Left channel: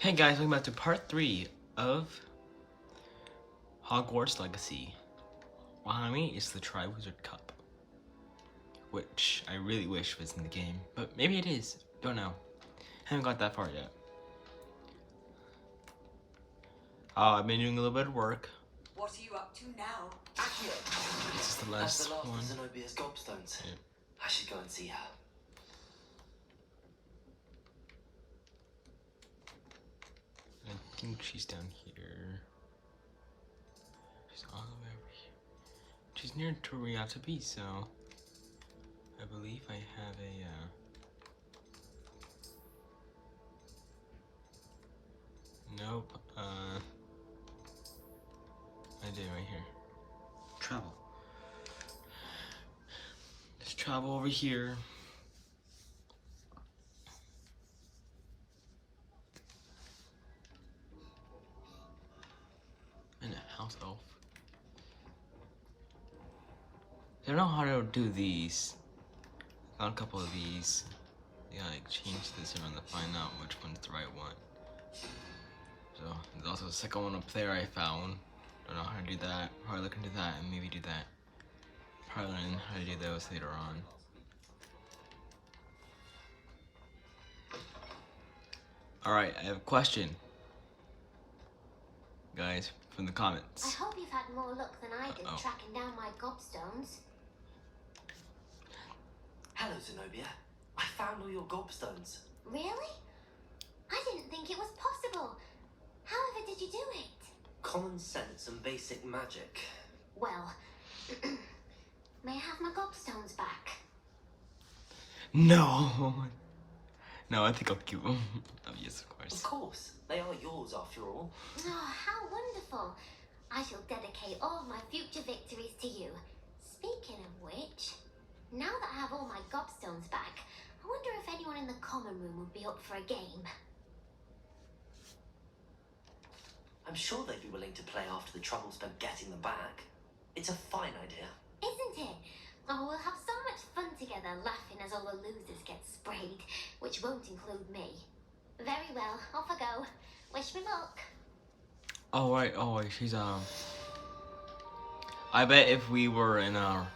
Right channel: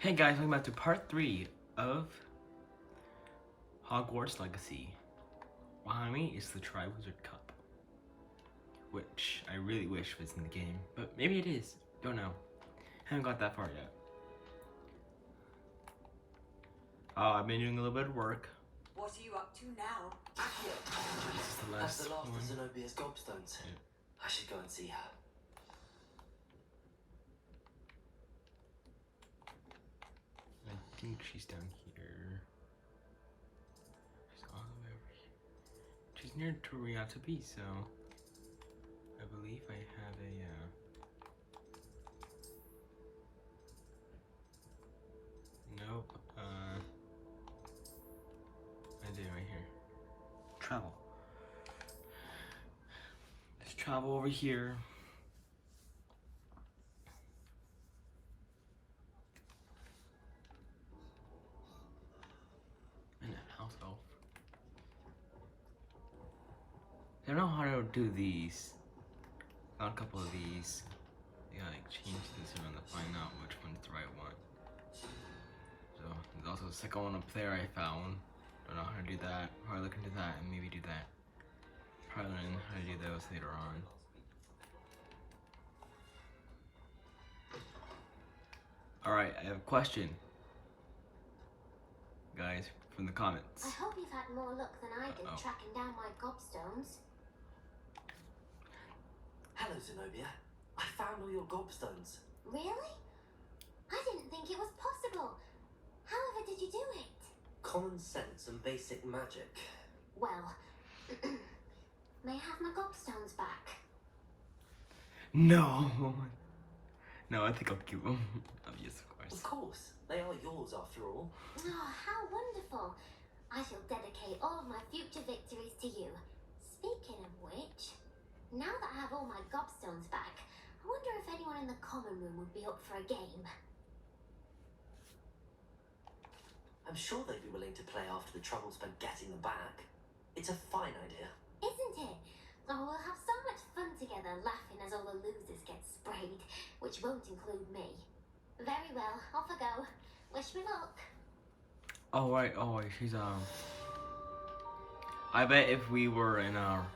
Hey guys, welcome back to part 3 of Hogwarts Legacy. Behind me is the Triwizard Cup, which I really wish was in the game, but maybe it is. Don't know. Haven't got that far yet. I've been doing a little bit of work. What are you up to now, Accio? This is the That's last the last one. of Zenobia's gobstones. Yeah. I should go and see her. I think she's down here. She's all the way over here. She's near to where we have to be, so I believe I have a nope. I did right here. Travel. Let's travel over here. And a house elf. I don't know how to do these. Found a couple of these. Yeah, like change this around to find out which one's the right one. So there's also a second one up there I found. Don't know how to do that. Probably look into that and maybe do that. Probably learn how to do those later on. Alright, I have a question. Guys, from the comments. I hope you've had more luck than I did tracking down my gobstones. Hello, Zenobia. I found all your gobstones. Really? I didn't think it was possible. However did you do it? Common sense and basic magic. Well, may I have my gobstones back? No! No, I think I'll keep them. Oh, yes, of course. Of course. They are yours after all. Oh, how wonderful. I shall dedicate all of my future victories to you. Speaking of which, now that I have all my gobstones back, I wonder if anyone in the common room would be up for a game. I'm sure they'd be willing to play after the trouble spent getting them back. It's a fine idea. Isn't it? Oh, we'll have so much fun together laughing as all the losers get sprayed, which won't include me. Very well, off I go. Wish me luck. Oh right, she's I bet if we were in a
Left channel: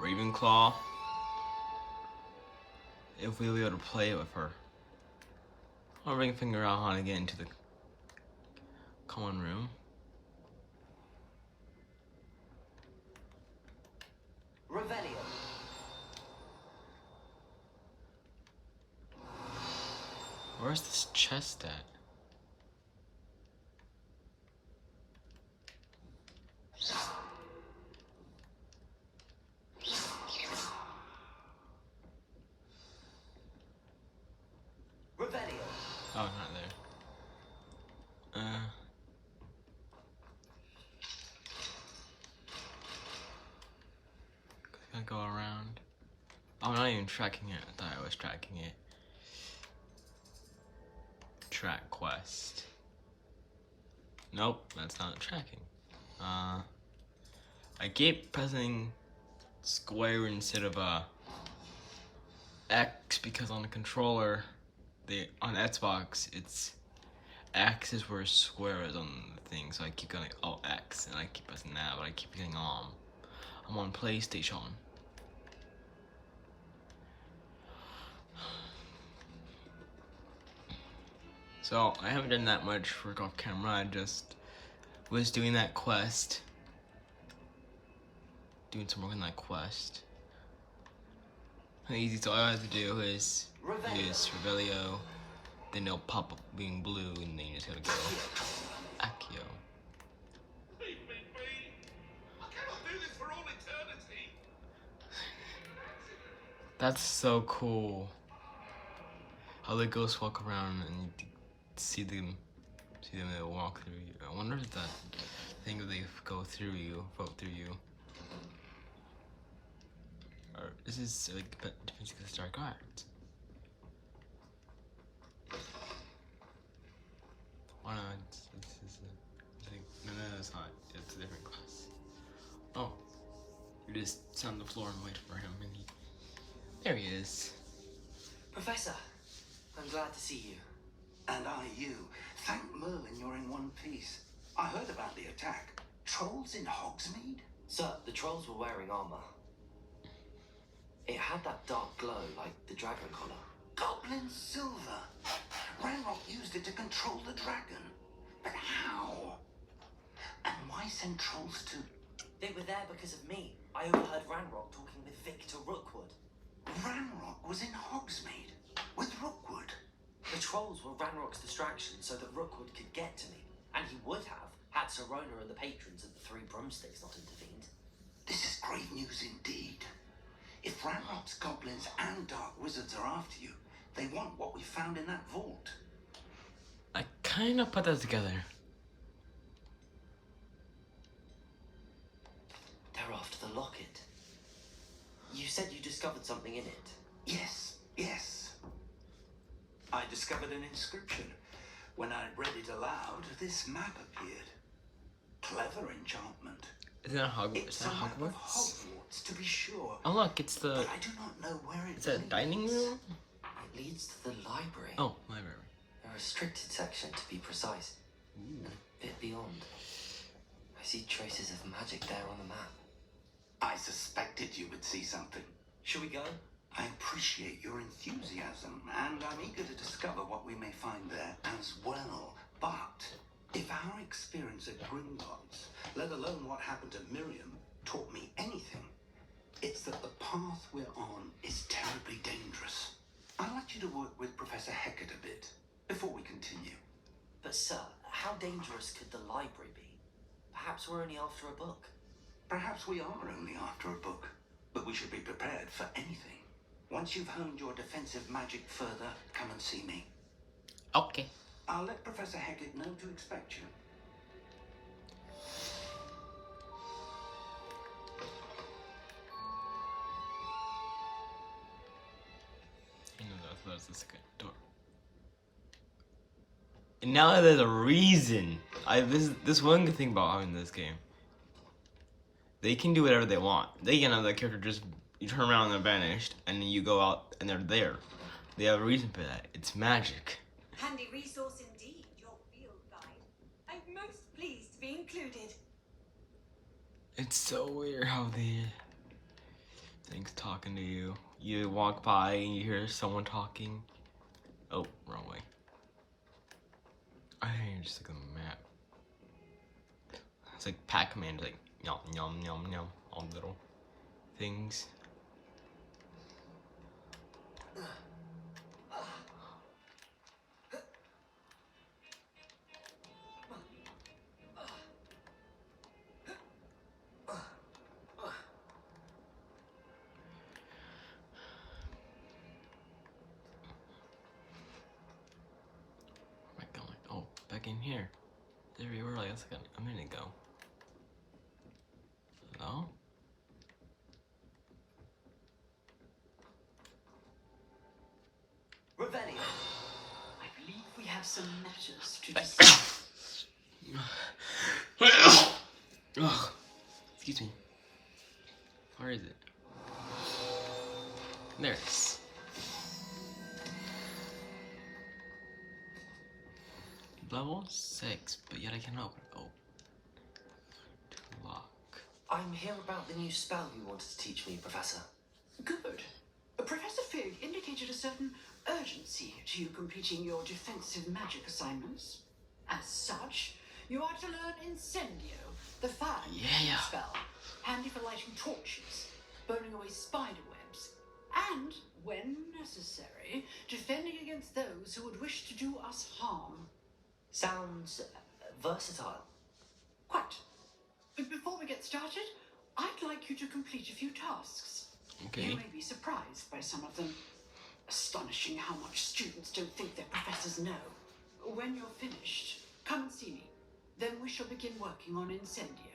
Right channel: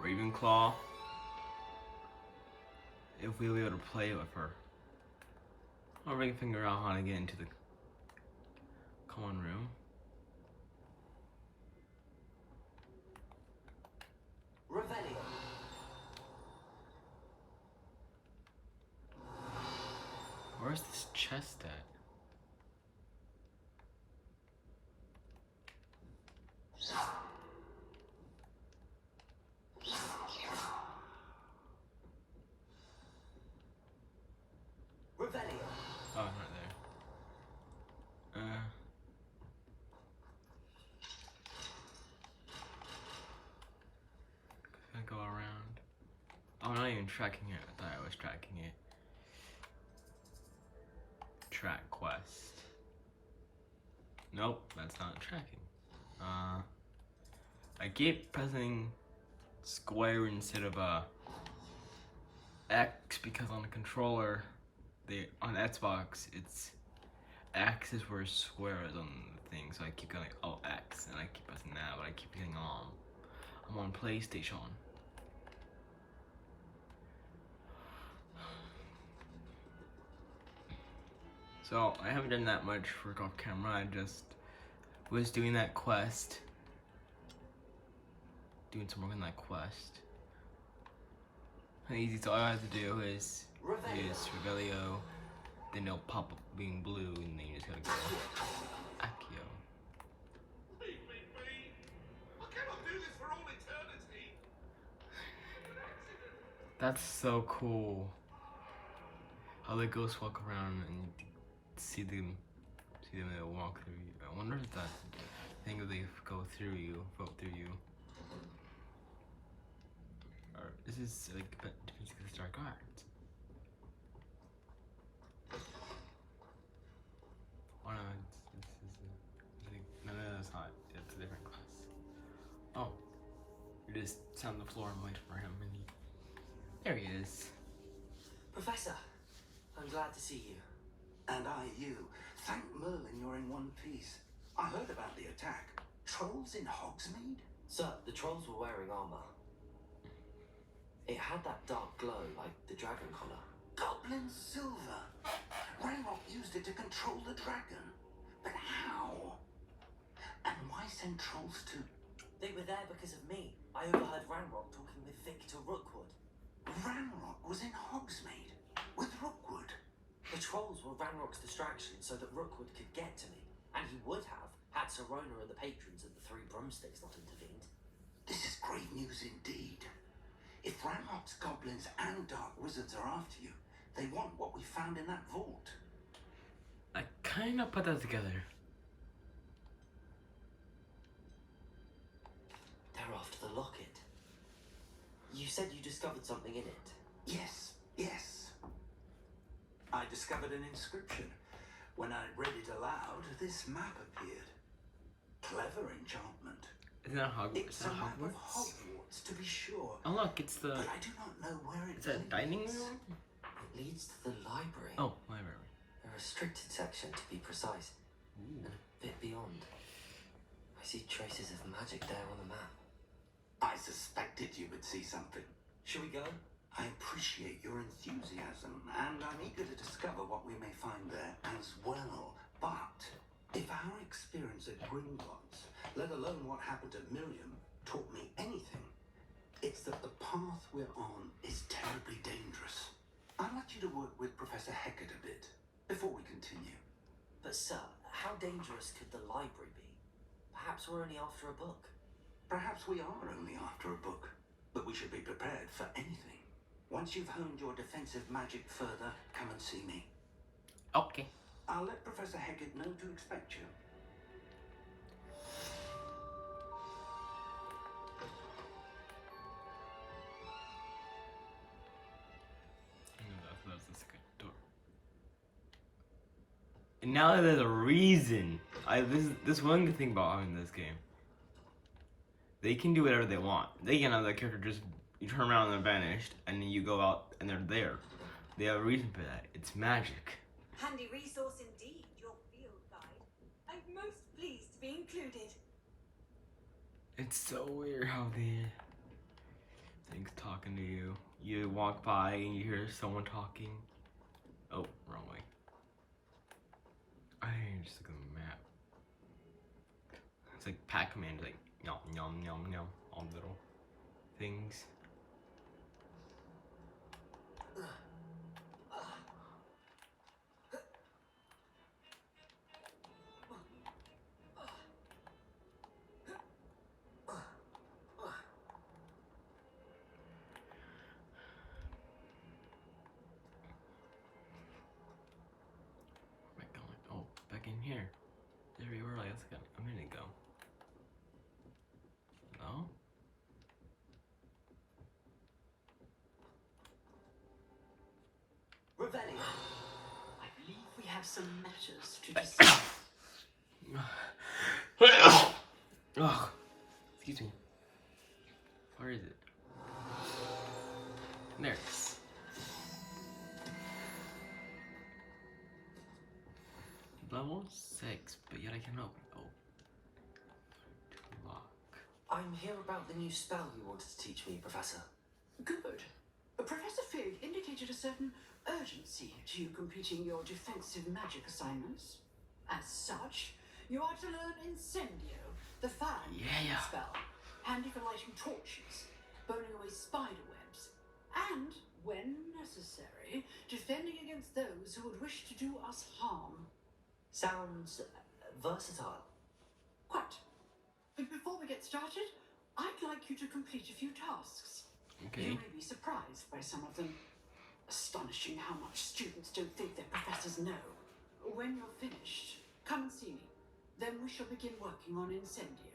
Ravenclaw, if we were able to play it with her. Or we can figure out how to get into the common room. Revelio. Where's this chest at? Revelio. Oh, not there. Gonna go around. Oh, I'm not even tracking it. I thought I was tracking it. Track quest. Nope, that's not tracking. I keep pressing square instead of X because on the controller, on Xbox, it's X is where square is on the thing. So I keep going X, and I keep pressing that, but I keep getting I'm on PlayStation. So I haven't done that much work off camera. I just was doing that quest. Doing some work on that quest. Easy, so all I have to do is use Revelio, then it'll pop up being blue, and then you just gotta go Accio. Leave me be! I cannot do this for all eternity! That's so cool. How the ghosts walk around and you see them they'll walk through you. I wonder if that thing if they go through you, vote through you. Or this is like defense against dark arts. Oh no, no, it's not. It's a different class. Oh, you just sat on the floor and wait for him, and there he is. Professor, I'm glad to see you. And I you. Thank Merlin you're in one piece. I heard about the attack. Trolls in Hogsmeade? Sir, the trolls were wearing armor. It had that dark glow like the dragon collar. Goblin silver. Ranrock used it to control the dragon. But how? And why send trolls to... They were there because of me. I overheard Ranrock talking with Victor Rookwood. Ranrock was in Hogsmeade with Rookwood. The trolls were Ranrock's distraction so that Rookwood could get to me. And he would have had Sirona and the patrons of the Three Broomsticks not intervened. This is great news indeed. If Ranrock's goblins and dark wizards are after you, they want what we found in that vault. I kind of put that together. They're after the locket. You said you discovered something in it. Yes, yes. I discovered an inscription. When I read it aloud, this map appeared. Clever enchantment. Is that Hogwarts? It's Is that a map of Hogwarts? Hogwarts, to be sure. Oh look, it's the. But I do not know where it Is that a dining leads. room? It leads to the library. Oh, library. A restricted section, to be precise. Ooh. And a bit beyond. I see traces of magic there on the map. I suspected you would see something. Shall we go? I appreciate your enthusiasm, and I'm eager to discover what we may find there as well. But if our experience at Gringotts, let alone what happened to Miriam, taught me anything, it's that the path we're on is terribly dangerous. I'd like you to work with Professor Hecat a bit before we continue. But sir, how dangerous could the library be? Perhaps we're only after a book. Perhaps we are only after a book, but we should be prepared for anything. Once you've honed your defensive magic further, come and see me. Okay. I'll let Professor Hecat know to expect you. I know that was the second door. And now there's a reason. This one good thing about having this game. They can do whatever they want. They can have the character just you turn around and they're vanished, and then you go out and they're there. They have a reason for that. It's magic. Handy resource indeed, your field guide. I'm most pleased to be included. It's so weird how the thing's talking to you. You walk by and you hear someone talking. Oh, wrong way. I just look at the map. It's like Pac-Man, like yum yum yum yum, all little things. Where am I going? Oh, back in here. There we were like a minute ago. Hello? Revelio. I believe we have some matters to discuss. Ugh. Excuse me. Where is it? There it is. Level 6, but yet I cannot open it. Oh. To lock. I'm here about the new spell you wanted to teach me, Professor. Good. Professor Fig indicated a certain urgency to you completing your defensive magic assignments. As such, you are to learn Incendio, the fire Yeah. spell, handy for lighting torches, burning away spider webs, and, when necessary, defending against those who would wish to do us harm. Sounds versatile. Quite. But before we get started, I'd like you to complete a few tasks. Okay. You may be surprised by some of them. Astonishing how much students don't think their professors know. When you're finished, come and see me. Then we shall begin working on Incendio.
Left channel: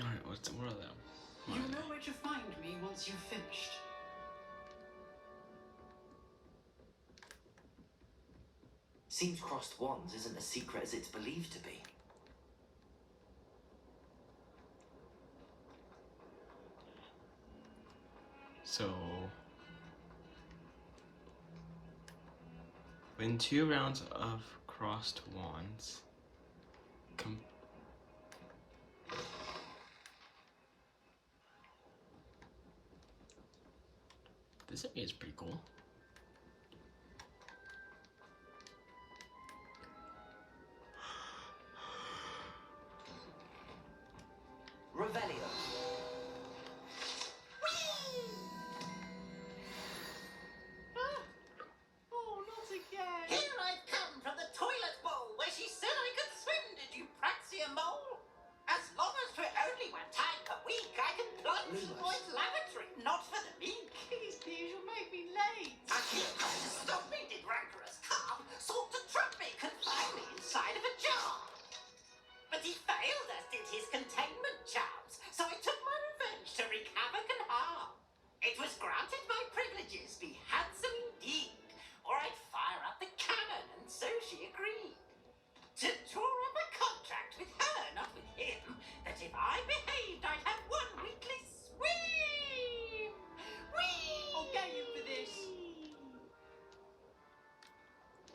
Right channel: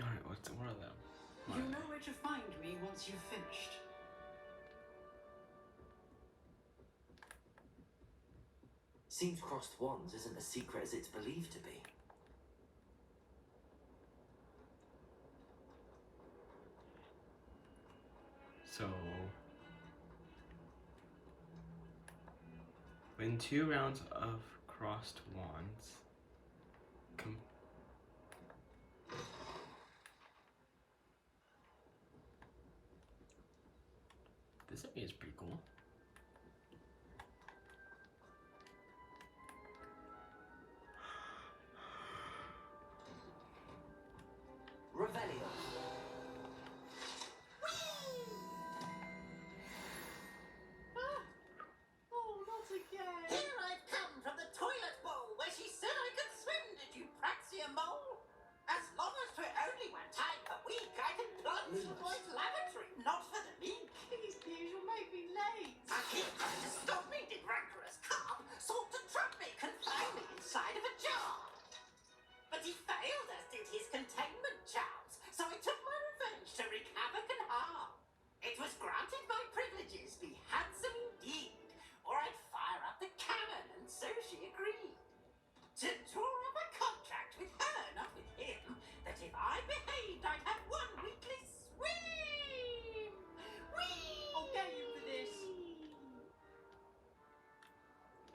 Alright, what are them? What You are know where to find me once you've finished. Seems crossed wands isn't as secret as it's believed to be. So, win 2 rounds of crossed wands. This area is pretty cool. Revelio. Oh, not again. Here I've come from the toilet bowl where she said I could swim, did you praxia mole? As long as for only 1 time per week, I can plunge in the boys' lavatory, not for the meek. Please, you'll make me late. Akio tried to stop me, did rancorous carp, sought to trap me, confine me inside of a jar. But he failed, as did his containment charms, so I took my revenge to wreak havoc and harm. It was granted my privileges be handsome indeed, or I'd fire up the cannon, and so she agreed. To draw up a contract with her, not with him, that if I behaved, I'd have 1 weekly swim! Whee! I'll get you for this.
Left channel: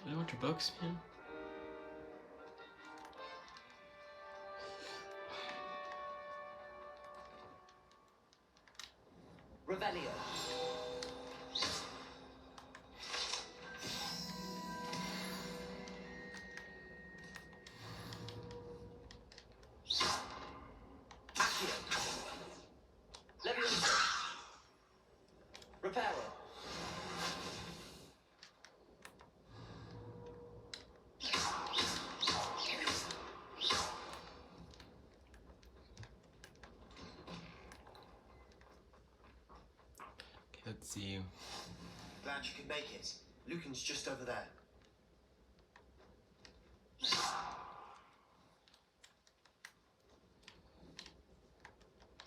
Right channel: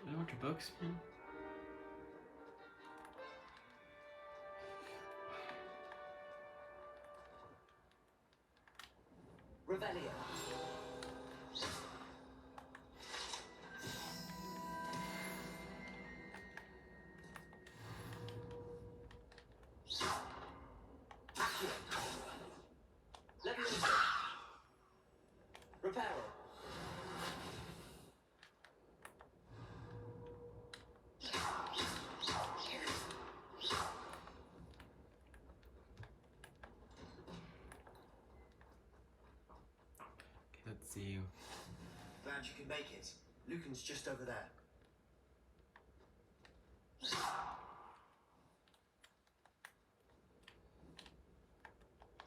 I want your books, man. Revelio. Accio. Levioso. Reparo. Okay, let's see. Glad you could make it. Lucan's just over there.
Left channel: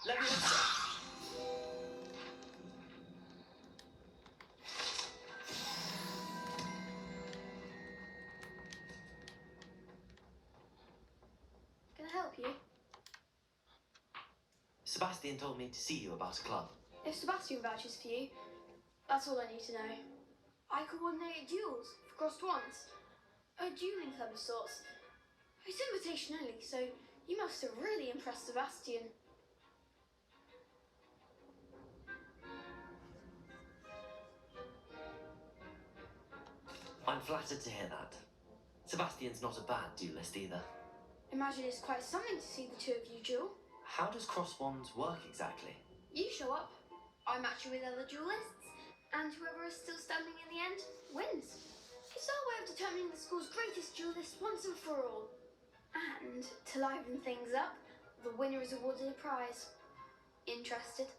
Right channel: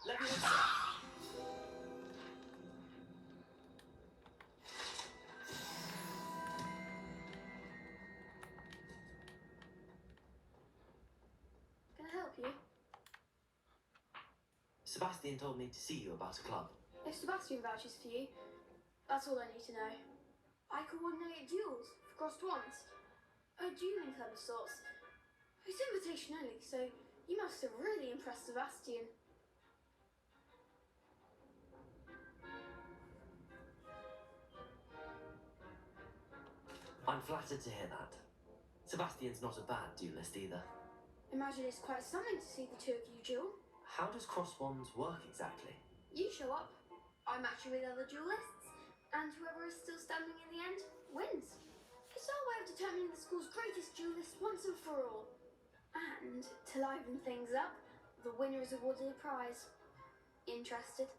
Levioso. Can I help you? Sebastian told me to see you about a club. If Sebastian vouches for you, that's all I need to know. I coordinate duels for crossed wands. A dueling club of sorts. It's invitation only, so you must have really impressed Sebastian. I'm flattered to hear that. Sebastian's not a bad duelist either. Imagine it's quite something to see the two of you duel. How does cross wands work exactly? You show up, I match you with other duelists, and whoever is still standing in the end wins. It's our way of determining the school's greatest duelist once and for all. And to liven things up, the winner is awarded a prize. Interested?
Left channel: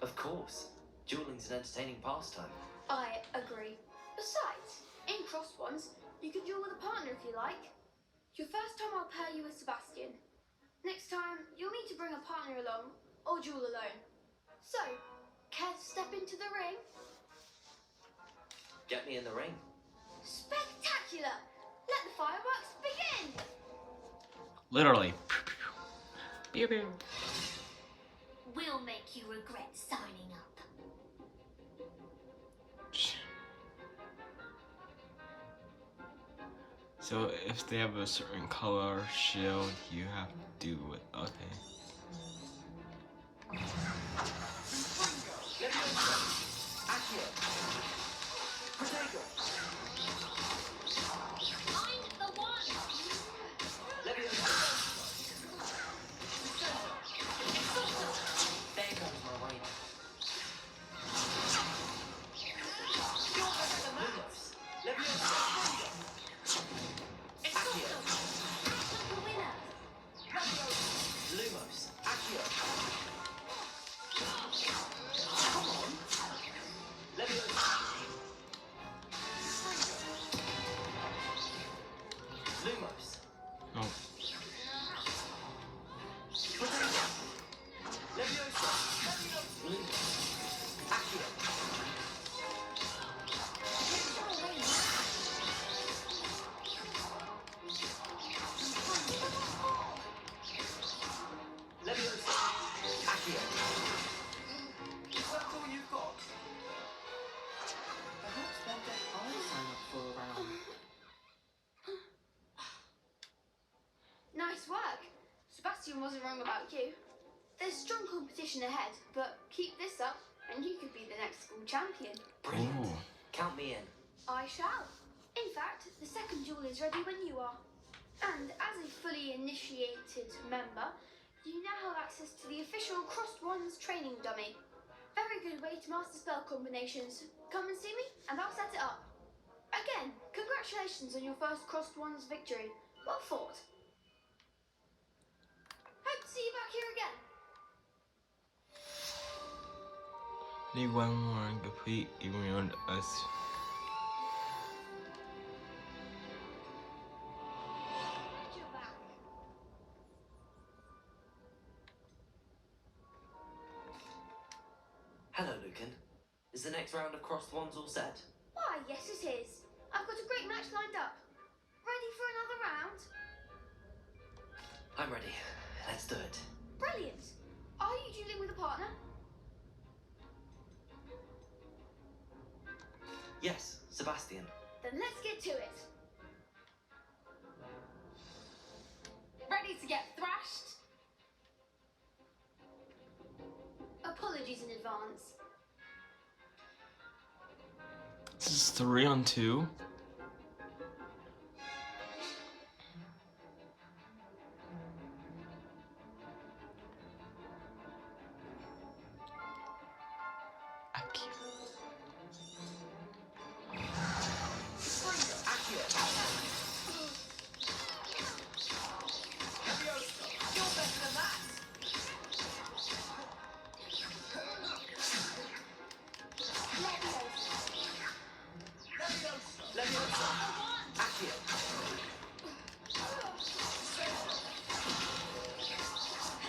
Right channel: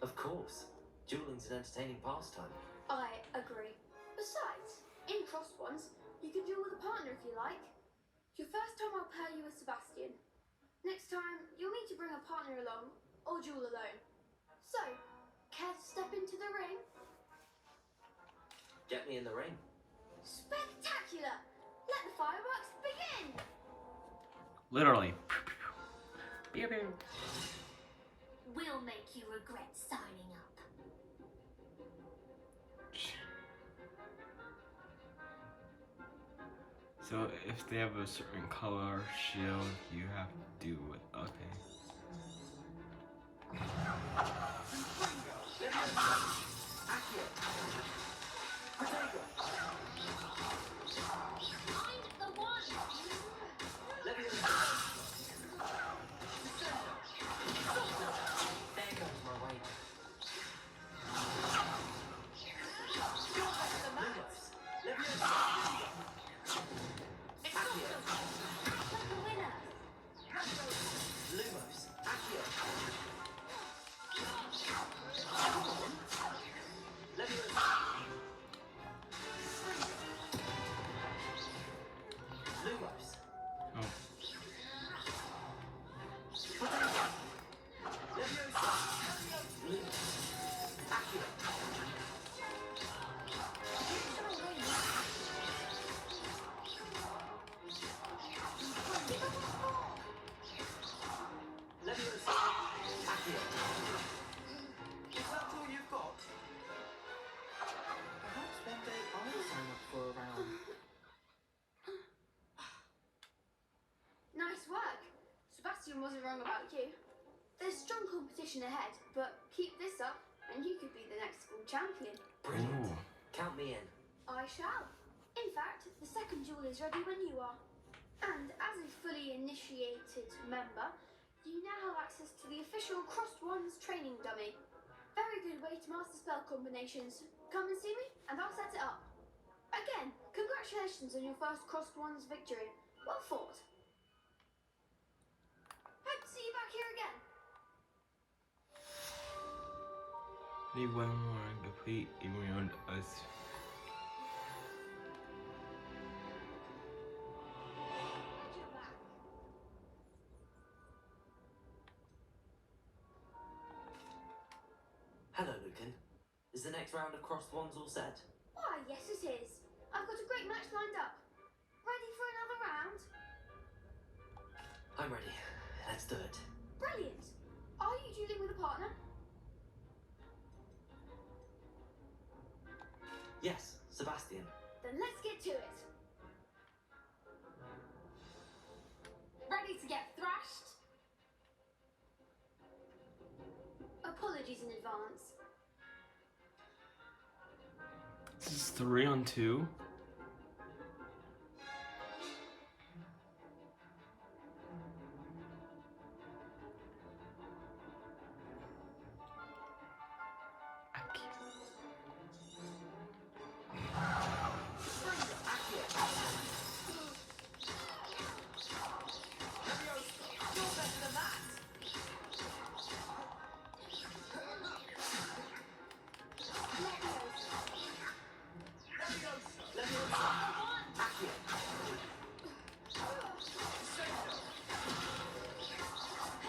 Of course. Dueling's an entertaining pastime. I agree. Besides, in cross ones, you can duel with a partner if you like. Your first time I'll pair you with Sebastian. Next time, you'll need to bring a partner along, or duel alone. So, care to step into the ring? Get me in the ring. Spectacular! Let the fireworks begin! Literally. Pew, pew. We'll make you regret signing up. So if they have a certain color shield, you have to do it. Okay. Accio. Protego. Find the one! Levioso. There goes my wager. Lumos. Levioso. Accio. The winner! Lumos. Accio. Come on. Levioso. Sebastian wasn't wrong about you. There's strong competition ahead, but keep this up and you could be the next school champion. Brilliant. Ooh. Count me in. I shall. In fact, the second duel is ready when you are. And as a fully initiated member, you now have access to the official Crossed Wands training dummy. Very good way to master spell combinations. Come and see me and I'll set it up. Again, congratulations on your first Crossed Wands victory. Well fought. Hope to see you back here again. Need one more and complete even beyond us. You're back. Hello, Lucan. Is the next round of Crossed Wands all set? Why, yes it is. I've got a great match lined up. Ready for another round? I'm ready. Let's do it. Brilliant. Are you dueling with a partner? Yes, Sebastian. Then let's get to it. Ready to get thrashed? Apologies in advance. This is 3-on-2.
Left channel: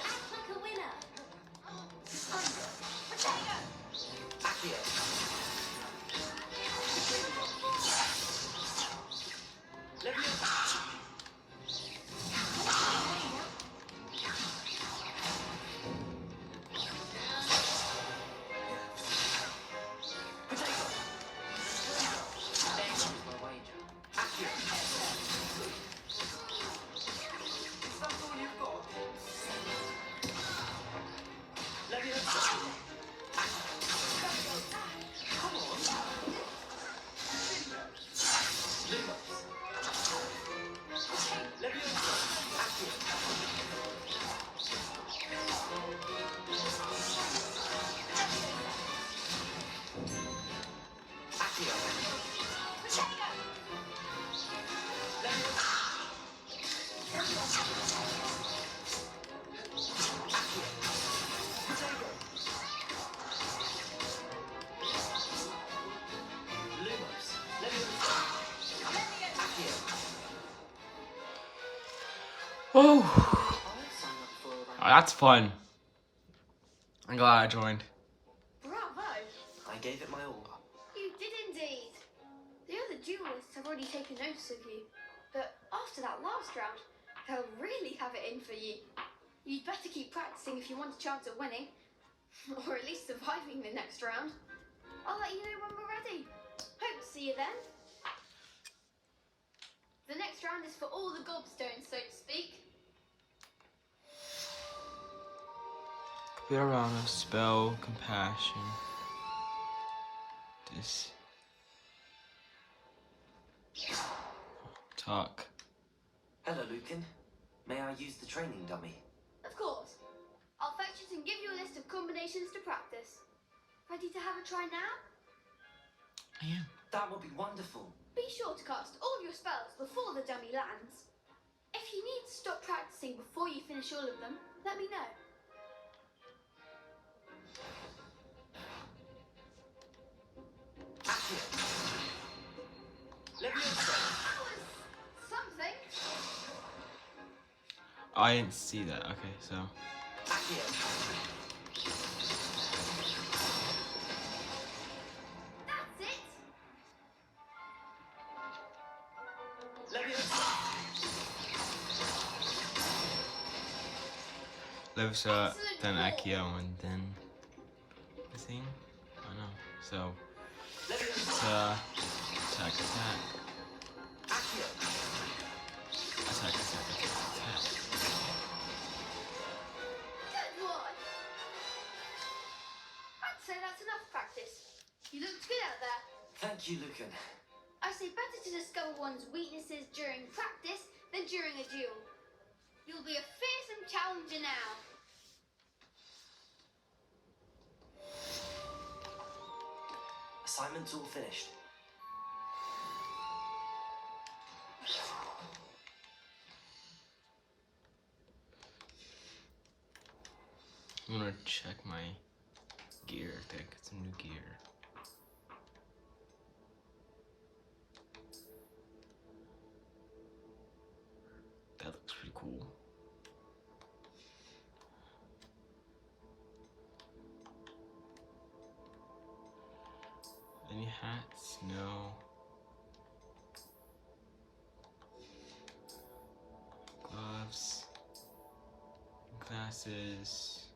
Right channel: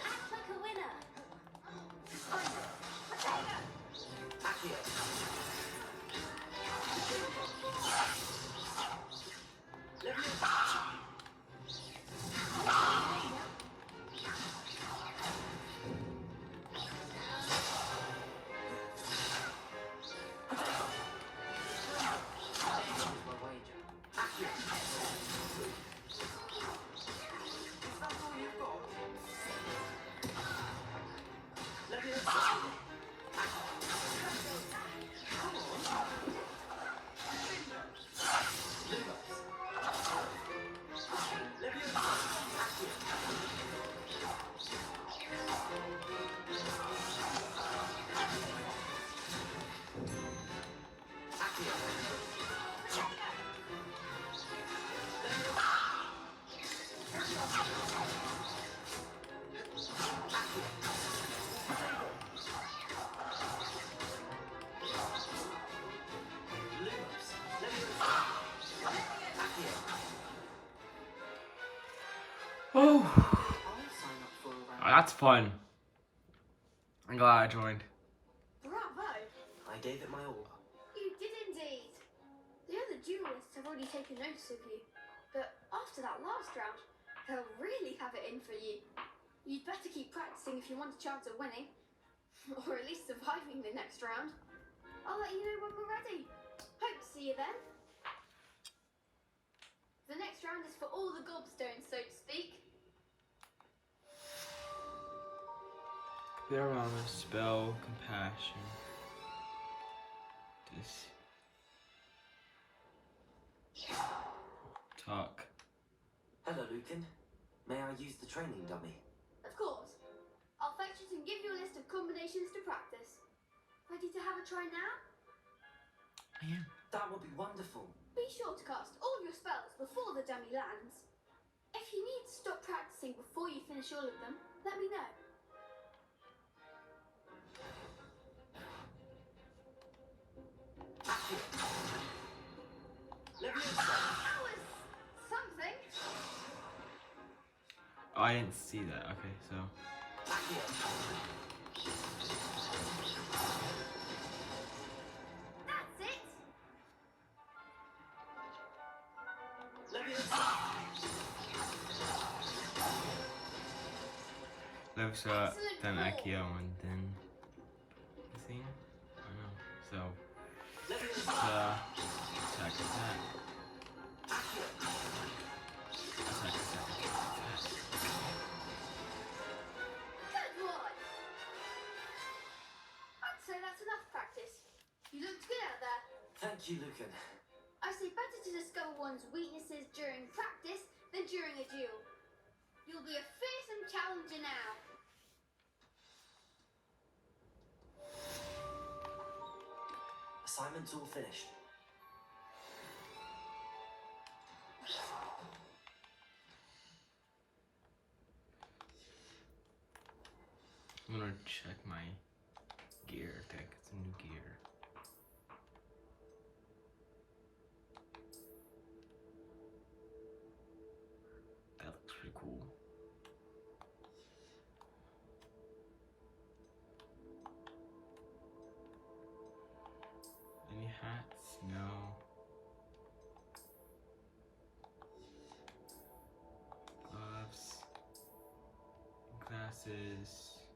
Act like a winner. Oh, that's fun. I'm glad I joined. Bravo. I gave it my all. You did indeed. The other duelists have already taken notice of you. But after that last round, they'll really have it in for you. You'd better keep practicing if you want a chance at winning. Or at least surviving the next round. I'll let you know when we're ready. Hope to see you then. The next round is for all the gobstones, so to speak. Put around a spell, compassion. This. Talk. Hello, Lucan. May I use the training dummy? Of course. I'll fetch it and give you a list of combinations to practice. Ready to have a try now? I am. That would be wonderful. Be sure to cast all of your spells before the dummy lands. If you need to stop practicing before you finish all of them, let me know. That was something. I didn't see that. Okay, so. That's it. Levisa, Excellent then ball. Akio, and then the thing? I don't know. So it's attack, attack. Attack, attack, attack, attack. you, Lucan. I say better to discover one's weaknesses during practice than during a duel. You'll be a fearsome challenger now. Assignment's all finished. I'm gonna check my gear. I think it's some new gear. That looks pretty cool. Any hats? No. Gloves. Glasses.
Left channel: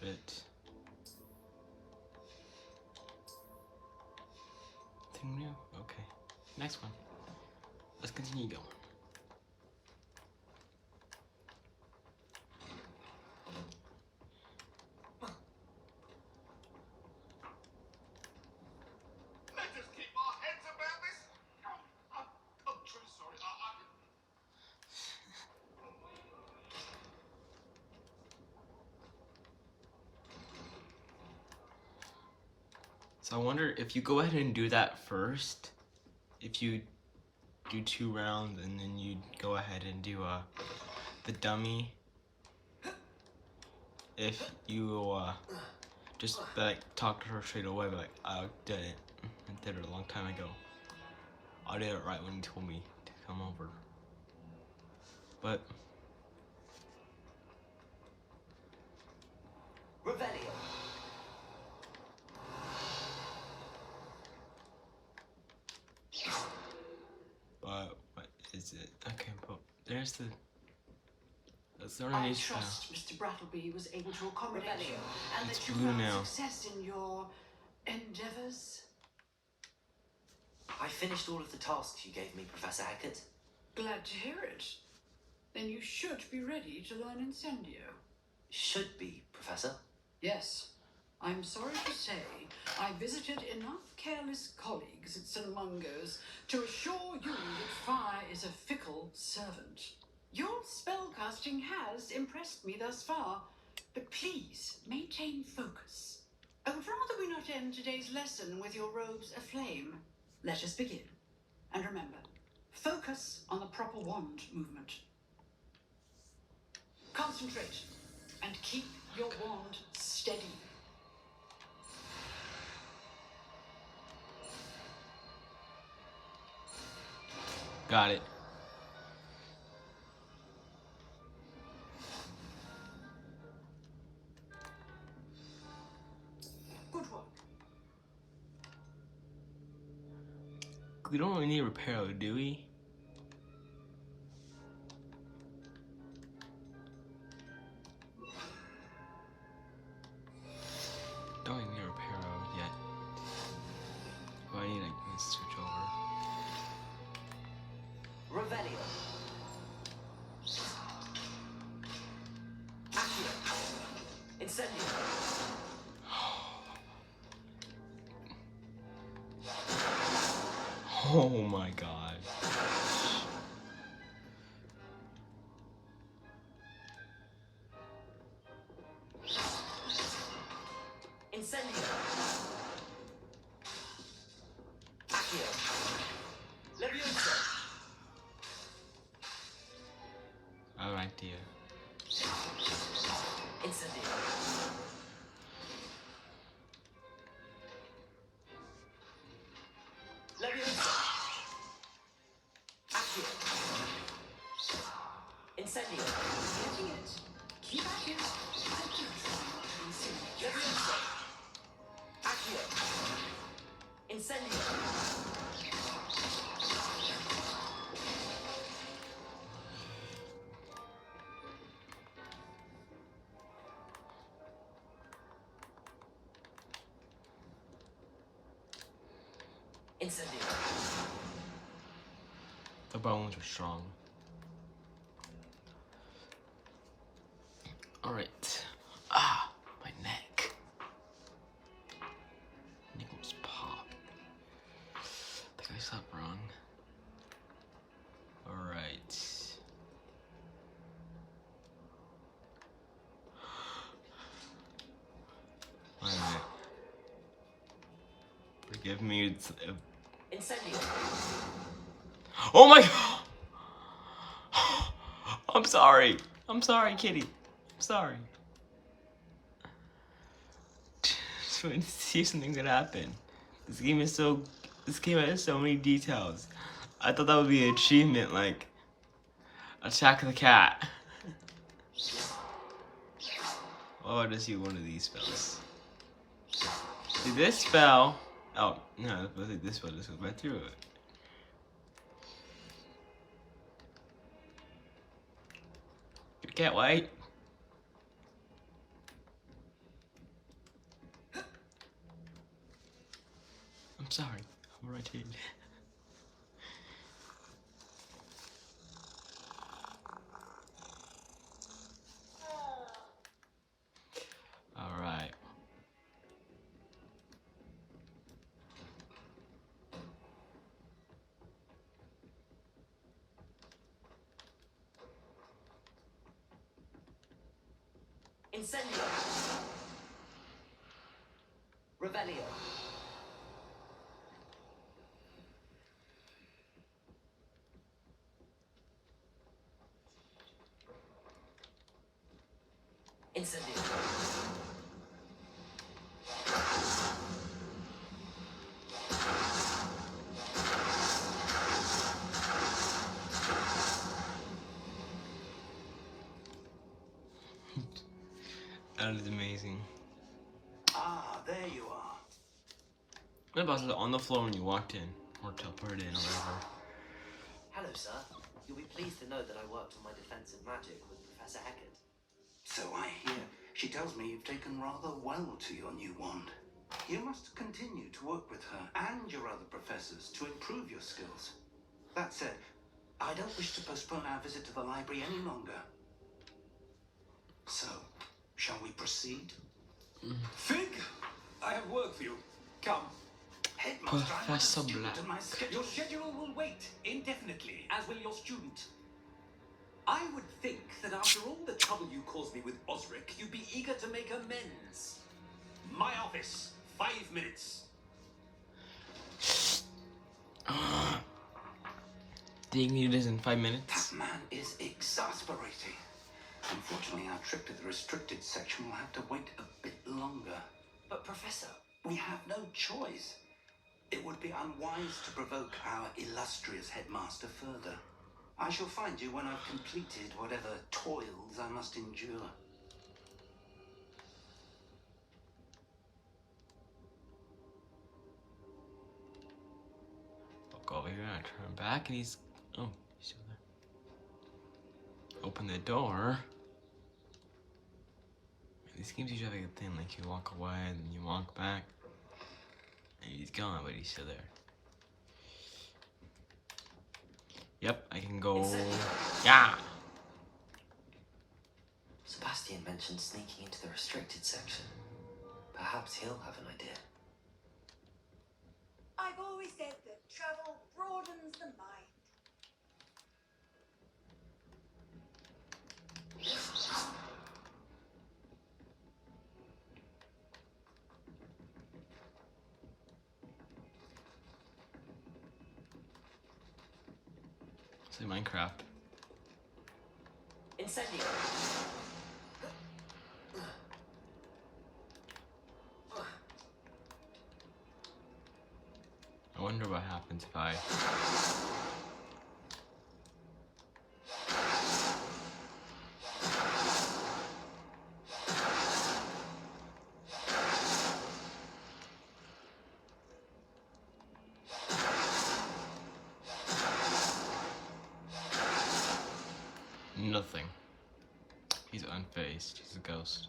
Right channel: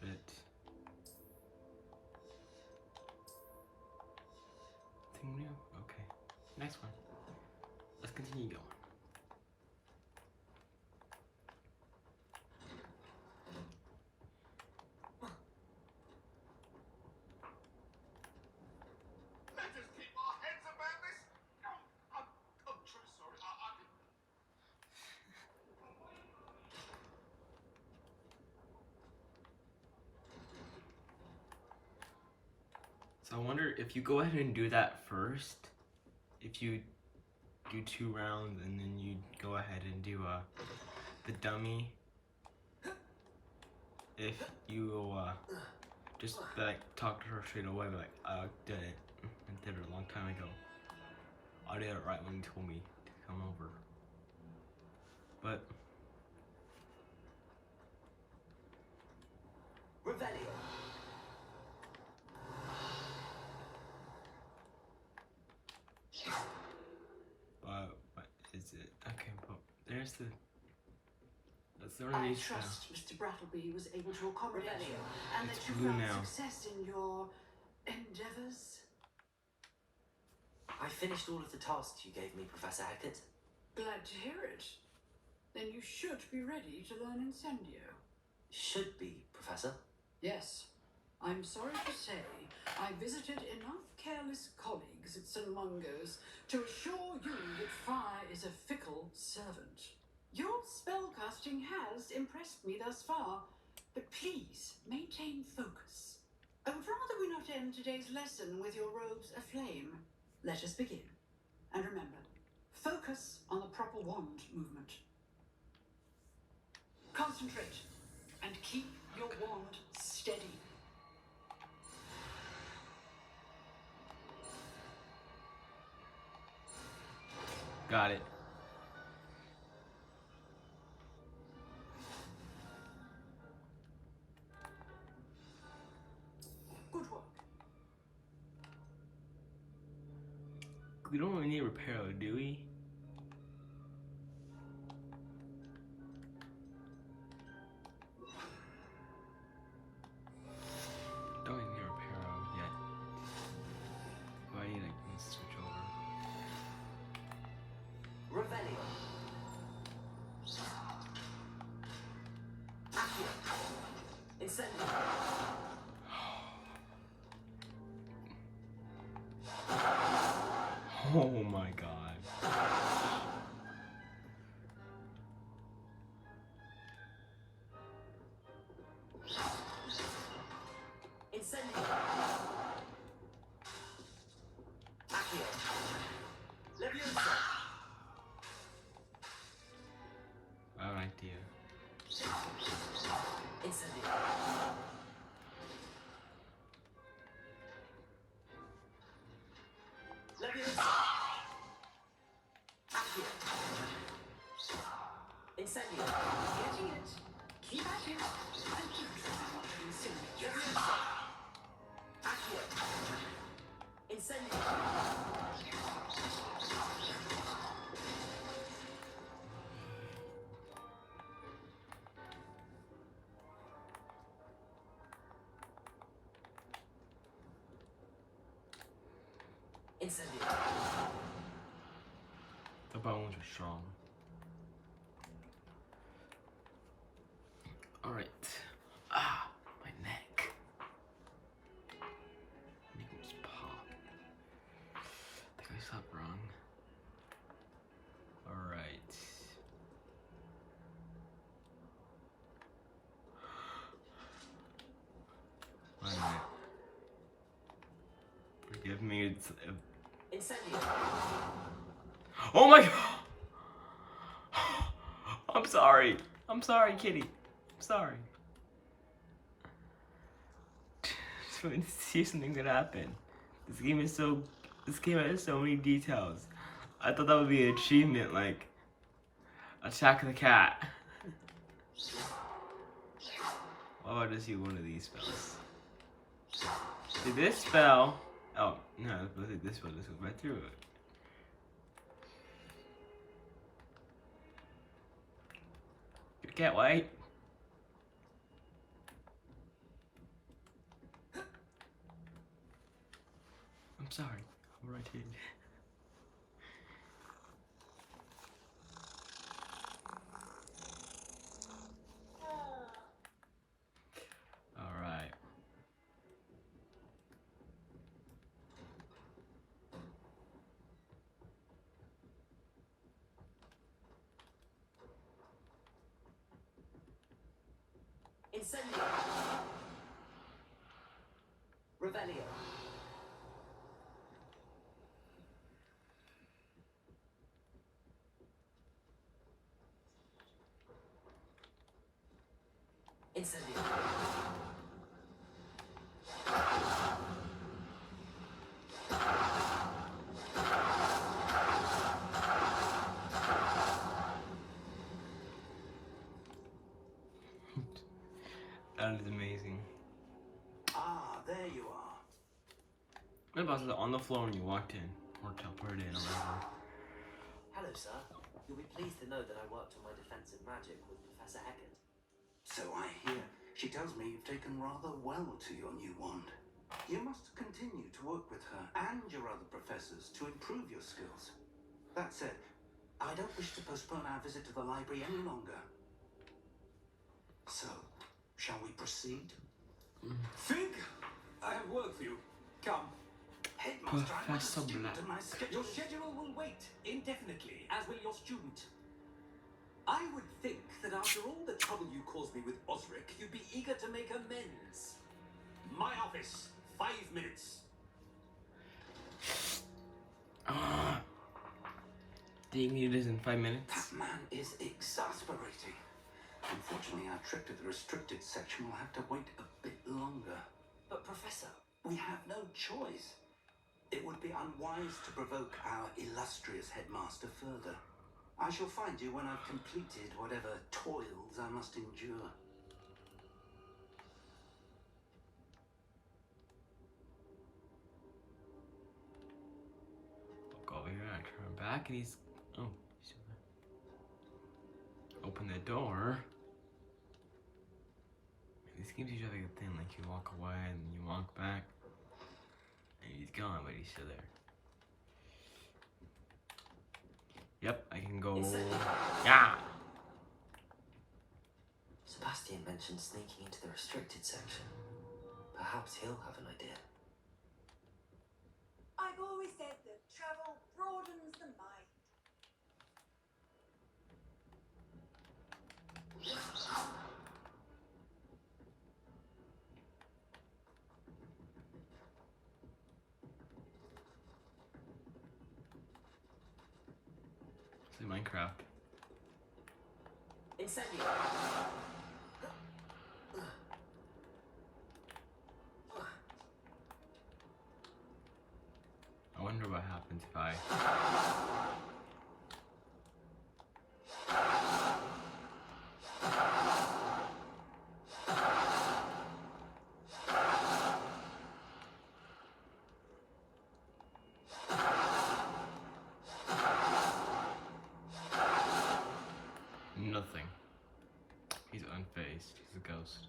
Fit. Thing new? Okay. Next one. Let's continue going. Let us keep our heads about this. I'm truly sorry. So I wonder if you go ahead and do that first, if you do 2 rounds and then you go ahead and do the dummy, if you just like talk to her straight away, be like, I did it. I did it a long time ago. I did it right when you told me to come over. But Revelio. what is it? Okay, but there's the. That's the I only trust Mr. Brattleby was able to accommodate you and It's that you blue found now. success in your endeavors. I finished all of the tasks you gave me, Professor Hecat. Glad to hear it. Then you should be ready to learn Incendio. Should be, Professor. Yes. I'm sorry to say I visited enough careless colleagues at St. Mungo's to assure you that fire is a fickle servant. Your spellcasting has impressed me thus far, but please maintain focus. I would rather we not end today's lesson with your robes aflame. Let us begin. And remember, focus on the proper wand movement. Concentrate and keep your wand steady. Got it. Good work. We don't really need repair, do we? Don't really need repair yet. But I need to switch over. Revelio. Accio. Incendio. Oh my god. Incendio. Accio. Levioso. I have an idea. Incendio. Levioso. Accio. Incendio. Getting it. Keep at it. And keep trying not to incendiate. Levioso. Accio. Incendio. Incendio. The bones are strong. Alright. Ah, my neck. Nichols pop. mix up wrong. Alright. Wait a minute. Forgive me. It's, Incendio. oh my god! I'm sorry. I'm sorry, kitty. I'm sorry. Just wanted to see if something could happen. This game has so many details. I thought that would be an achievement, like attack the cat. Oh, I just see one of these spells. See this spell. Oh no, this spell just goes right through it. Good cat, white. I'm sorry. I'm right here. All right. Incendio. Revelio. Incendio. That is amazing. Ah, there you are. What about it on the floor when you walked in, or teleported in, or whatever? Hello, sir. You'll be pleased to know that I worked on my defensive magic with Professor Heckert. So I hear. She tells me you've taken rather well to your new wand. You must continue to work with her and your other professors to improve your skills. That said, I don't wish to postpone our visit to the library any longer. So, shall we proceed? Fig, I have work for you. Come. Headmaster, I'm not a Professor student Black. and my schedule... Your schedule will wait indefinitely, as will your student. I would think that after all the trouble you caused me with Osric, you'd be eager to make amends. My office, 5 minutes. Do you need this in 5 minutes? That man is exasperating. Unfortunately, our trip to the restricted section will have to wait a bit longer. But, Professor, We have no choice. It would be unwise to provoke our illustrious headmaster further. I shall find you when I've completed whatever toils I must endure. Walk over here, I turn back, and he's... Oh, he's still there. Open the door. These games usually have like a thing, like you walk away, and then you walk back. And he's gone, but he's still there. Yep, I can go... Yeah! Sebastian mentioned sneaking into the restricted section. Perhaps he'll have an idea. I've always said that travel broadens the mind. It's like Minecraft. Incendio. I wonder what happens if I... Nothing. He's unfazed. He's a ghost.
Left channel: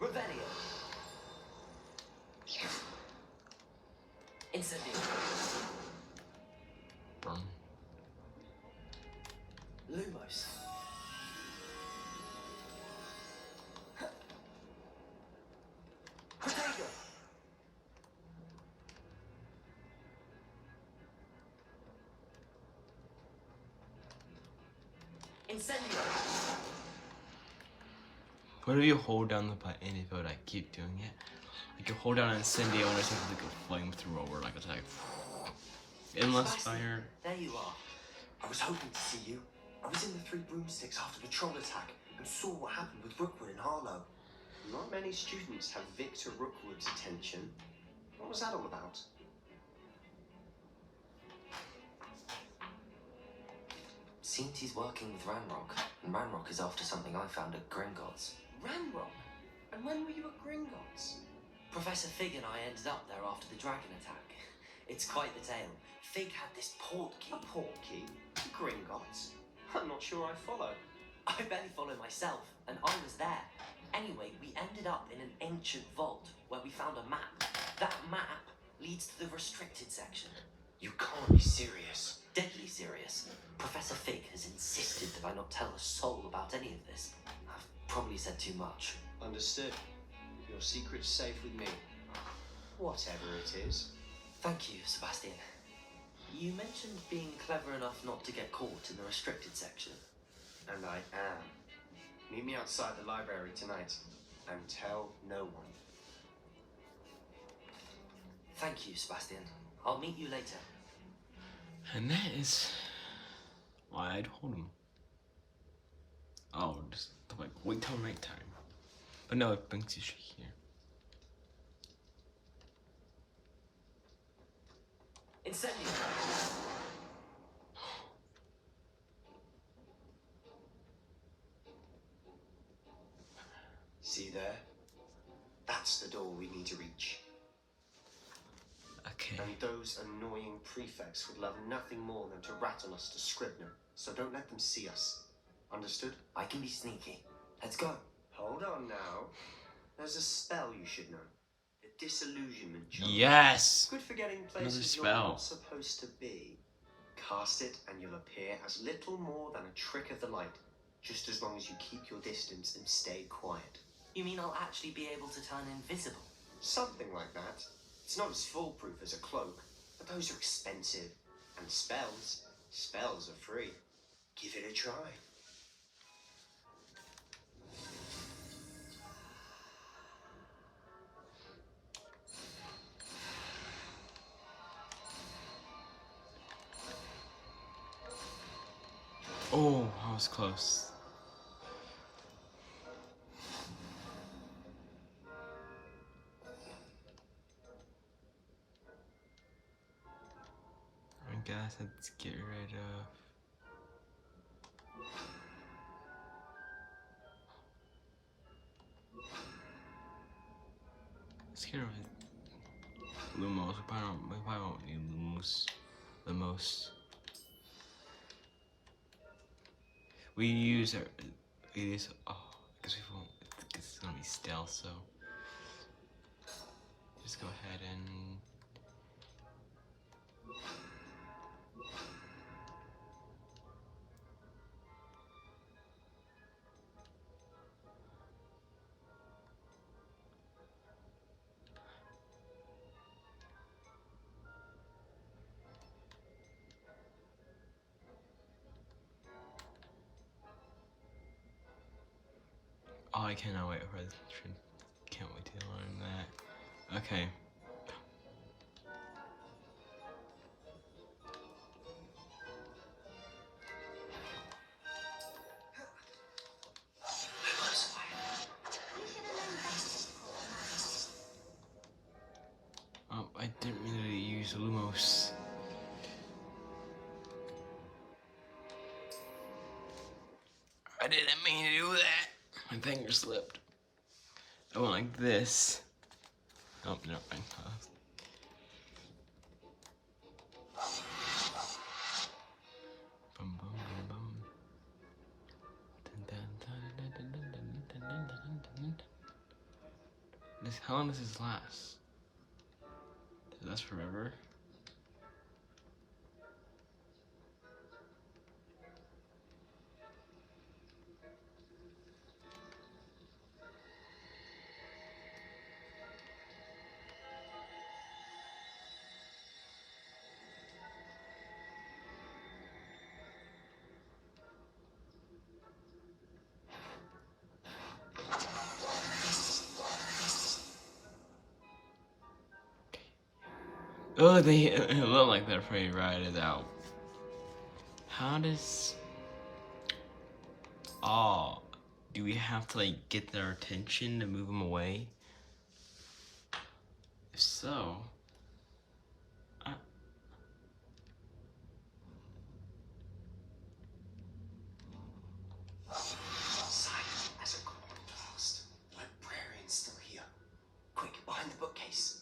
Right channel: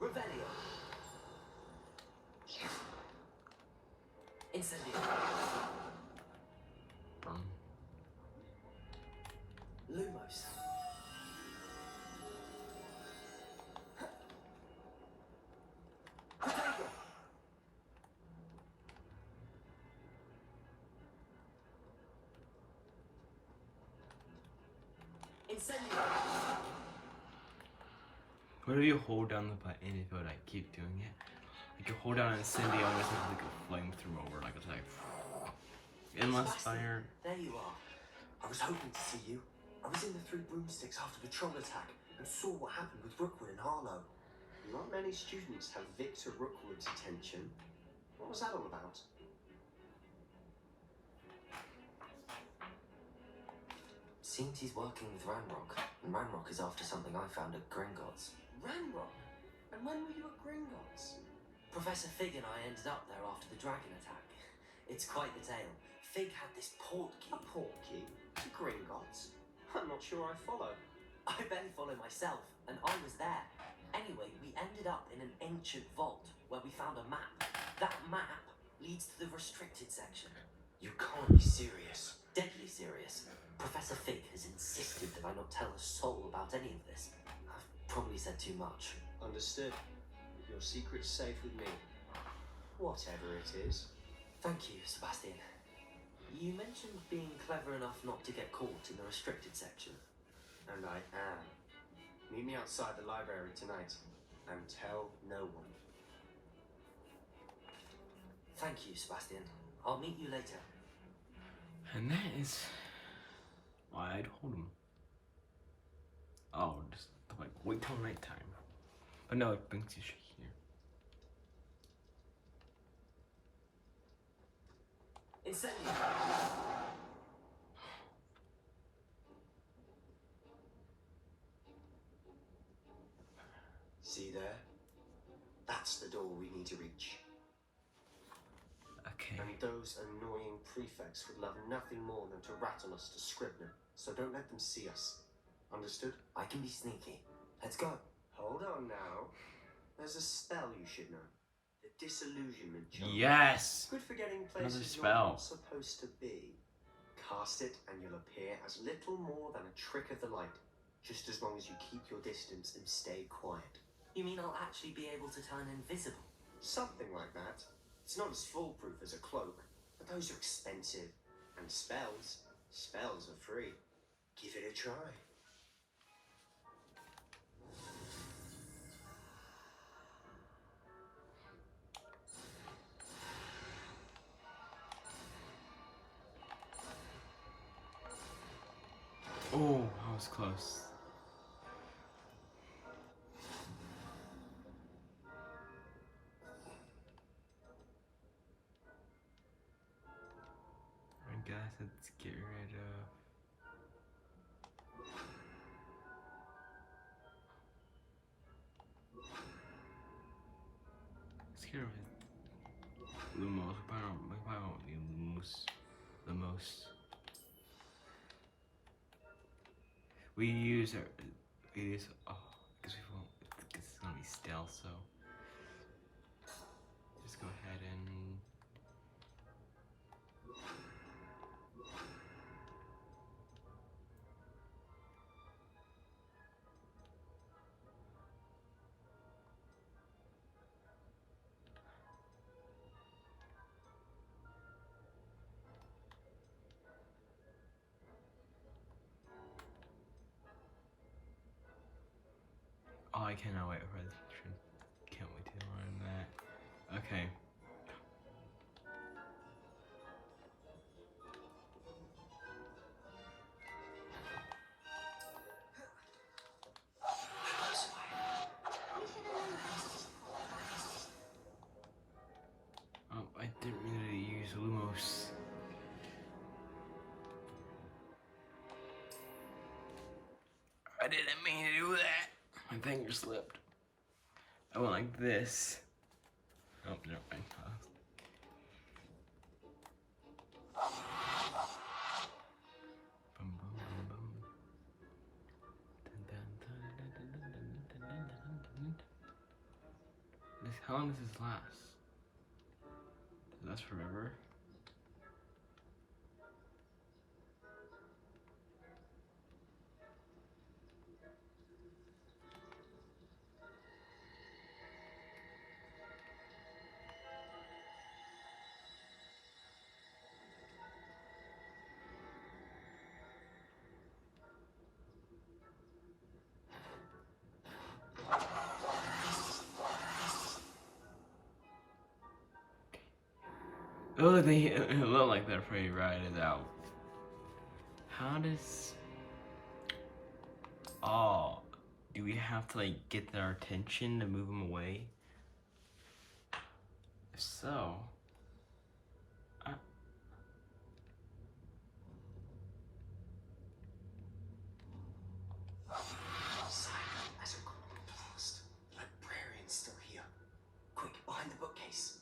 Revelio. Incendio. Burn. Lumos. Protego. Incendio! What if you hold down the button if it would like keep doing it? Like you hold down Incendio and it's like a flamethrower, like it's like endless fire. There you are. I was hoping to see you. I was in the Three Broomsticks after the troll attack and saw what happened with Rookwood and Harlow. Not many students have Victor Rookwood's attention. What was that all about? Seems he's working with Ranrock, and Ranrock is after something I found at Gringotts. Ranrock? And when were you at Gringotts? Professor Fig and I ended up there after the dragon attack. It's quite the tale. Fig had this port key. A port key? Gringotts? I'm not sure I follow. I barely follow myself, and I was there. Anyway, we ended up in an ancient vault where we found a map. That map leads to the restricted section. You can't be serious. Deadly serious. Professor Fig has insisted that I not tell a soul about any of this. I've probably said too much. Understood. Your secret's safe with me. Whatever it is. Thank you, Sebastian. You mentioned being clever enough not to get caught in the restricted section. And I am. Meet me outside the library tonight. And tell no one. Thank you, Sebastian. I'll meet you later. And that is why I'd hold him. Oh, just like wait till nighttime. But no, it brings you here. Incendio! See there? That's the door we need to reach. Okay. And those annoying prefects would love nothing more than to rat on us to Scribner, so don't let them see us. Understood? I can be sneaky. Let's go. Hold on now. There's a spell you should know. The Disillusionment Charm. Yes! Good for getting Another places you're spell. not supposed to be. Cast it and you'll appear as little more than a trick of the light, just as long as you keep your distance and stay quiet. You mean I'll actually be able to turn invisible? Something like that. It's not as foolproof as a cloak, but those are expensive. And spells are free. Give it a try. Oh, I was close. I guess let's get rid of. Let's get rid of Lumos. We probably won't need Lumos the most. We use our. We use. Oh, I guess we won't. Because it's gonna be stealth, so. Just go ahead and. Oh, I cannot wait for this. Can't wait to learn that. Okay. Oh, I didn't mean to use Lumos. I didn't mean to do that. My finger slipped. I went like this. Oh, no, I paused. Bum, bum, bum, bum. Dun, dun, dun, dun, dun, dun, dun, dun, dun, dun, dun. How long does this last? Does it last forever? Oh, they look like they're pretty rotted out. How does... Oh, do we have to like get their attention to move them away? If so... Silent as a common blast. The librarian's still here. Quick, behind the bookcase.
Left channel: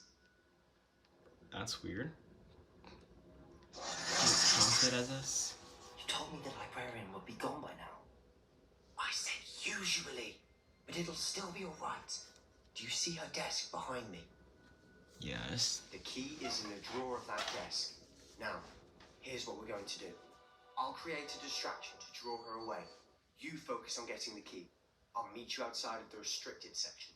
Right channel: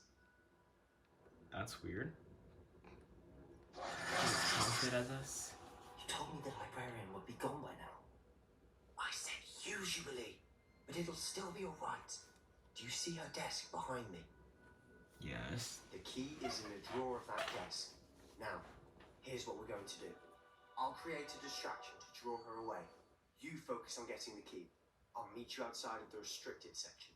That's weird. He's counted as us? You told me the librarian would be gone by now. I said usually, but it'll still be alright. Do you see her desk behind me? Yes. The key is in the drawer of that desk. Now, here's what we're going to do. I'll create a distraction to draw her away. You focus on getting the key. I'll meet you outside of the restricted section.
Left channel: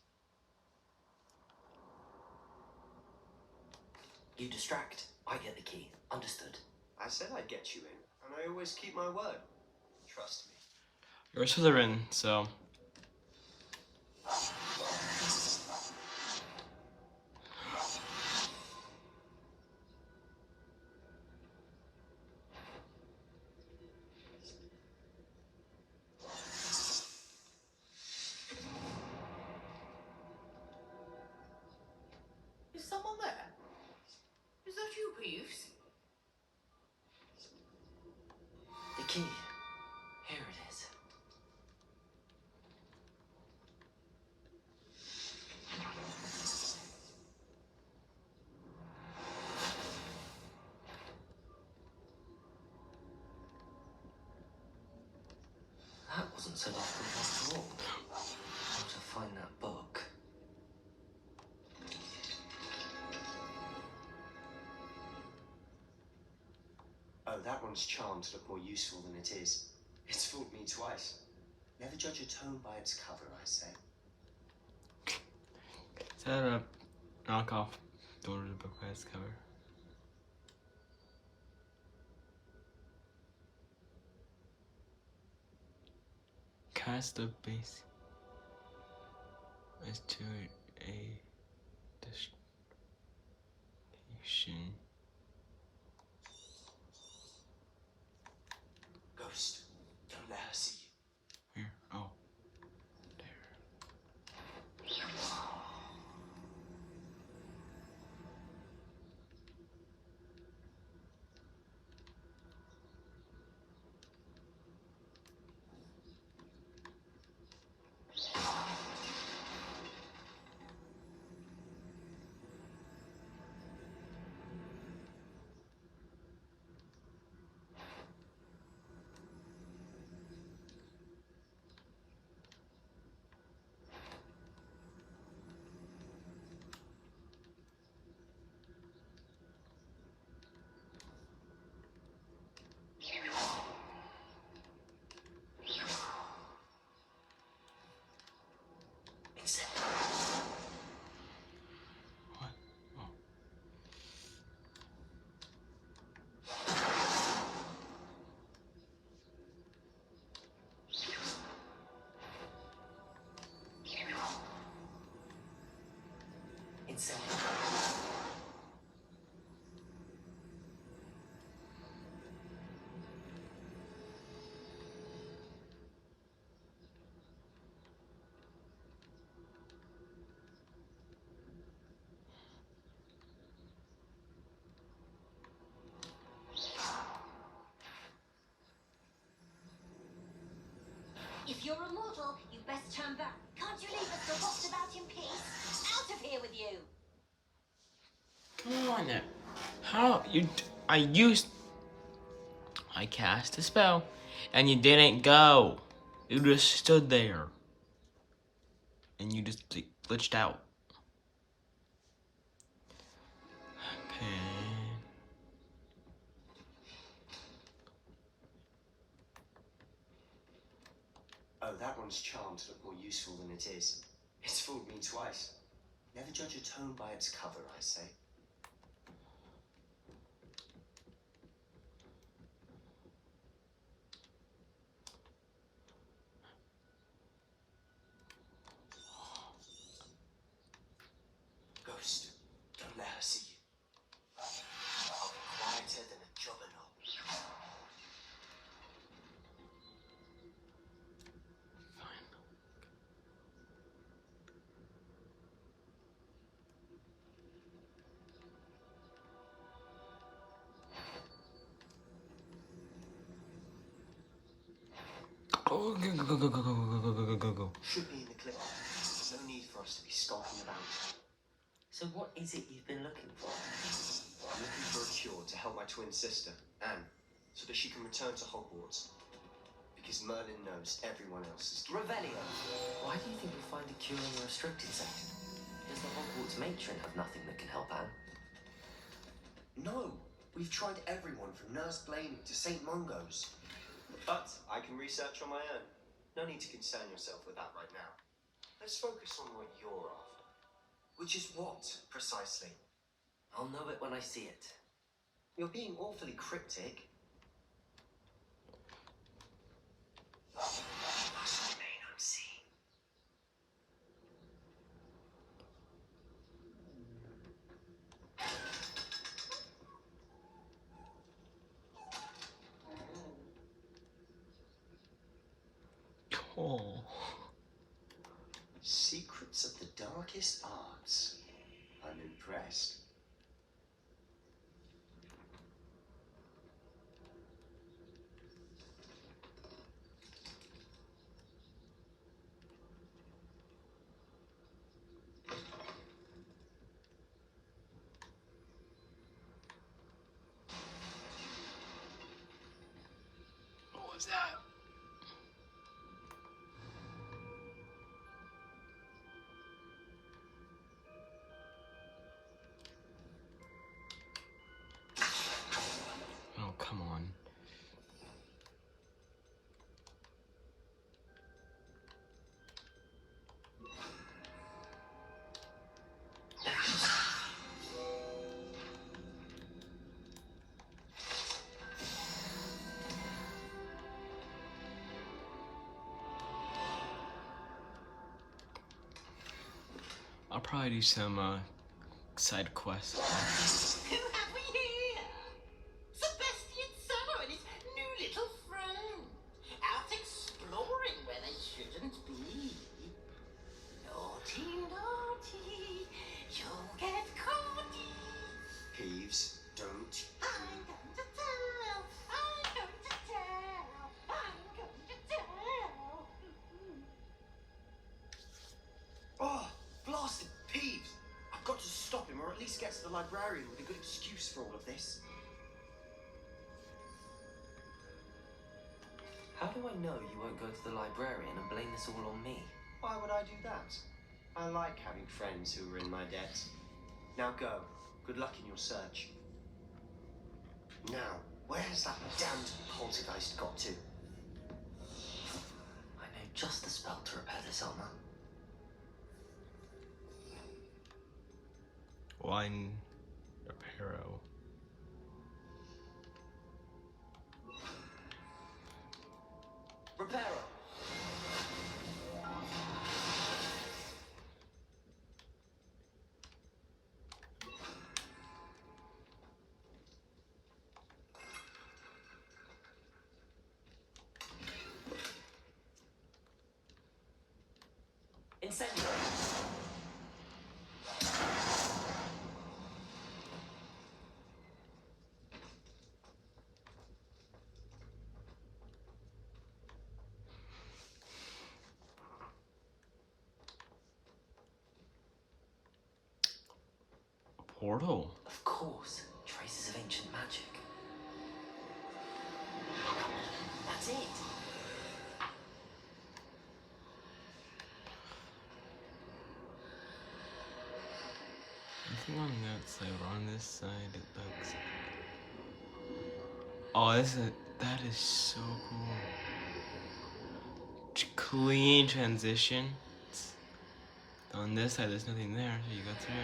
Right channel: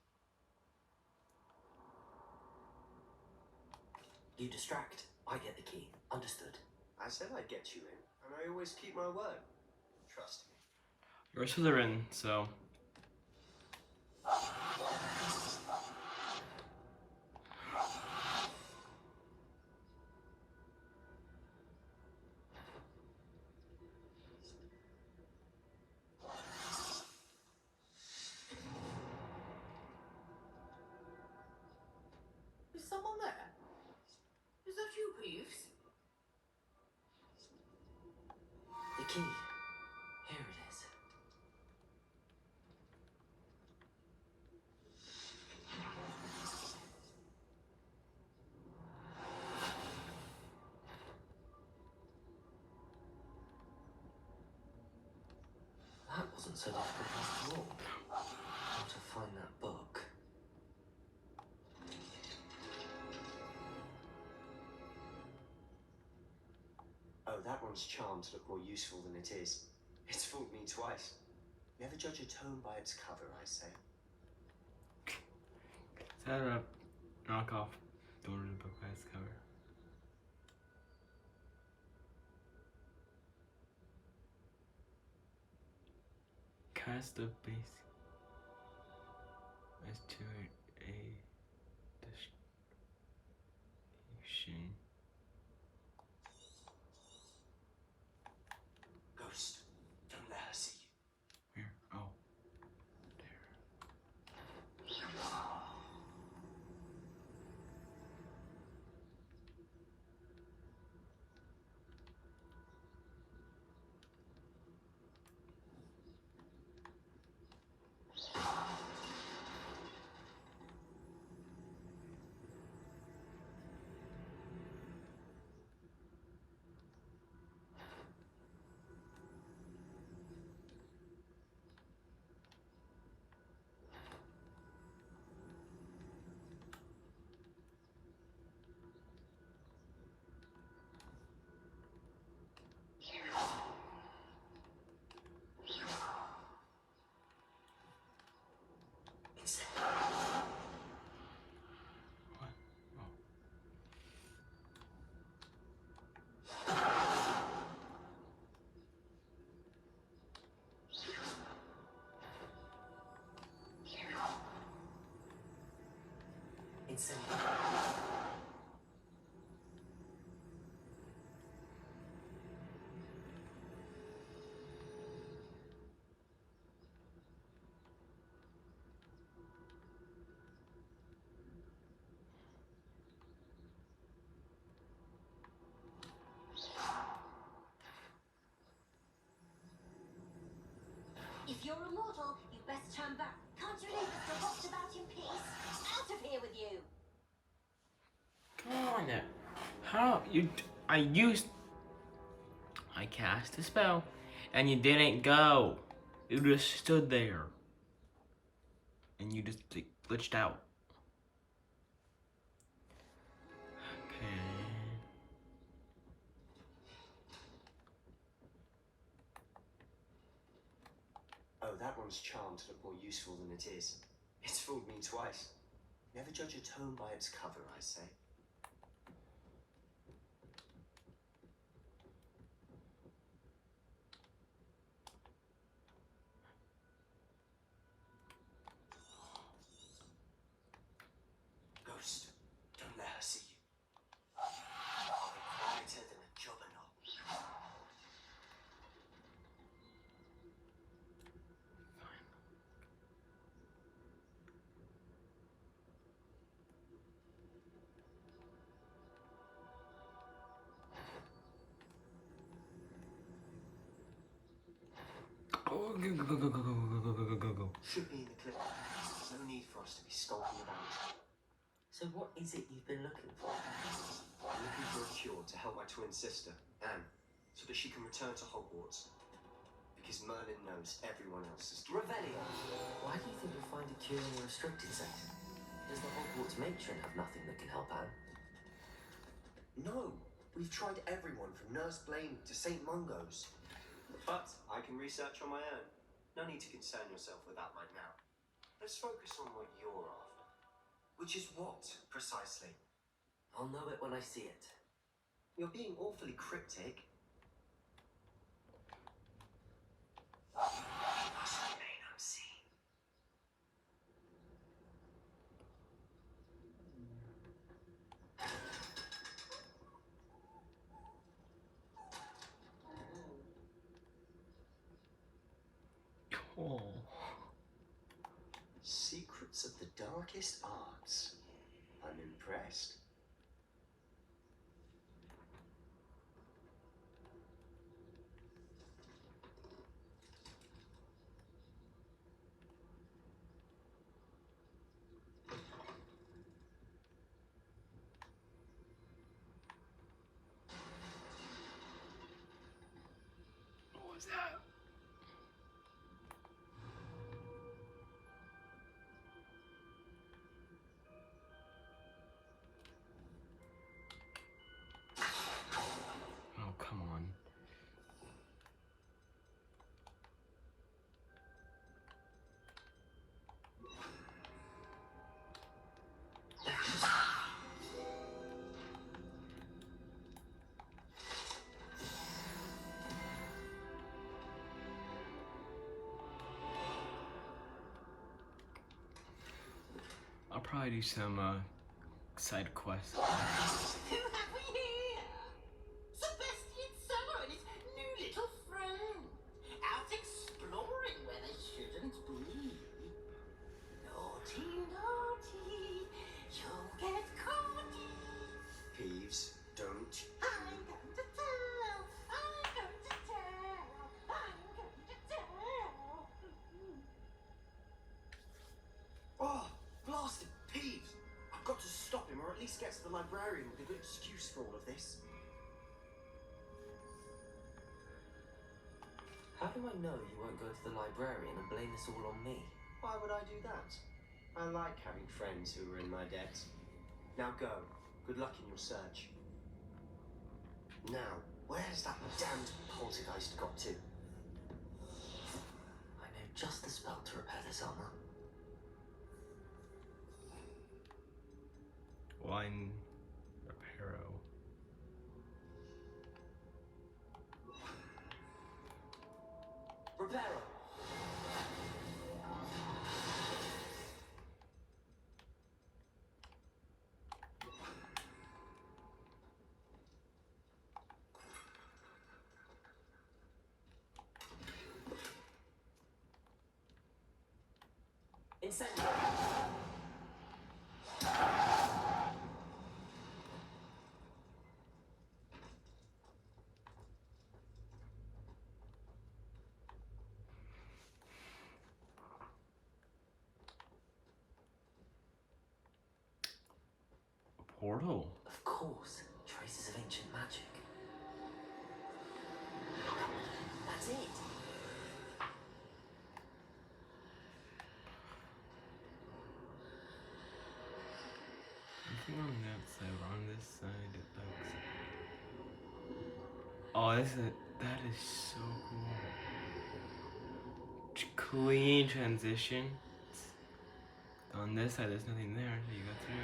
You distract, I get the key. Understood. I said I'd get you in, and I always keep my word. Trust me. You're a Slytherin, so... Is someone there? Is that you, Peeves? The key. Here it is. That wasn't so difficult after all. How to find that book. Oh, that one's charmed to look more useful than it is. It's fooled me twice. Never judge a tome by its cover, I say. Is that a knockoff door to the book by its cover? Cast of base as to a destination. Ghost, don't let her see you. Where? Oh, there. What? Oh. Insane. If you're a mortal, you best turn back. Can't you leave us to walk about in peace? Out of here with you! Come on now. How you? I cast a spell, and you didn't go. You just stood there, and you just like, glitched out. Okay. Oh, that one's charmed to look more useful than it is. It's fooled me twice. Never judge a tome by its cover, I say. Ghost, don't let her see you. us to be skulking about. So what is it you've been looking for? I'm looking for a cure to help my twin sister, Anne, so that she can return to Hogwarts. Because Merlin knows everyone else is guilty. Revelio! Why do you think you'll find a cure in the restricted section? Does the Hogwarts matron have nothing that can help Anne? No! We've tried everyone from Nurse Blaney to St. Mungo's. But I can research on my own. No need to concern yourself with that right now. Let's focus on what you're after. Which is what, precisely? I'll know it when I see it. You're being awfully cryptic. Oh. Secrets of the darkest arts. I'm impressed. What was that? Oh, come on. I'll probably do some side quests. Who have we here? Sebastian Summer and his new little friend. Out exploring where they shouldn't be. Naughty, naughty, you'll get caught. Peeves, don't. I'm going to tell. I'm going to tell. I'm going to tell. Oh, blasted Peeves! I've got to stop him, or at least get to the librarian with a good excuse for all of this. How do I know you won't go to the librarian and blame this all on me? Why would I do that? I like having friends who are in my debt. Now go. Good luck in your search. Now, where has that damned poltergeist got to? I know just the spell to repair this armor. Wine Reparo. Reparo! Incendio! Portal. Of course, traces of ancient magic. That's it. Anything on that side or on this side it looks. Oh, that is so cool. Clean transition. On this side there's nothing there, so you go through.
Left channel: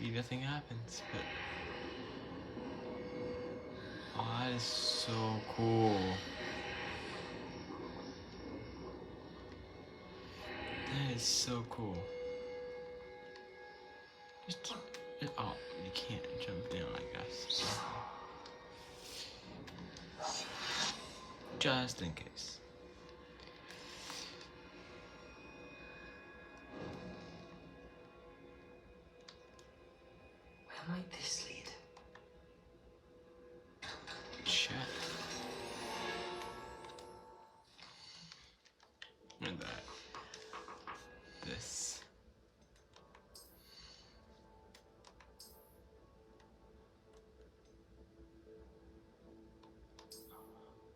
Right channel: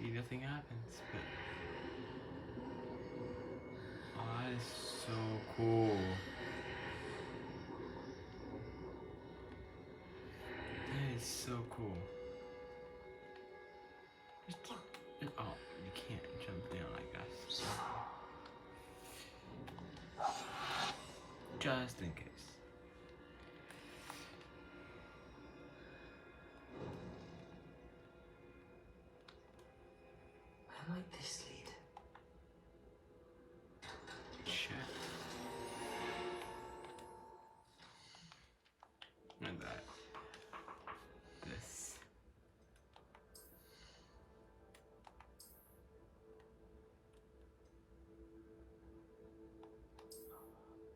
Nothing happens, but oh, that is so cool. That is so cool. Oh, you can't jump down, I guess. Just in case. Where might this lead? Shit. And that. This.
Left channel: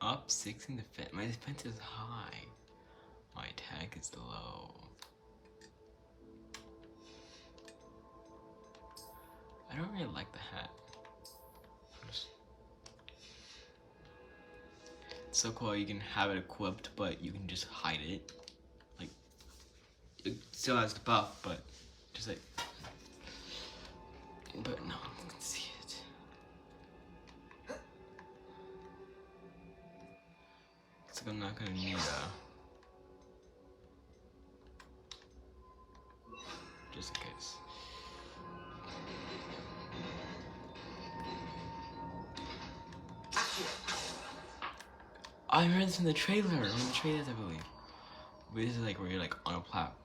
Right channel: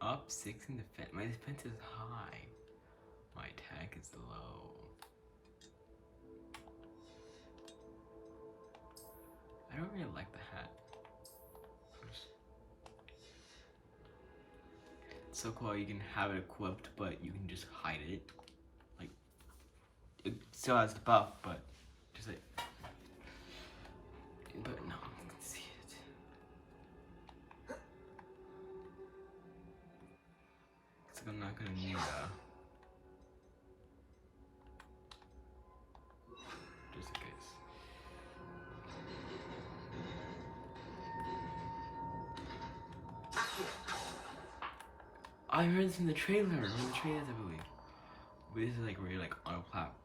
Up 6 in defense. My defense is high. My attack is low. I don't really like the hat. It's so cool you can have it equipped, but you can just hide it. Like, it still has the buff, but just like, but no one can see it. Looks like I'm not gonna need just in case. I heard this in the trailer, one of the trailers, I believe. But this is like where you're like on a platform.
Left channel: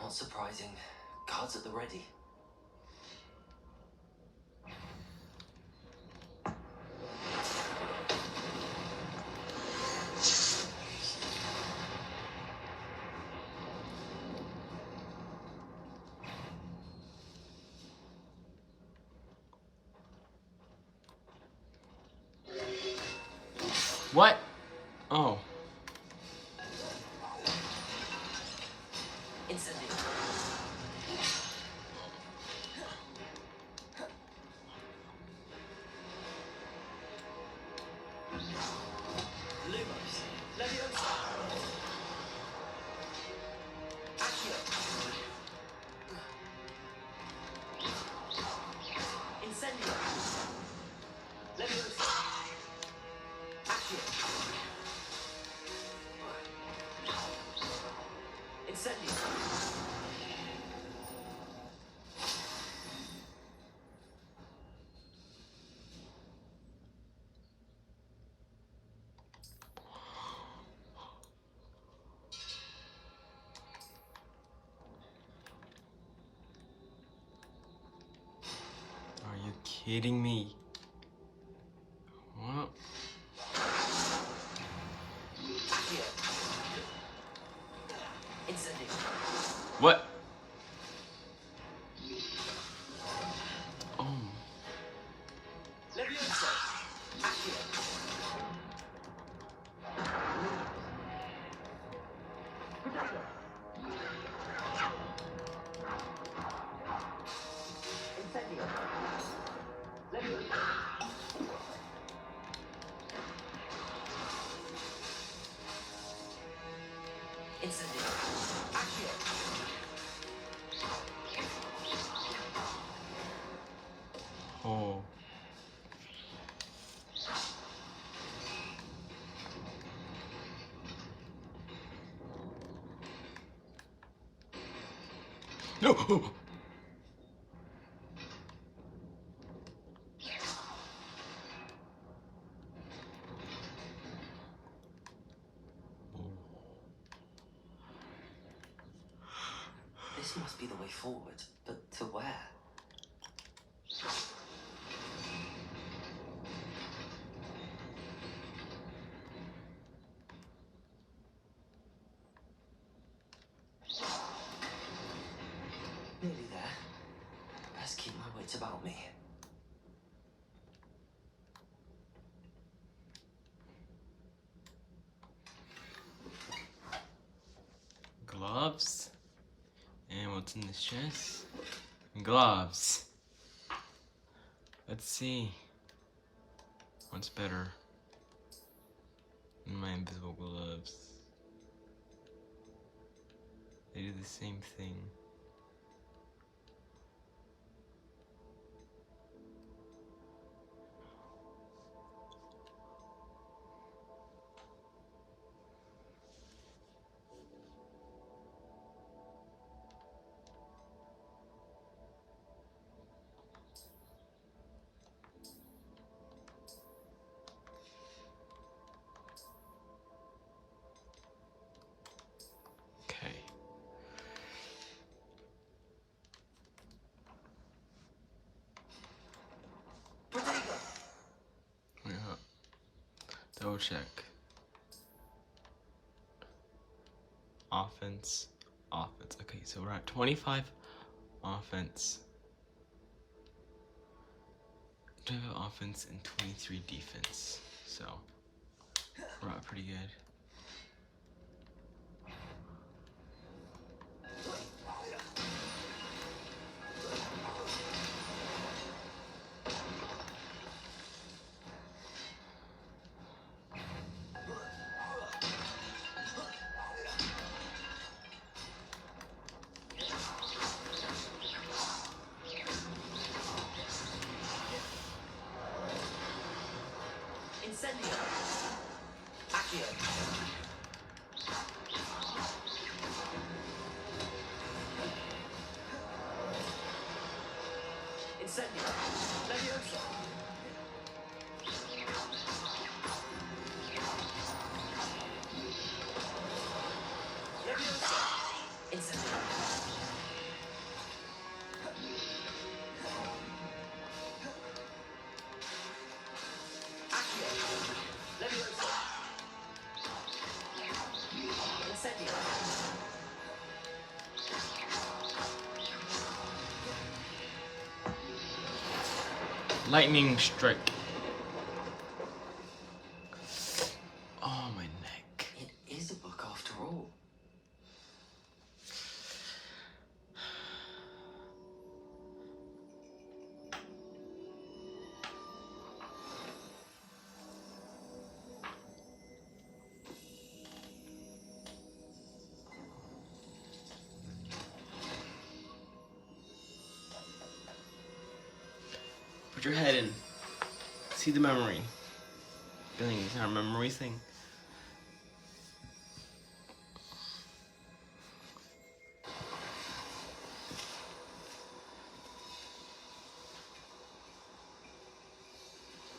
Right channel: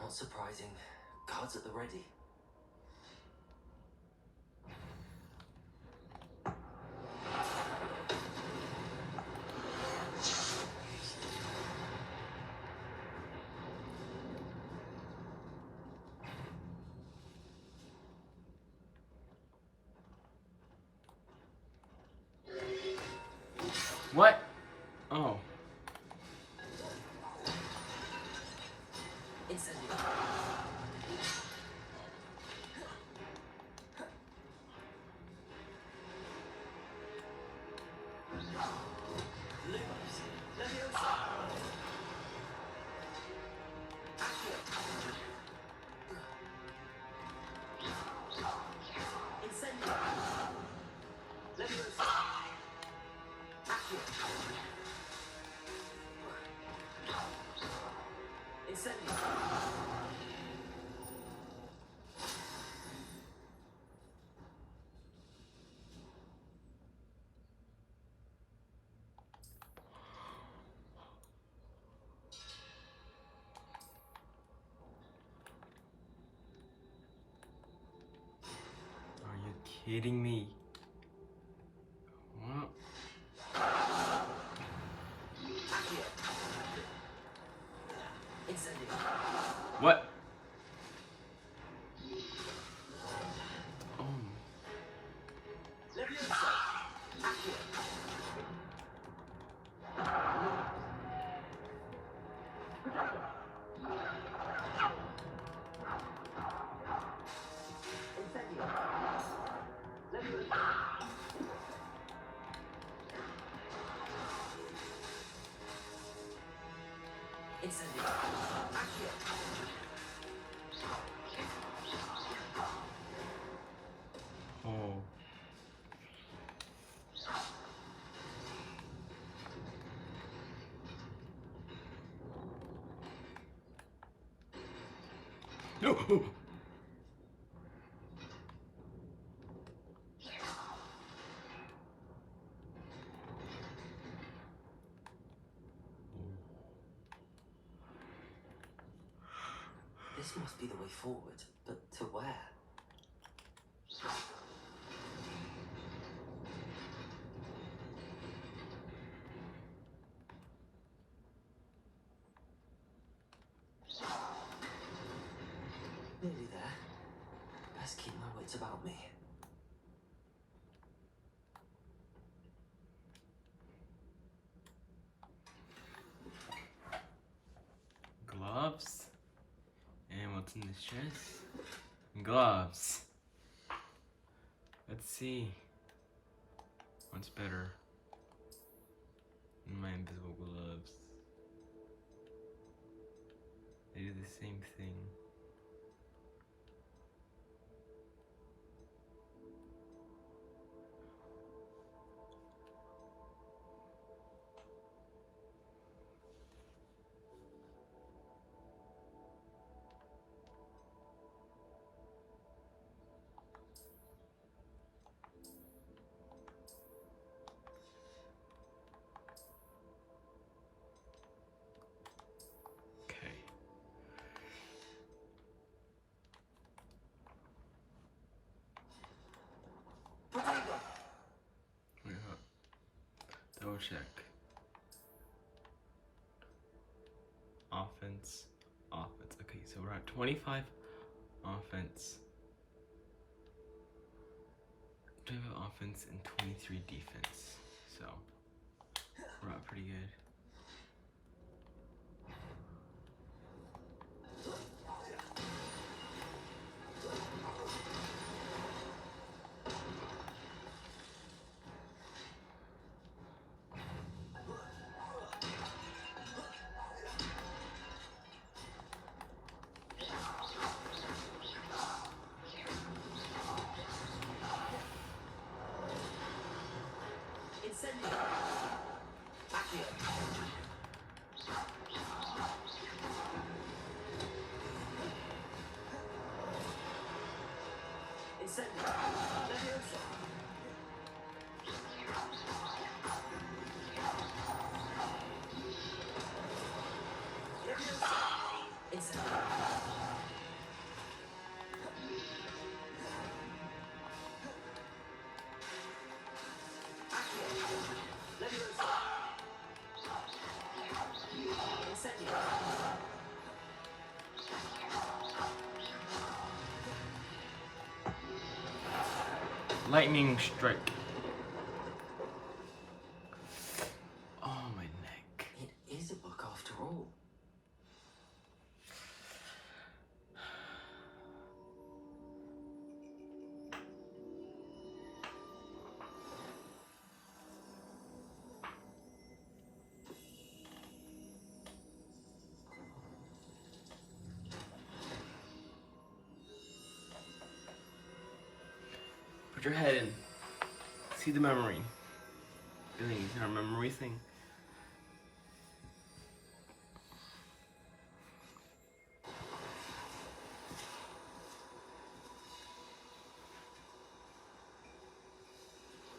Not surprising. Guards at the ready. What? Oh. Incendio. Lumos. Leviosa. Accio. Incendio. Leviosa. Accio. Incendio. Are you kidding me? What? Accio. Incendio. What? Oh. Leviosa. Accio. Incendio. Leviosa. Incendio. Accio. Oh. No. This must be the way forward, but to where? Nearly there. Best keep my wits about me. Gloves. And what's in this chest? Gloves. Let's see. What's better? My invisible gloves. They do the same thing. Okay. Protego! Yeah. Double check. Offense. Offense. Okay, so we're at 25 offense. 25 offense and 23 defense. So we're out pretty good. Incendio. Accio. Incendio. Levioso. Levioso. Incendio. Accio. Levioso. Incendio. Lightning strike. Oh, my neck. It is a book after all. Put your head in. See the memory. Feeling it's our memory thing.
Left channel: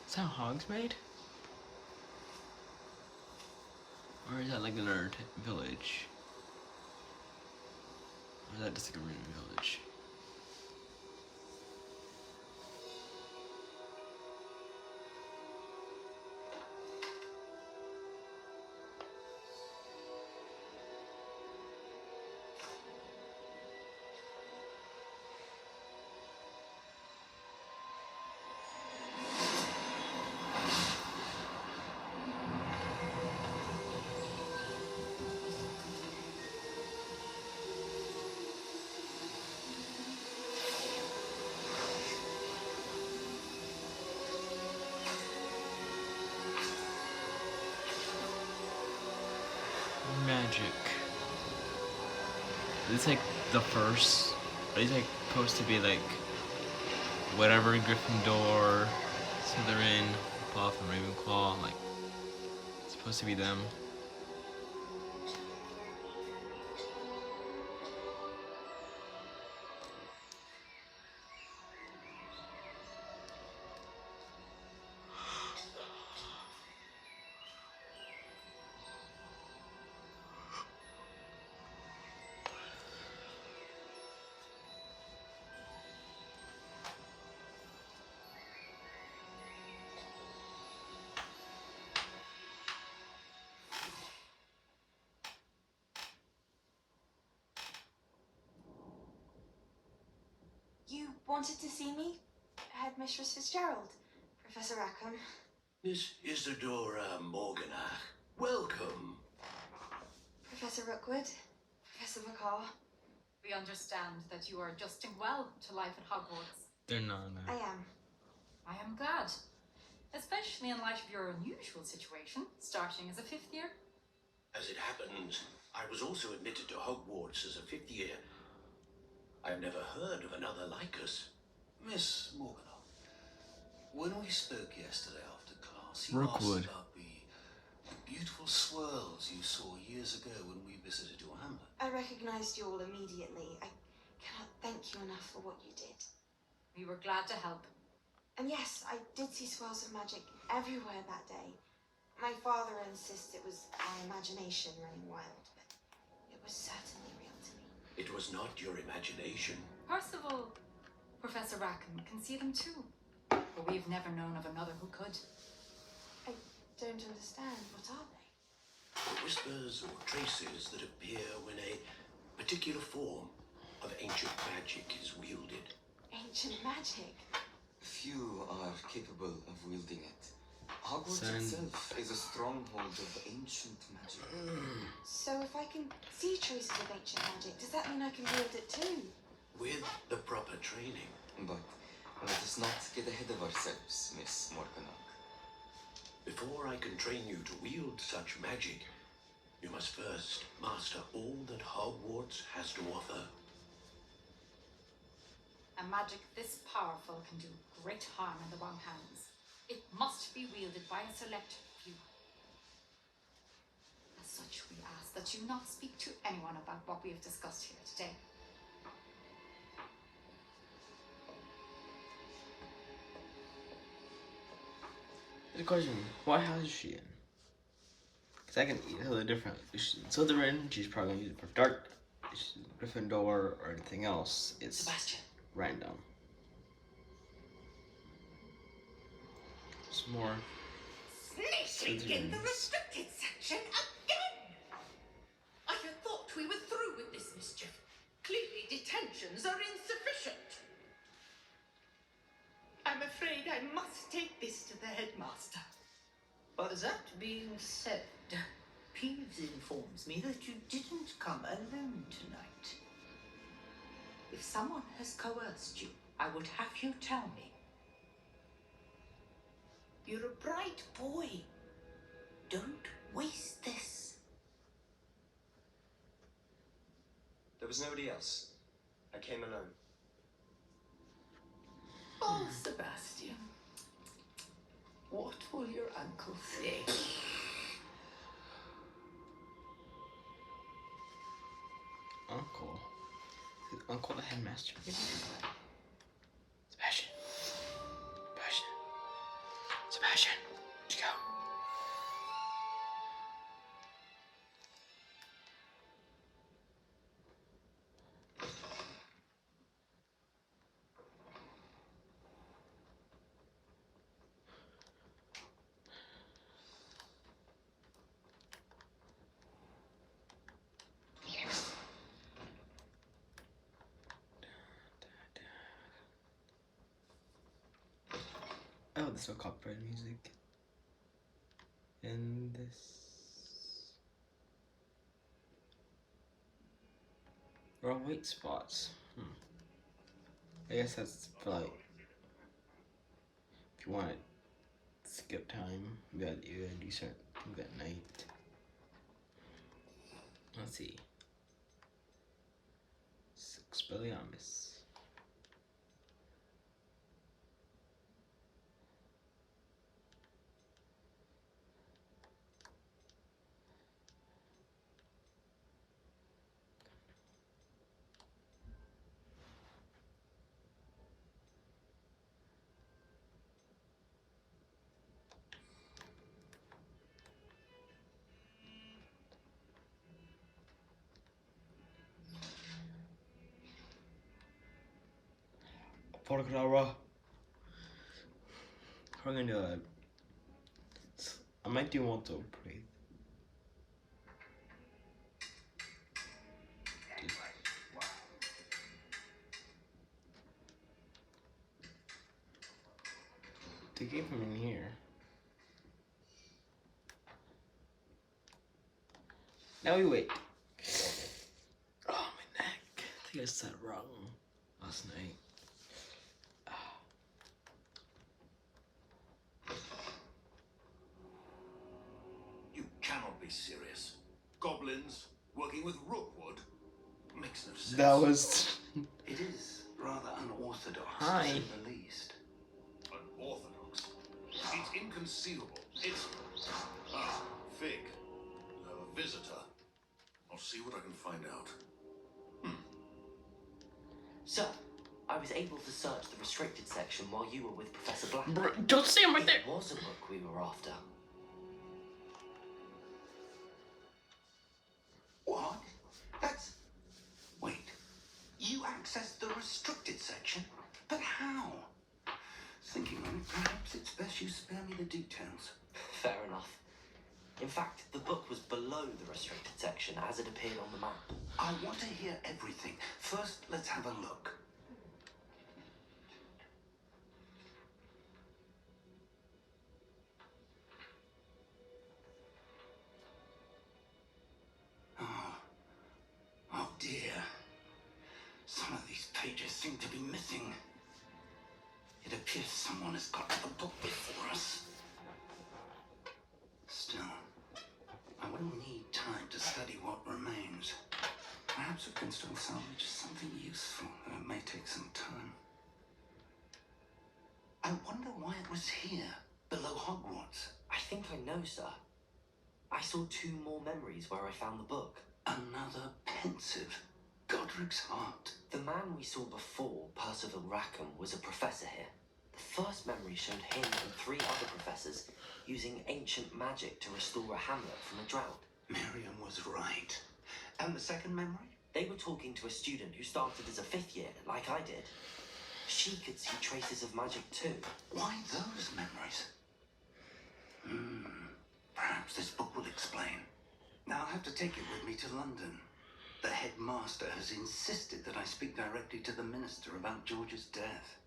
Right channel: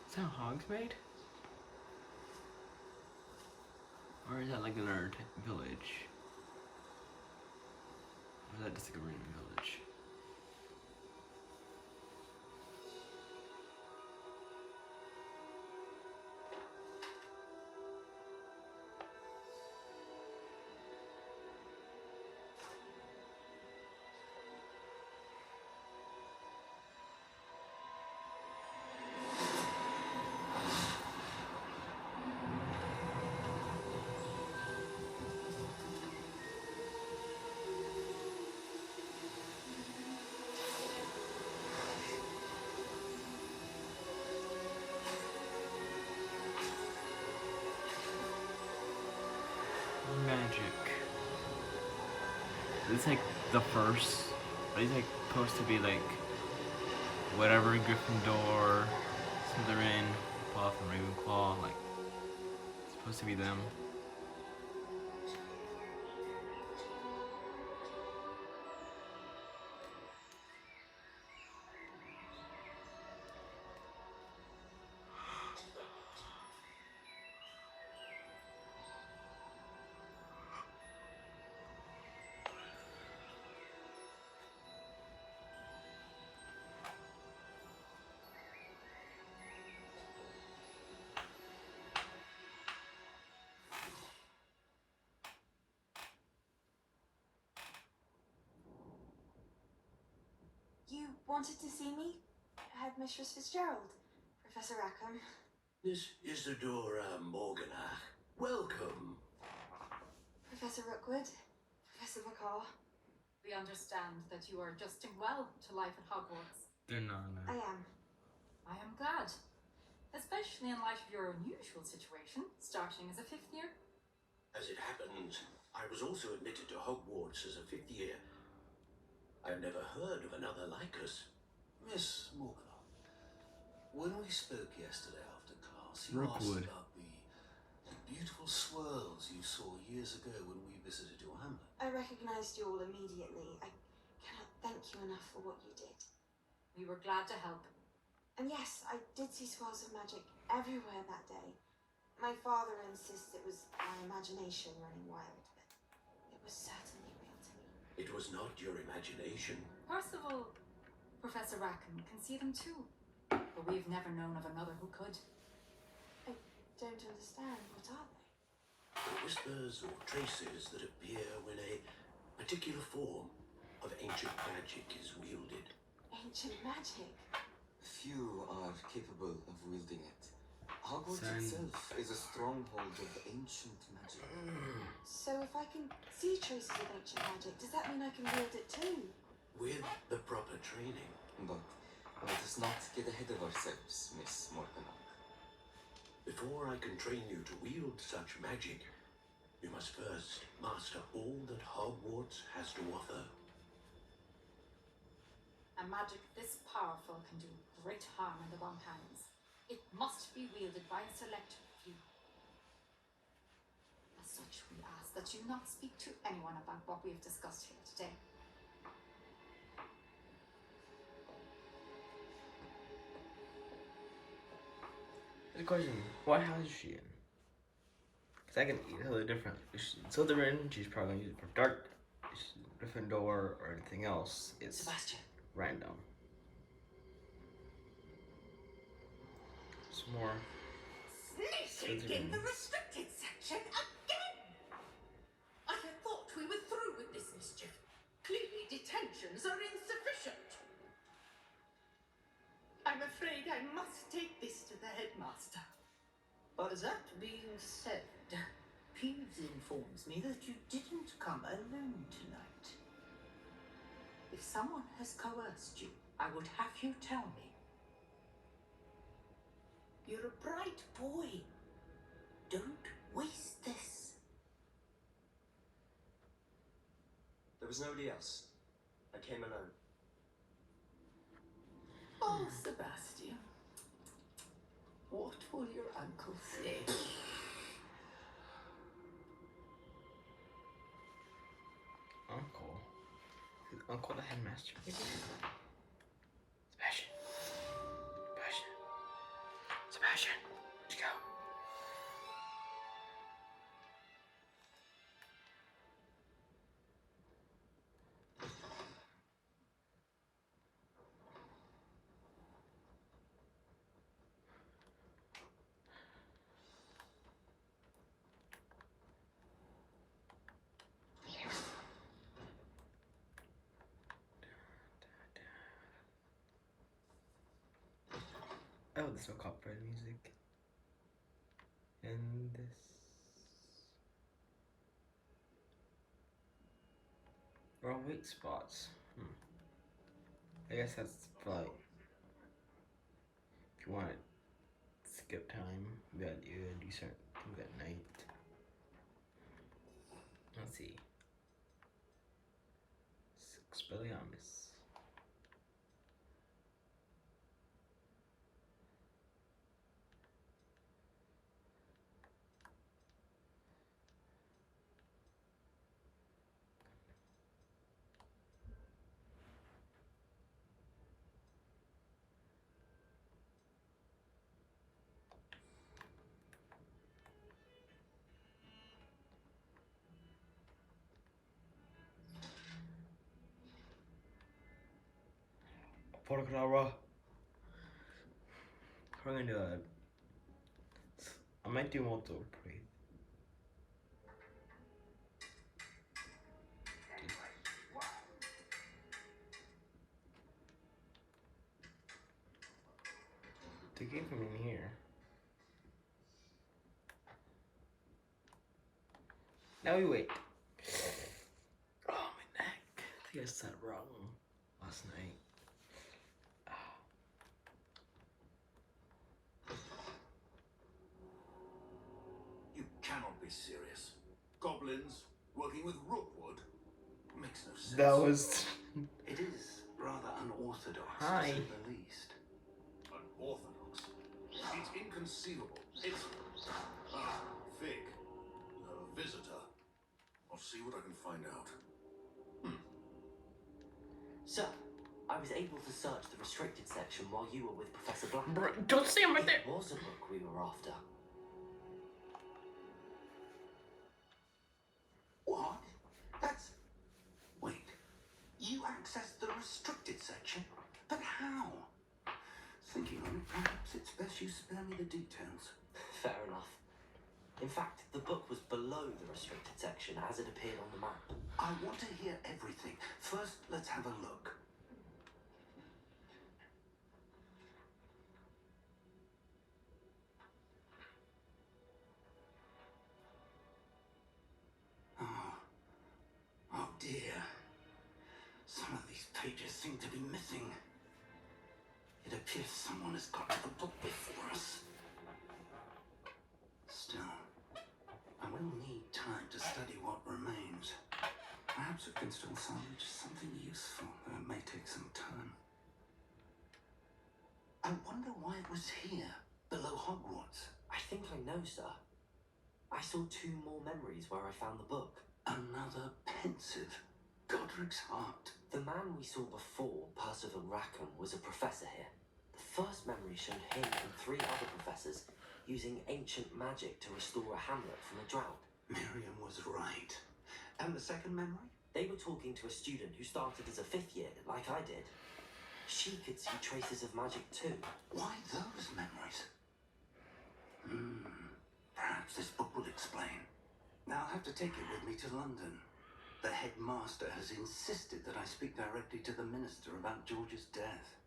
Is that Hogs made? Or is that like another village? Or is that just like a random village? Magic. Is this like the first? Are these like supposed to be like whatever Gryffindor, Slytherin, Puff, and Ravenclaw? Like, it's supposed to be them. You wanted to see me? Headmistress Fitzgerald, Professor Rackham. Miss Isadora Morganach, welcome. Professor Rookwood, Professor McCaw. We understand that you are adjusting well to life at Hogwarts. They're not. No. I am. I am glad, especially in light of your unusual situation, starting as a 5th year. As it happens, I was also admitted to Hogwarts as a 5th year. I've never heard of another like us. Miss Morganach, when we spoke yesterday after class, you Rookwood. asked about the beautiful swirls you saw years ago when we visited your hamlet. I recognized you all immediately. I cannot thank you enough for what you did. We were glad to help. And yes, I did see swirls of magic everywhere that day. My father insists it was my imagination running wild, but it was certainly real to me. It was not your imagination. Percival, Professor Rackham can see them too, but we've never known of another who could. I don't understand. What are they? The whispers or traces that appear when a particular form of ancient magic is wielded. Ancient magic? Few are capable of wielding it. Hogwarts Send. itself is a stronghold of ancient magic. So if I can see traces of ancient magic, does that mean I can wield it too? With the proper training. But let us not get ahead of ourselves, Miss Morganach. Before I can train you to wield such magic, you must first master all that Hogwarts has to offer. A magic this powerful can do great harm in the wrong hands. It must be wielded by a select few. As such, we ask that you not speak to anyone about what we have discussed here today. The question, what house is she in? Because I can tell the different. If she's in Slytherin, she's probably going to use it for dark. If she's in Gryffindor or anything else, it's Sebastian. random. Some more Sneaking in the Slytherins. restricted section again! I had thought we were through with this mischief. Clearly detentions are insufficient. I'm afraid I must take this to the headmaster. But that being said, Peeves informs me that you didn't come alone tonight. If someone has coerced you, I would have you tell me. You're a bright boy. Don't waste this. There was nobody else. I came alone. Oh, Sebastian. What will your uncle say? Uncle. Is Uncle the headmaster, maybe? Sebastian. Sebastian. Sebastian. Where'd you go? Oh, there's no copyright music. And this. We're on white spots. I guess that's for like. If you want to skip time, you gotta do certain things at night. Let's see. Expelliarmus. Portacadabra. We're gonna do a. I might do multiple breathe. They came from in here. Now we wait. Oh, my neck. I think I said it wrong last night. You cannot be serious. Goblins working with Rookwood makes no sense. That was. It is rather unorthodox, Hi. to say the least. Unorthodox. It's inconceivable. It's... Ah, Fig. You have a visitor. I'll see what I can find out. So, I was able to search the restricted section while you were with Professor Black. Don't see him right there. It was a book we were after. What? That's... Wait. You accessed the restricted section? But how? Thinking on it, perhaps it's best you spare me the details. Fair enough. In fact, the book was below the restricted section as it appeared on the map. I want to hear everything. First, let's have a look. has got the book before us. Still, I will need time to study what remains. Perhaps we can still salvage something useful, though it may take some time. I wonder why it was here, below Hogwarts. I think I know, sir. I saw 2 more memories where I found the book. Another pensive. Godric's heart. The man we saw before, Percival Rackham, was a professor here. The first memory showed him and 3 other professors using ancient magic to restore a hamlet from a drought. Miriam was right. And the second memory? They were talking to a student who started as a 5th year, like I did. She could see traces of magic too. Why those memories? Perhaps this book will explain. Now I'll have to take it with me to London. The headmaster has insisted that I speak directly to the minister about George's death.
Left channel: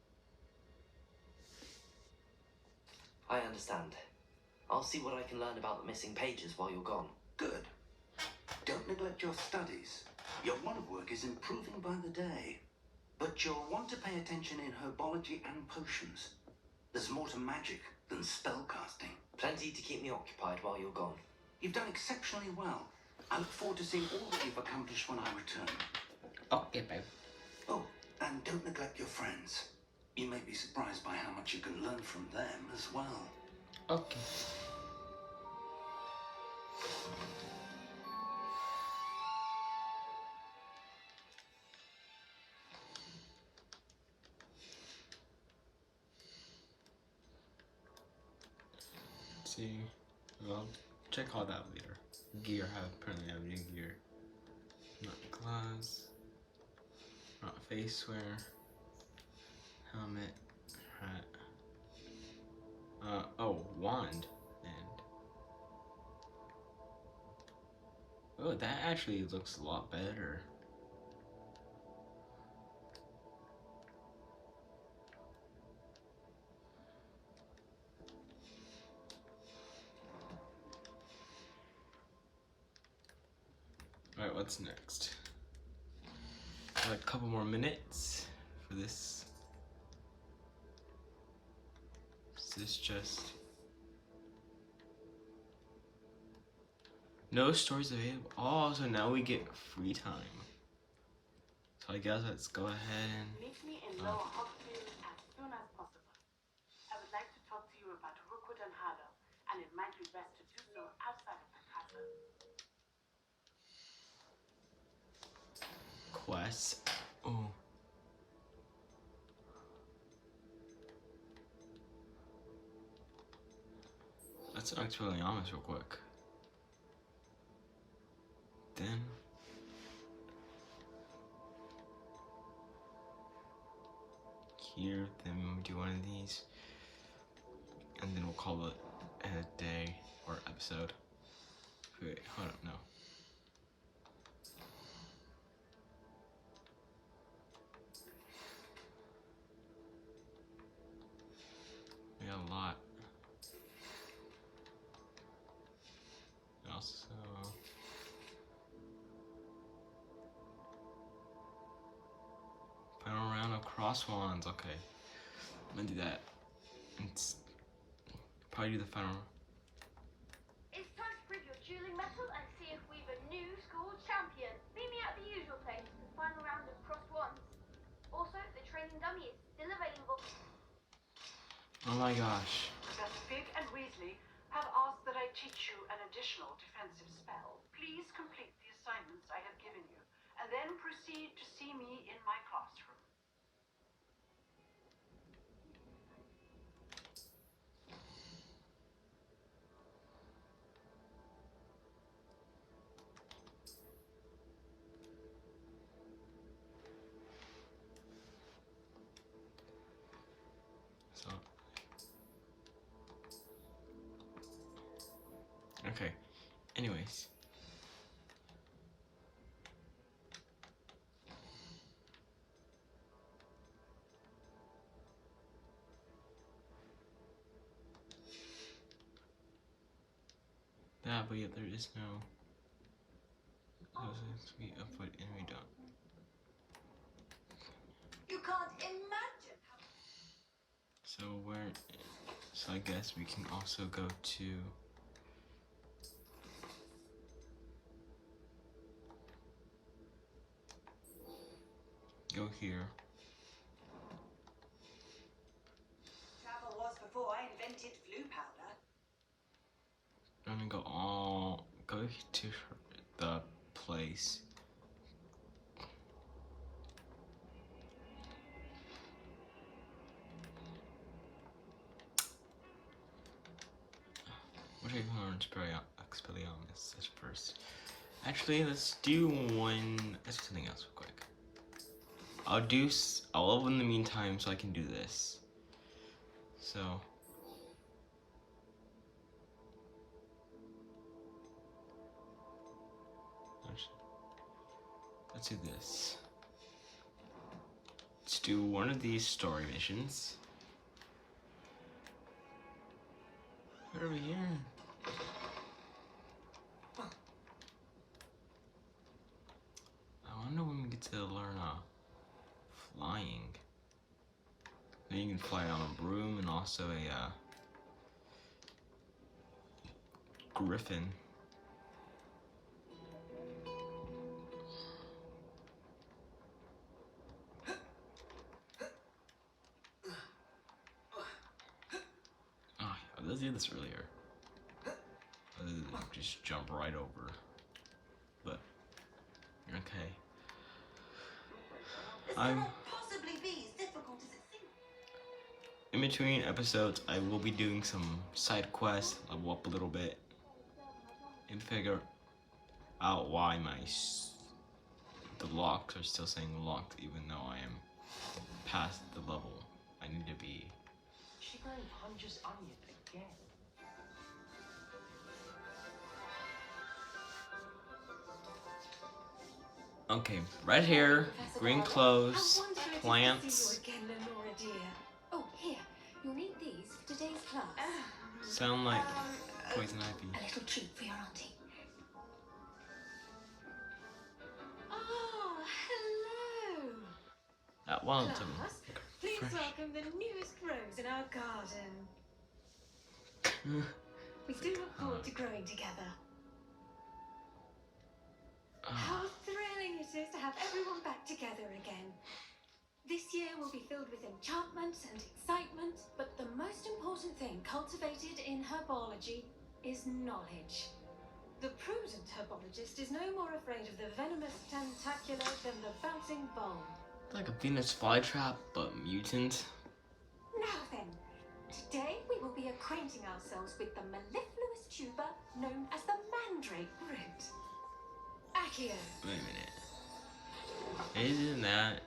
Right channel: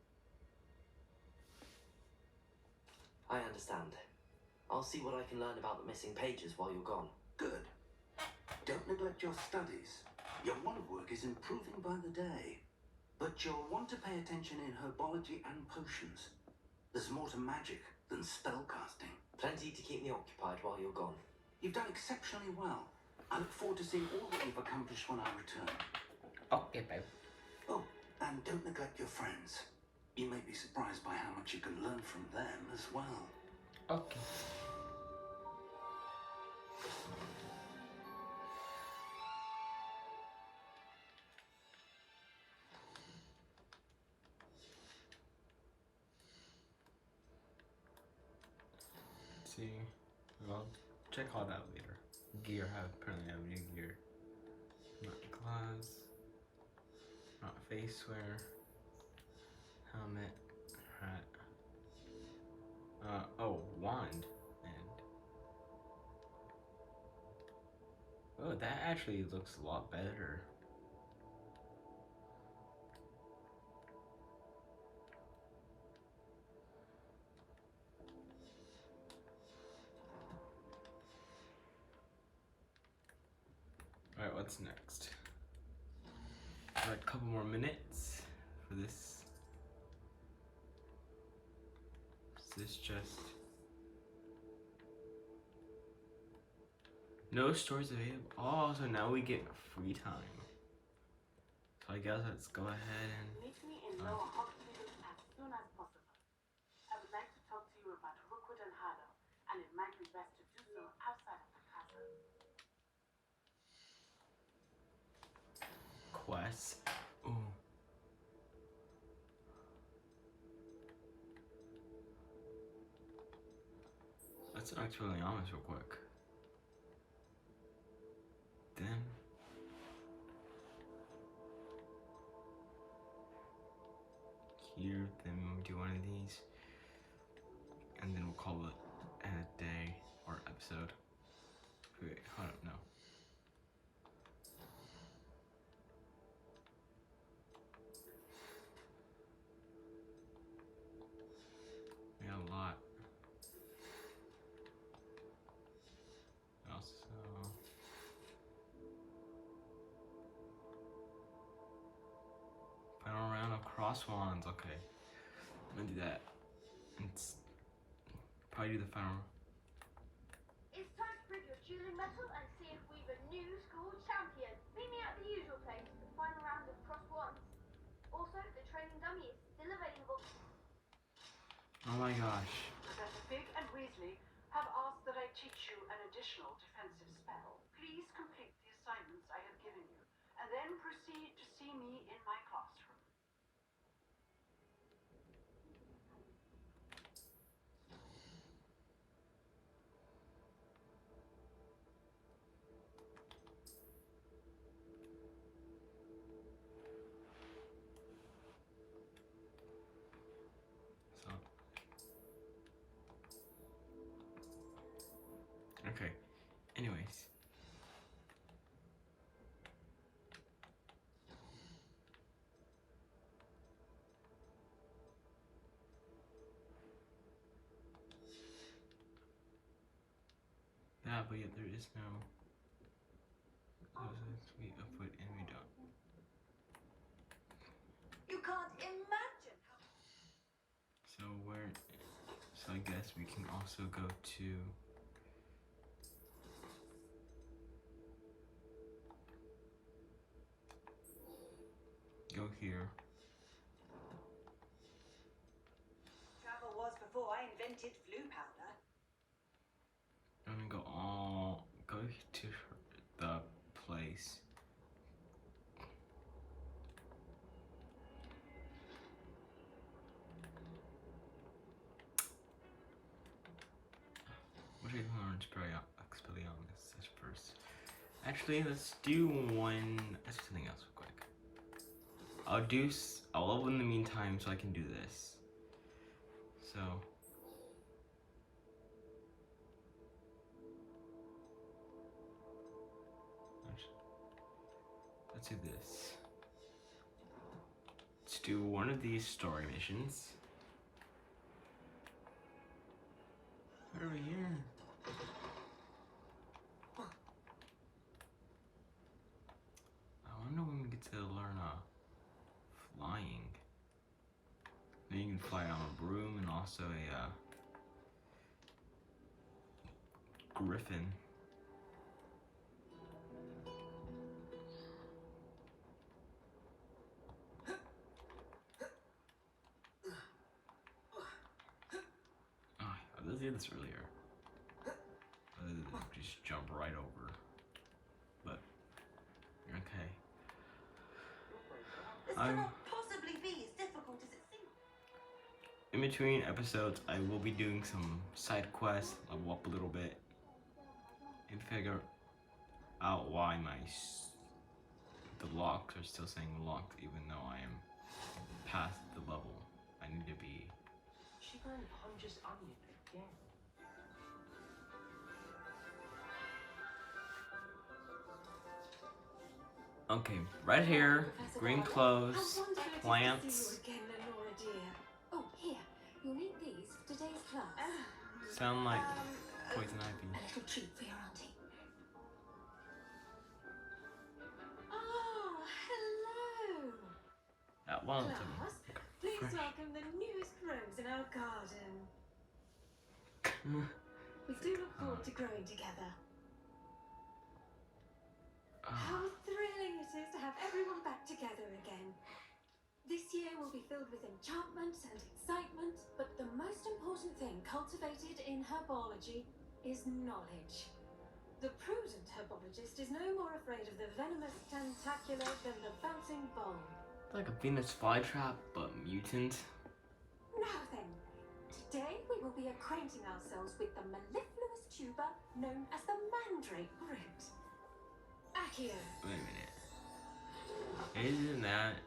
I understand. I'll see what I can learn about the missing pages while you're gone. Good. Don't neglect your studies. Your wand work is improving by the day. But you'll want to pay attention in herbology and potions. There's more to magic than spellcasting. Plenty to keep me occupied while you're gone. You've done exceptionally well. I look forward to seeing all that you've accomplished when I return. Okay, babe. Oh, and don't neglect your friends. You may be surprised by how much you can learn from them as well. Okay. Let's see. Well, check all that later. Gear, apparently have new gear. Not gloves. Not face wear. Helmet. Hat. Oh, wand. And oh, that actually looks a lot better. Alright, what's next? Got a couple more minutes for this. Is this just... No stories available. Oh, so now we get free time. So I guess let's go ahead and... Meet me in Lower Hogsfield as soon as possible. I would like to talk to you about Rookwood and Harlow, and it might be best to do so outside of the castle. Quests. Oh. Let's talk to Williamus real quick. Then here, then we do one of these, and then we'll call it a day or episode. Wait, hold up, no. We got a lot. Also, final round of cross wands. Okay, I'm gonna do that. It's probably do the final. It's time to prove your dueling mettle and see if we've a new school champion. Meet me at the usual place for the final round of cross wands. Also, the training dummy is still available. Oh my gosh. Professor Fig and Weasley have asked that I teach you an additional defensive spell. Please complete the assignments I have given you, and then proceed to see me in my classroom. So. Okay. Anyways. That, but yet there is no. We upload and we don't. You can't imagine how... So where? So I guess we can also go to. Go here. Travel was before I invented flu powder. I'm gonna go to the place. What should I learn Expelliarmus at first? Actually, let's do one. Let's do something else real quick. I'll level in the meantime so I can do this. So. Let's do this. Let's do one of these story missions. Right over here. I wonder when we get to learn flying. Then you can fly on a broom and also a griffin. Oh, I did this earlier. Just jump right over. But okay. This cannot possibly be as difficult as it seems. In between episodes, I will be doing some side quests, level up a little bit, and figure out why the locks are still saying locked, even though I am past the level I need to be. She going Ponger's onion again. Okay, right here, green clothes, plants. Oh, here, you'll need these for today's class. Sound like poison ivy. A little treat for your auntie. Oh, hello. That one of them. Please Fresh. welcome the newest rose in our garden. We do look forward to growing together. How thrilling it is to have everyone back together again. This year will be filled with enchantment and excitement, but the most important thing cultivated in herbology is knowledge. The prudent herbologist is no more afraid of the venomous tentacular than the bouncing bulb. Like a Venus flytrap, but mutant. Now then, today we will be acquainting ourselves with the mellifluous tuber known as the mandrake root. Accio. Wait a minute. Isn't that?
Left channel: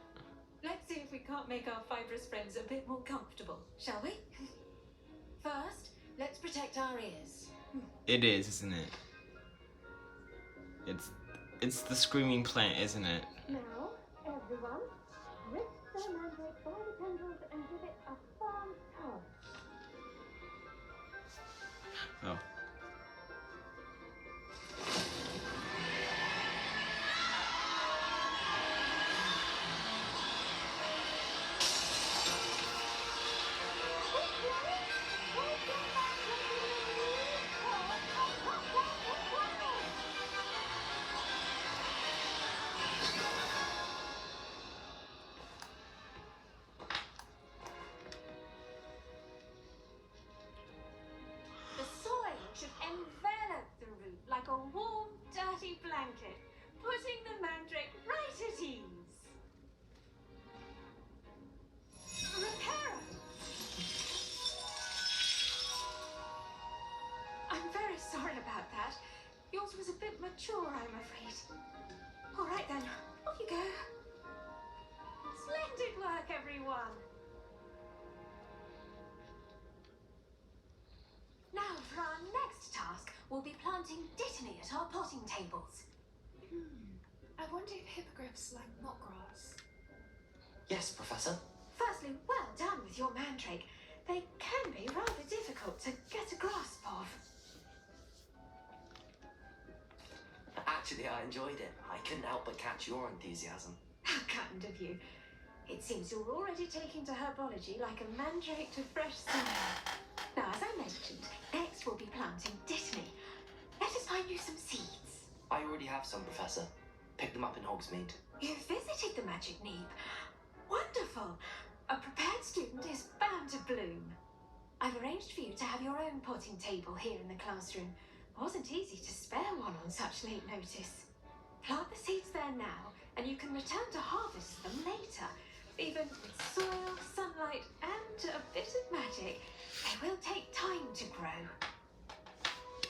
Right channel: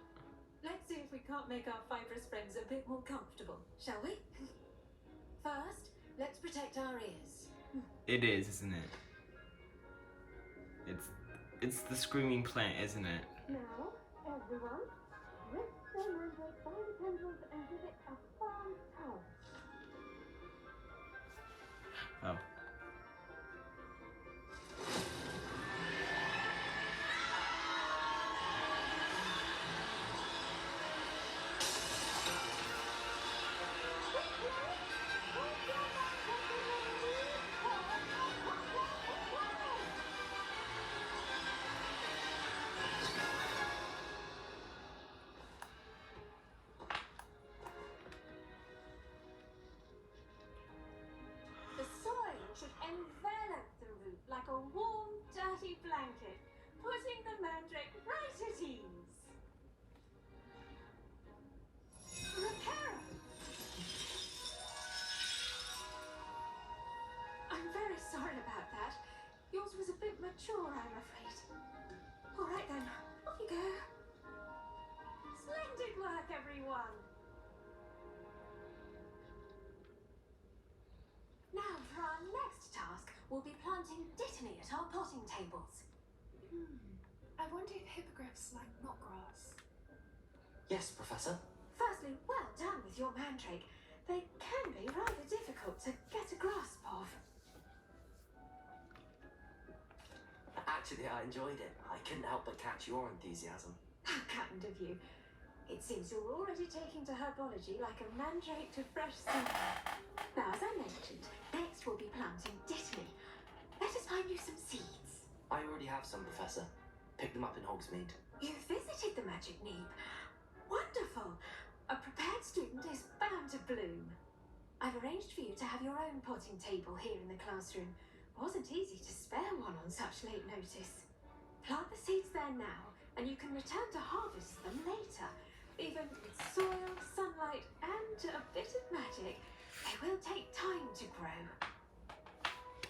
Let's see if we can't make our fibrous friends a bit more comfortable, shall we? First, let's protect our ears. It is, isn't it? It's the screaming plant, isn't it? Now, everyone, lift the mandrake by the tendrils and give it a firm tug. Oh. The soil should envelop the root like a warm, dirty blanket, putting the mandrake right at ease. Reparo! I'm very sorry about that. Yours was a bit mature, I'm afraid. All right then, off you go. Splendid work, everyone. Now for our next task, we'll be planting dittany at our potting tables. I wonder if hippogriffs like mock grass. Yes, Professor. Firstly, well done with your mandrake. They can be rather difficult to get a grasp of. Actually, I enjoyed it. I couldn't help but catch your enthusiasm. How kind of you. It seems you're already taking to herbology like a mandrake to fresh summer. Now, as I mentioned, next we'll be planting Dittany. Let us find you some seeds. I already have some, Professor. Picked them up in Hogsmeade. You visited the Magic Neep. Wonderful. A prepared student is bound to bloom. I've arranged for you to have your own potting table here in the classroom. Wasn't easy to spare one on such late notice. Plant the seeds there now, and you can return to harvest them later. Even with soil, sunlight, and a bit of magic, they will take time to grow.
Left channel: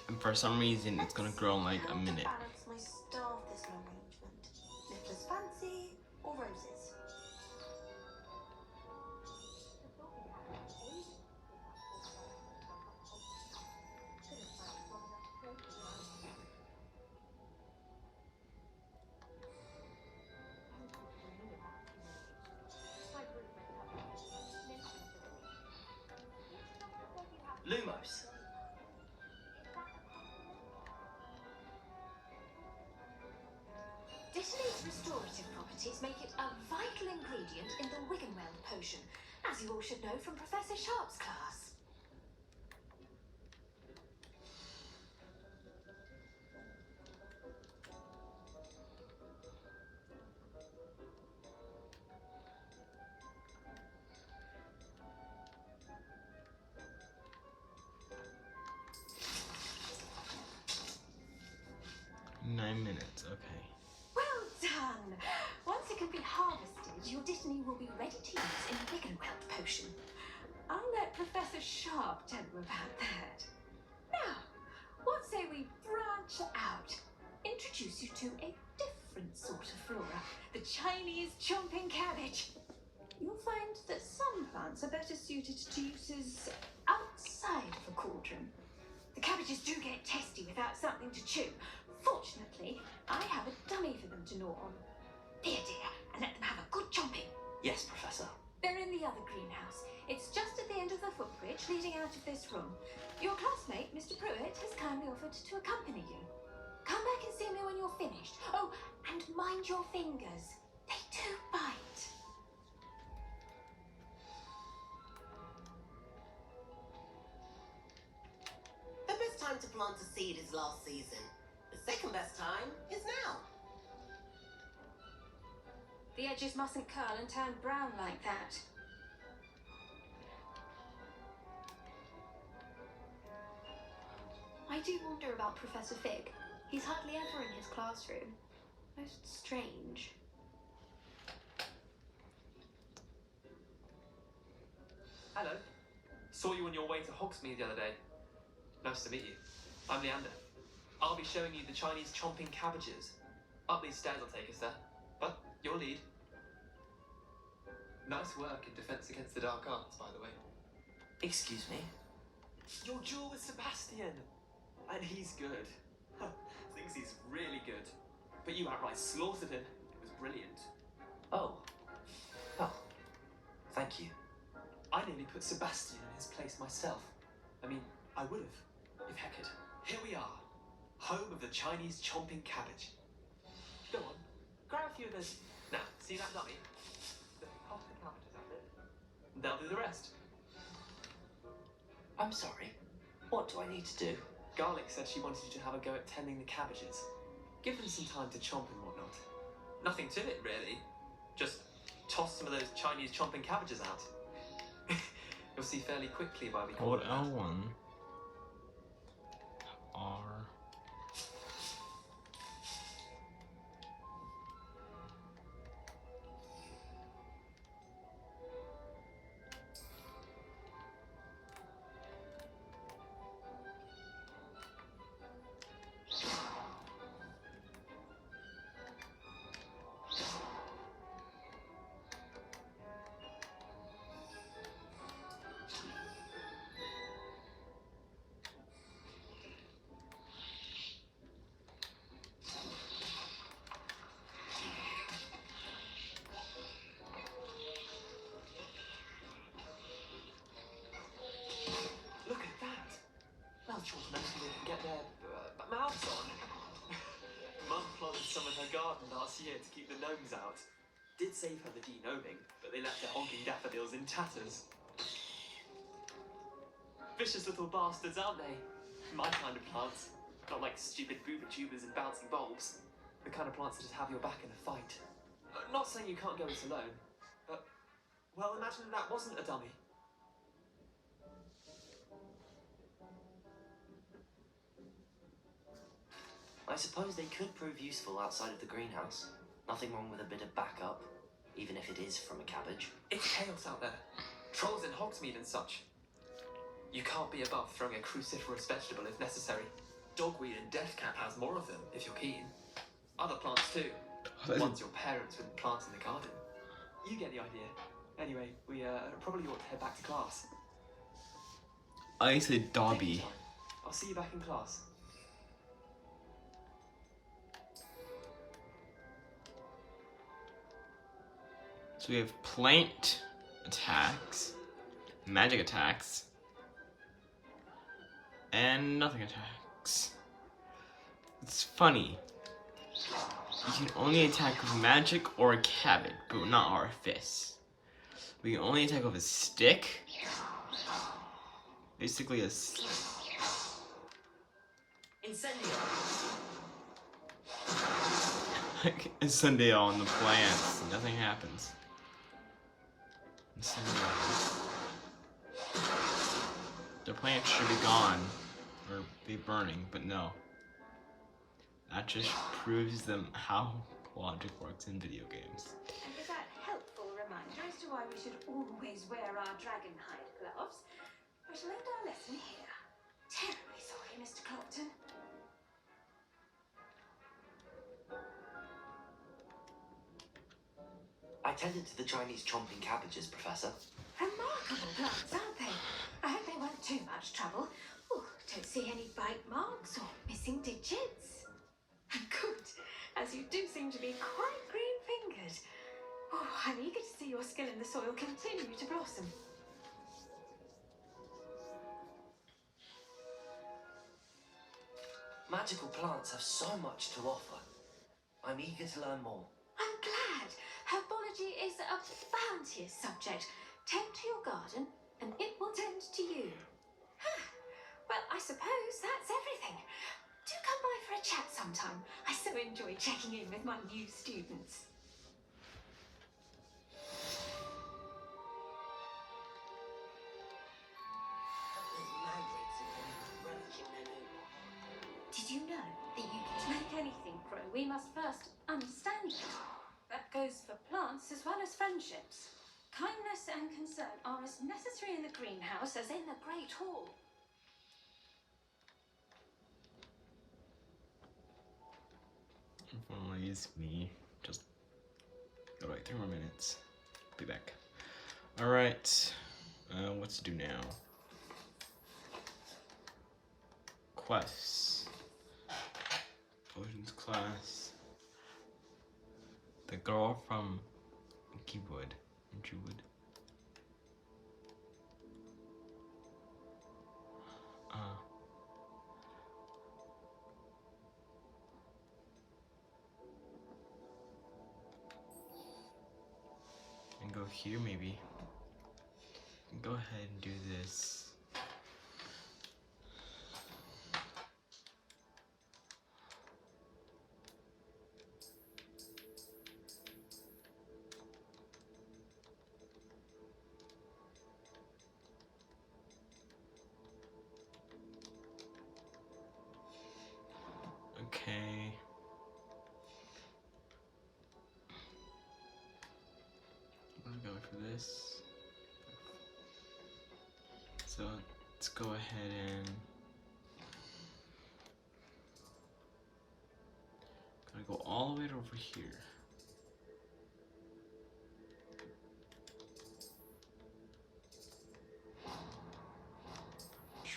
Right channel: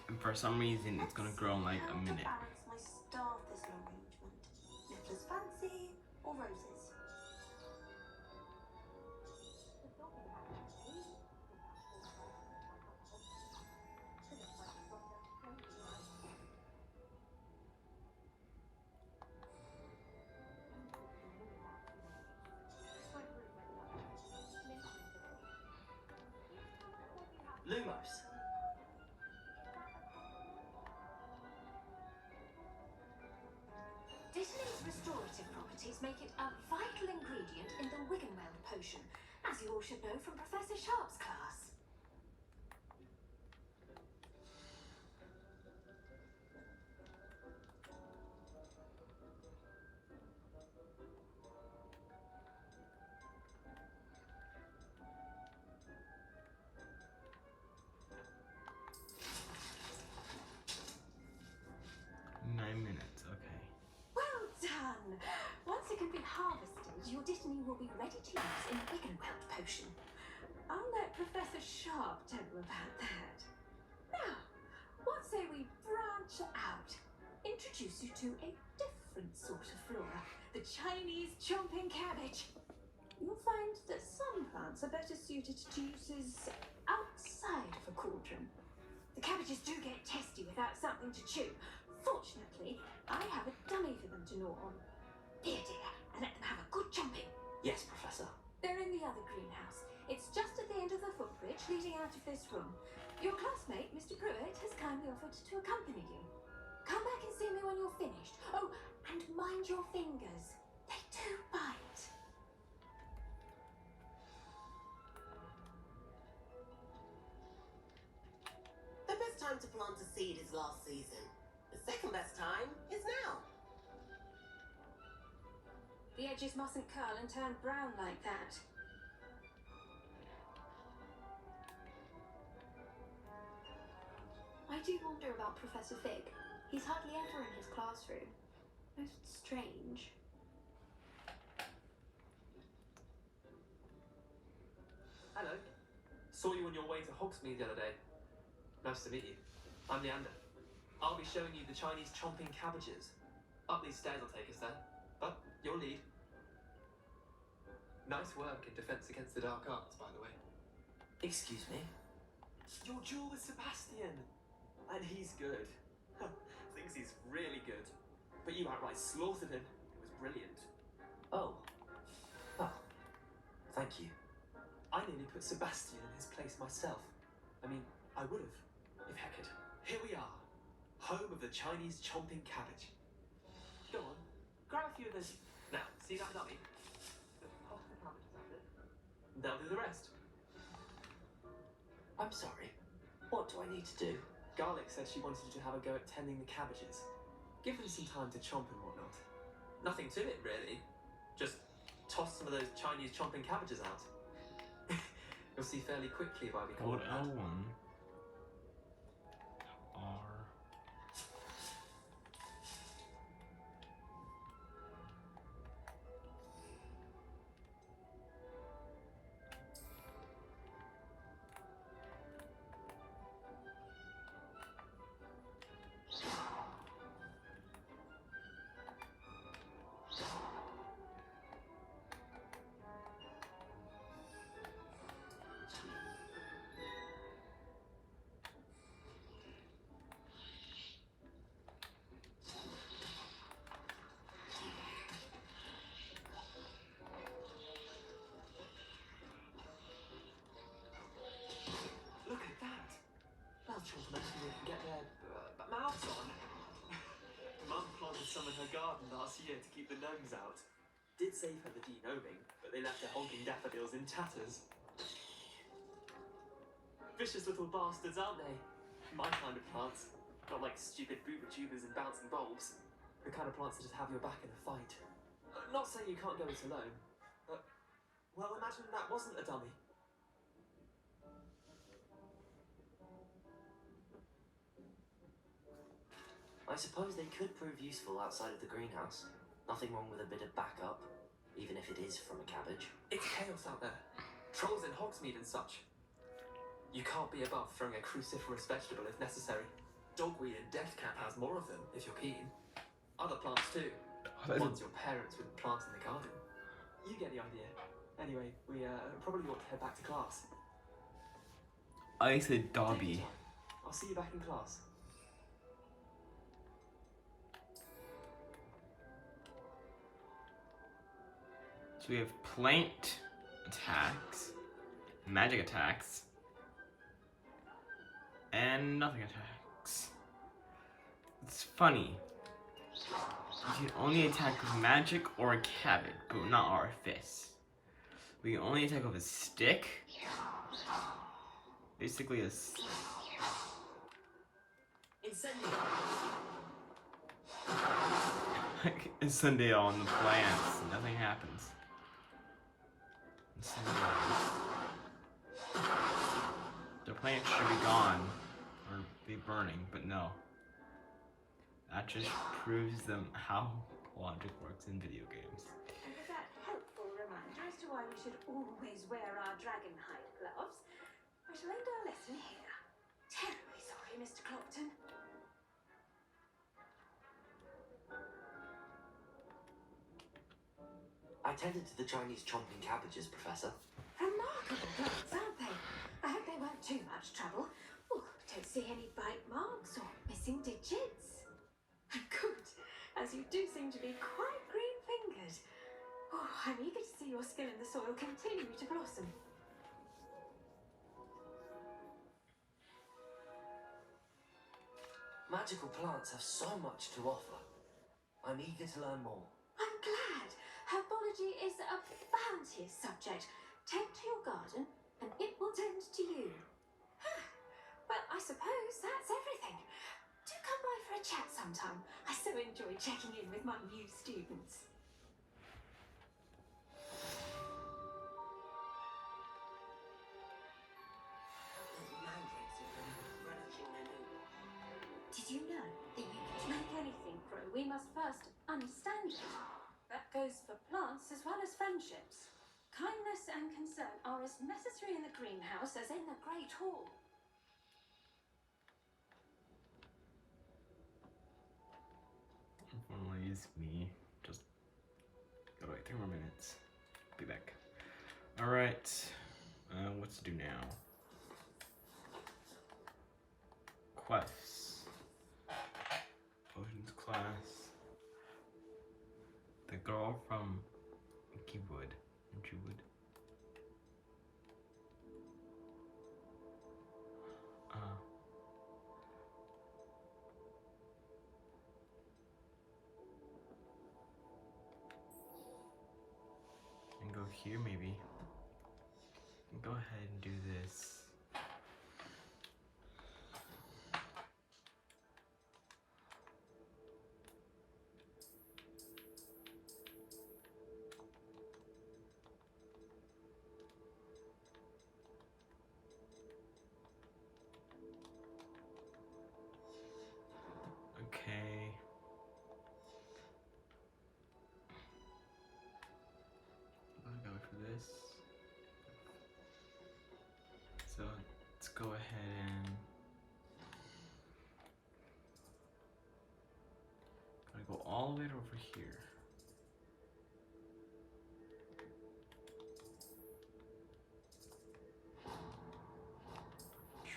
And for some reason, it's gonna grow in like a minute. Balance my star thistle arrangement. Litters fancy or roses? Lumos. Dittany's restorative properties make it a vital ingredient in the Wiggenweld potion, as you all should know from Professor Sharp's class. Well done! Once it can be harvested, your Dittany will be ready to use in the Wiggenweld potion. I'll let Professor Sharp tell you about that. Now, what say we branch out? Introduce you to a different sort of flora, the Chinese chomping cabbage. You'll find that some plants are better suited to uses outside of a cauldron. The cabbages do get testy without something to chew. Fortunately, I have a dummy for them to gnaw on. Here, dear, and let them have a good chomping. Yes, Professor. They're in the other greenhouse. It's just at the end of the footbridge leading out of this room. Your classmate, Mr. Pruitt, has kindly offered to accompany you. Come back and see me when you're finished. Oh, and mind your fingers. They do bite. The best time to plant a seed is last season. The second best time is now. The edges mustn't curl and turn brown like that. I do wonder about Professor Fig. He's hardly ever in his classroom. Most strange. Hello. Saw you on your way to Hogsmeade the other day. Nice to meet you. I'm Leander. I'll be showing you the Chinese chomping cabbages. Up these stairs will take us there. But your lead. Nice work in Defense Against the Dark Arts, by the way. Excuse me? Your duel with Sebastian. And he's good. Thinks he's really good. But you outright slaughtered him. It was brilliant. Oh. Oh. Thank you. I nearly put Sebastian in his place myself. I mean, I would have, if Hecate. Here we are. Home of the Chinese chomping cabbage. Go on, grab a few of those. Now, see that dummy? Just pop the cabbages at it. They'll do the rest. I'm sorry. What do I need to do? Garlic said she wanted you to have a go at tending the cabbages. Give them some time to chomp and whatnot. Nothing to it, really. Just toss some of those Chinese chomping cabbages out. You'll see fairly quickly why we call Hold it that. L1. R. Look at that! Well, children actually can get their mouths on. Mum planted some in her garden last year to keep the gnomes out. did save her the de-gnoming, but they left her honking daffodils in tatters. Vicious little bastards, aren't they? My kind of plants. Not like stupid booba tubers and bouncing bulbs. The kind of plants that just have your back in a fight. Not saying you can't go it alone, but, well, imagine that wasn't a dummy. I suppose they could prove useful outside of the greenhouse. Nothing wrong with a bit of backup, even if it is from a cabbage. It's chaos out there. Trolls in Hogsmeade and such. You can't be above throwing a cruciferous vegetable if necessary. Dogweed and deathcap has more of them, if you're keen. Other plants too. Ones your parents wouldn't plant in the garden. You get the idea. Anyway, we probably ought to head back to class. I said Dobby. I'll see you back in class. So we have plant attacks, magic attacks, and nothing attacks. It's funny. You can only attack with magic or a cabbage, but not our fists. We can only attack with a stick. Basically a Sunday on the plants. Nothing happens. The plants should be gone or be burning, but no. That just proves them how logic works in video games. And with that helpful reminder as to why we should always wear our dragon hide gloves, we shall end our lesson here. Terribly sorry, Mr. Clopton. I tended to the Chinese chomping cabbages, Professor. Remarkable plants, aren't they? I hope they weren't too much trouble. Oh, don't see any bite marks or missing digits. And good, as you do seem to be quite green-fingered. Oh, I'm eager to see your skill in the soil continue to blossom. Magical plants have so much to offer. I'm eager to learn more. I'm glad. Herbology is a bounteous subject. Tend to your garden, and it will tend to you. Well, I suppose that's everything. Do come by for a chat sometime. I so enjoy checking in with my new students. Did you know that to make anything grow, we must first understand it? That goes for plants as well as friendships. Kindness and concern are as necessary in the greenhouse as in the Great Hall. Please, me. Just go like 3 more minutes. Be back. Alright. What to do now? Quests. Potions class. The girl from Keywood. Jewwood. And go here maybe. Go ahead and do this. Okay. Let's go for this. So let's go ahead and gotta go all the way over here.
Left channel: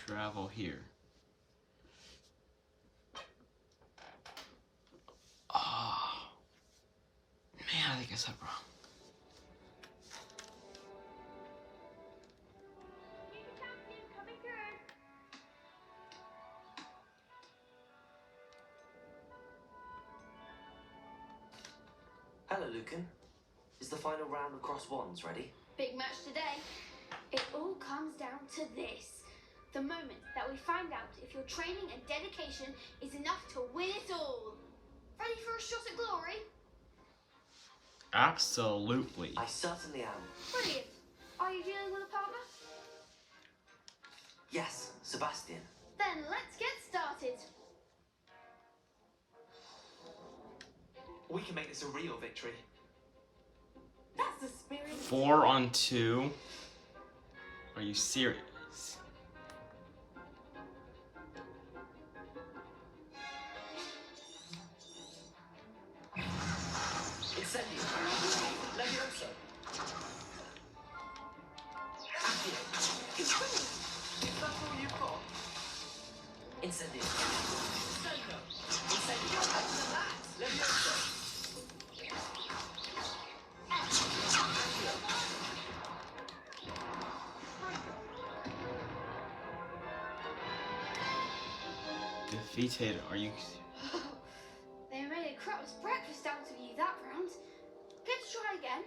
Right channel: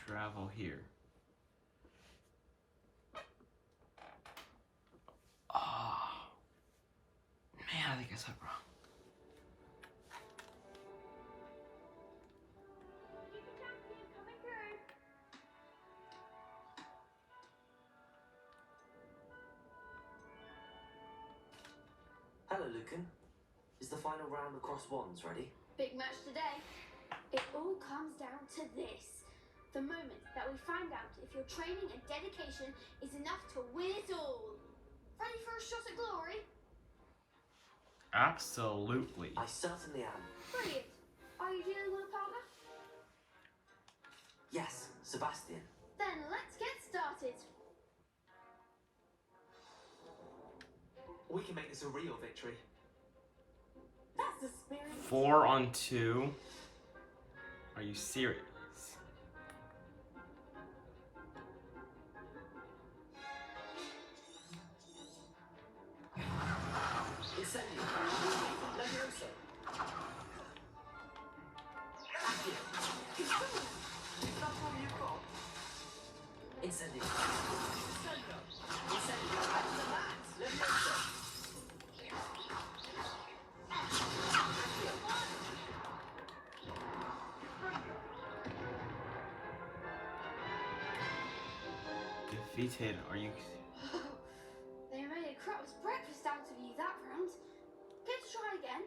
Travel here. Oh man, I think I said wrong. Hello, Lucan. Is the final round of cross wands ready? Big match today. It all comes down to this. The moment that we find out if your training and dedication is enough to win it all. Ready for a shot at glory? Absolutely. I certainly am. Brilliant. Are you dealing with a partner? Yes, Sebastian. Then let's get started. We can make this a real victory. That's the spirit. 4 on 2. Are you serious? Incendio. Levioso. Accio. Is that all you've got? Incendio. Sendo. Incendio. Levioso. Defeated. Are you? They made a crap's breakfast out of you that round. Let's try again.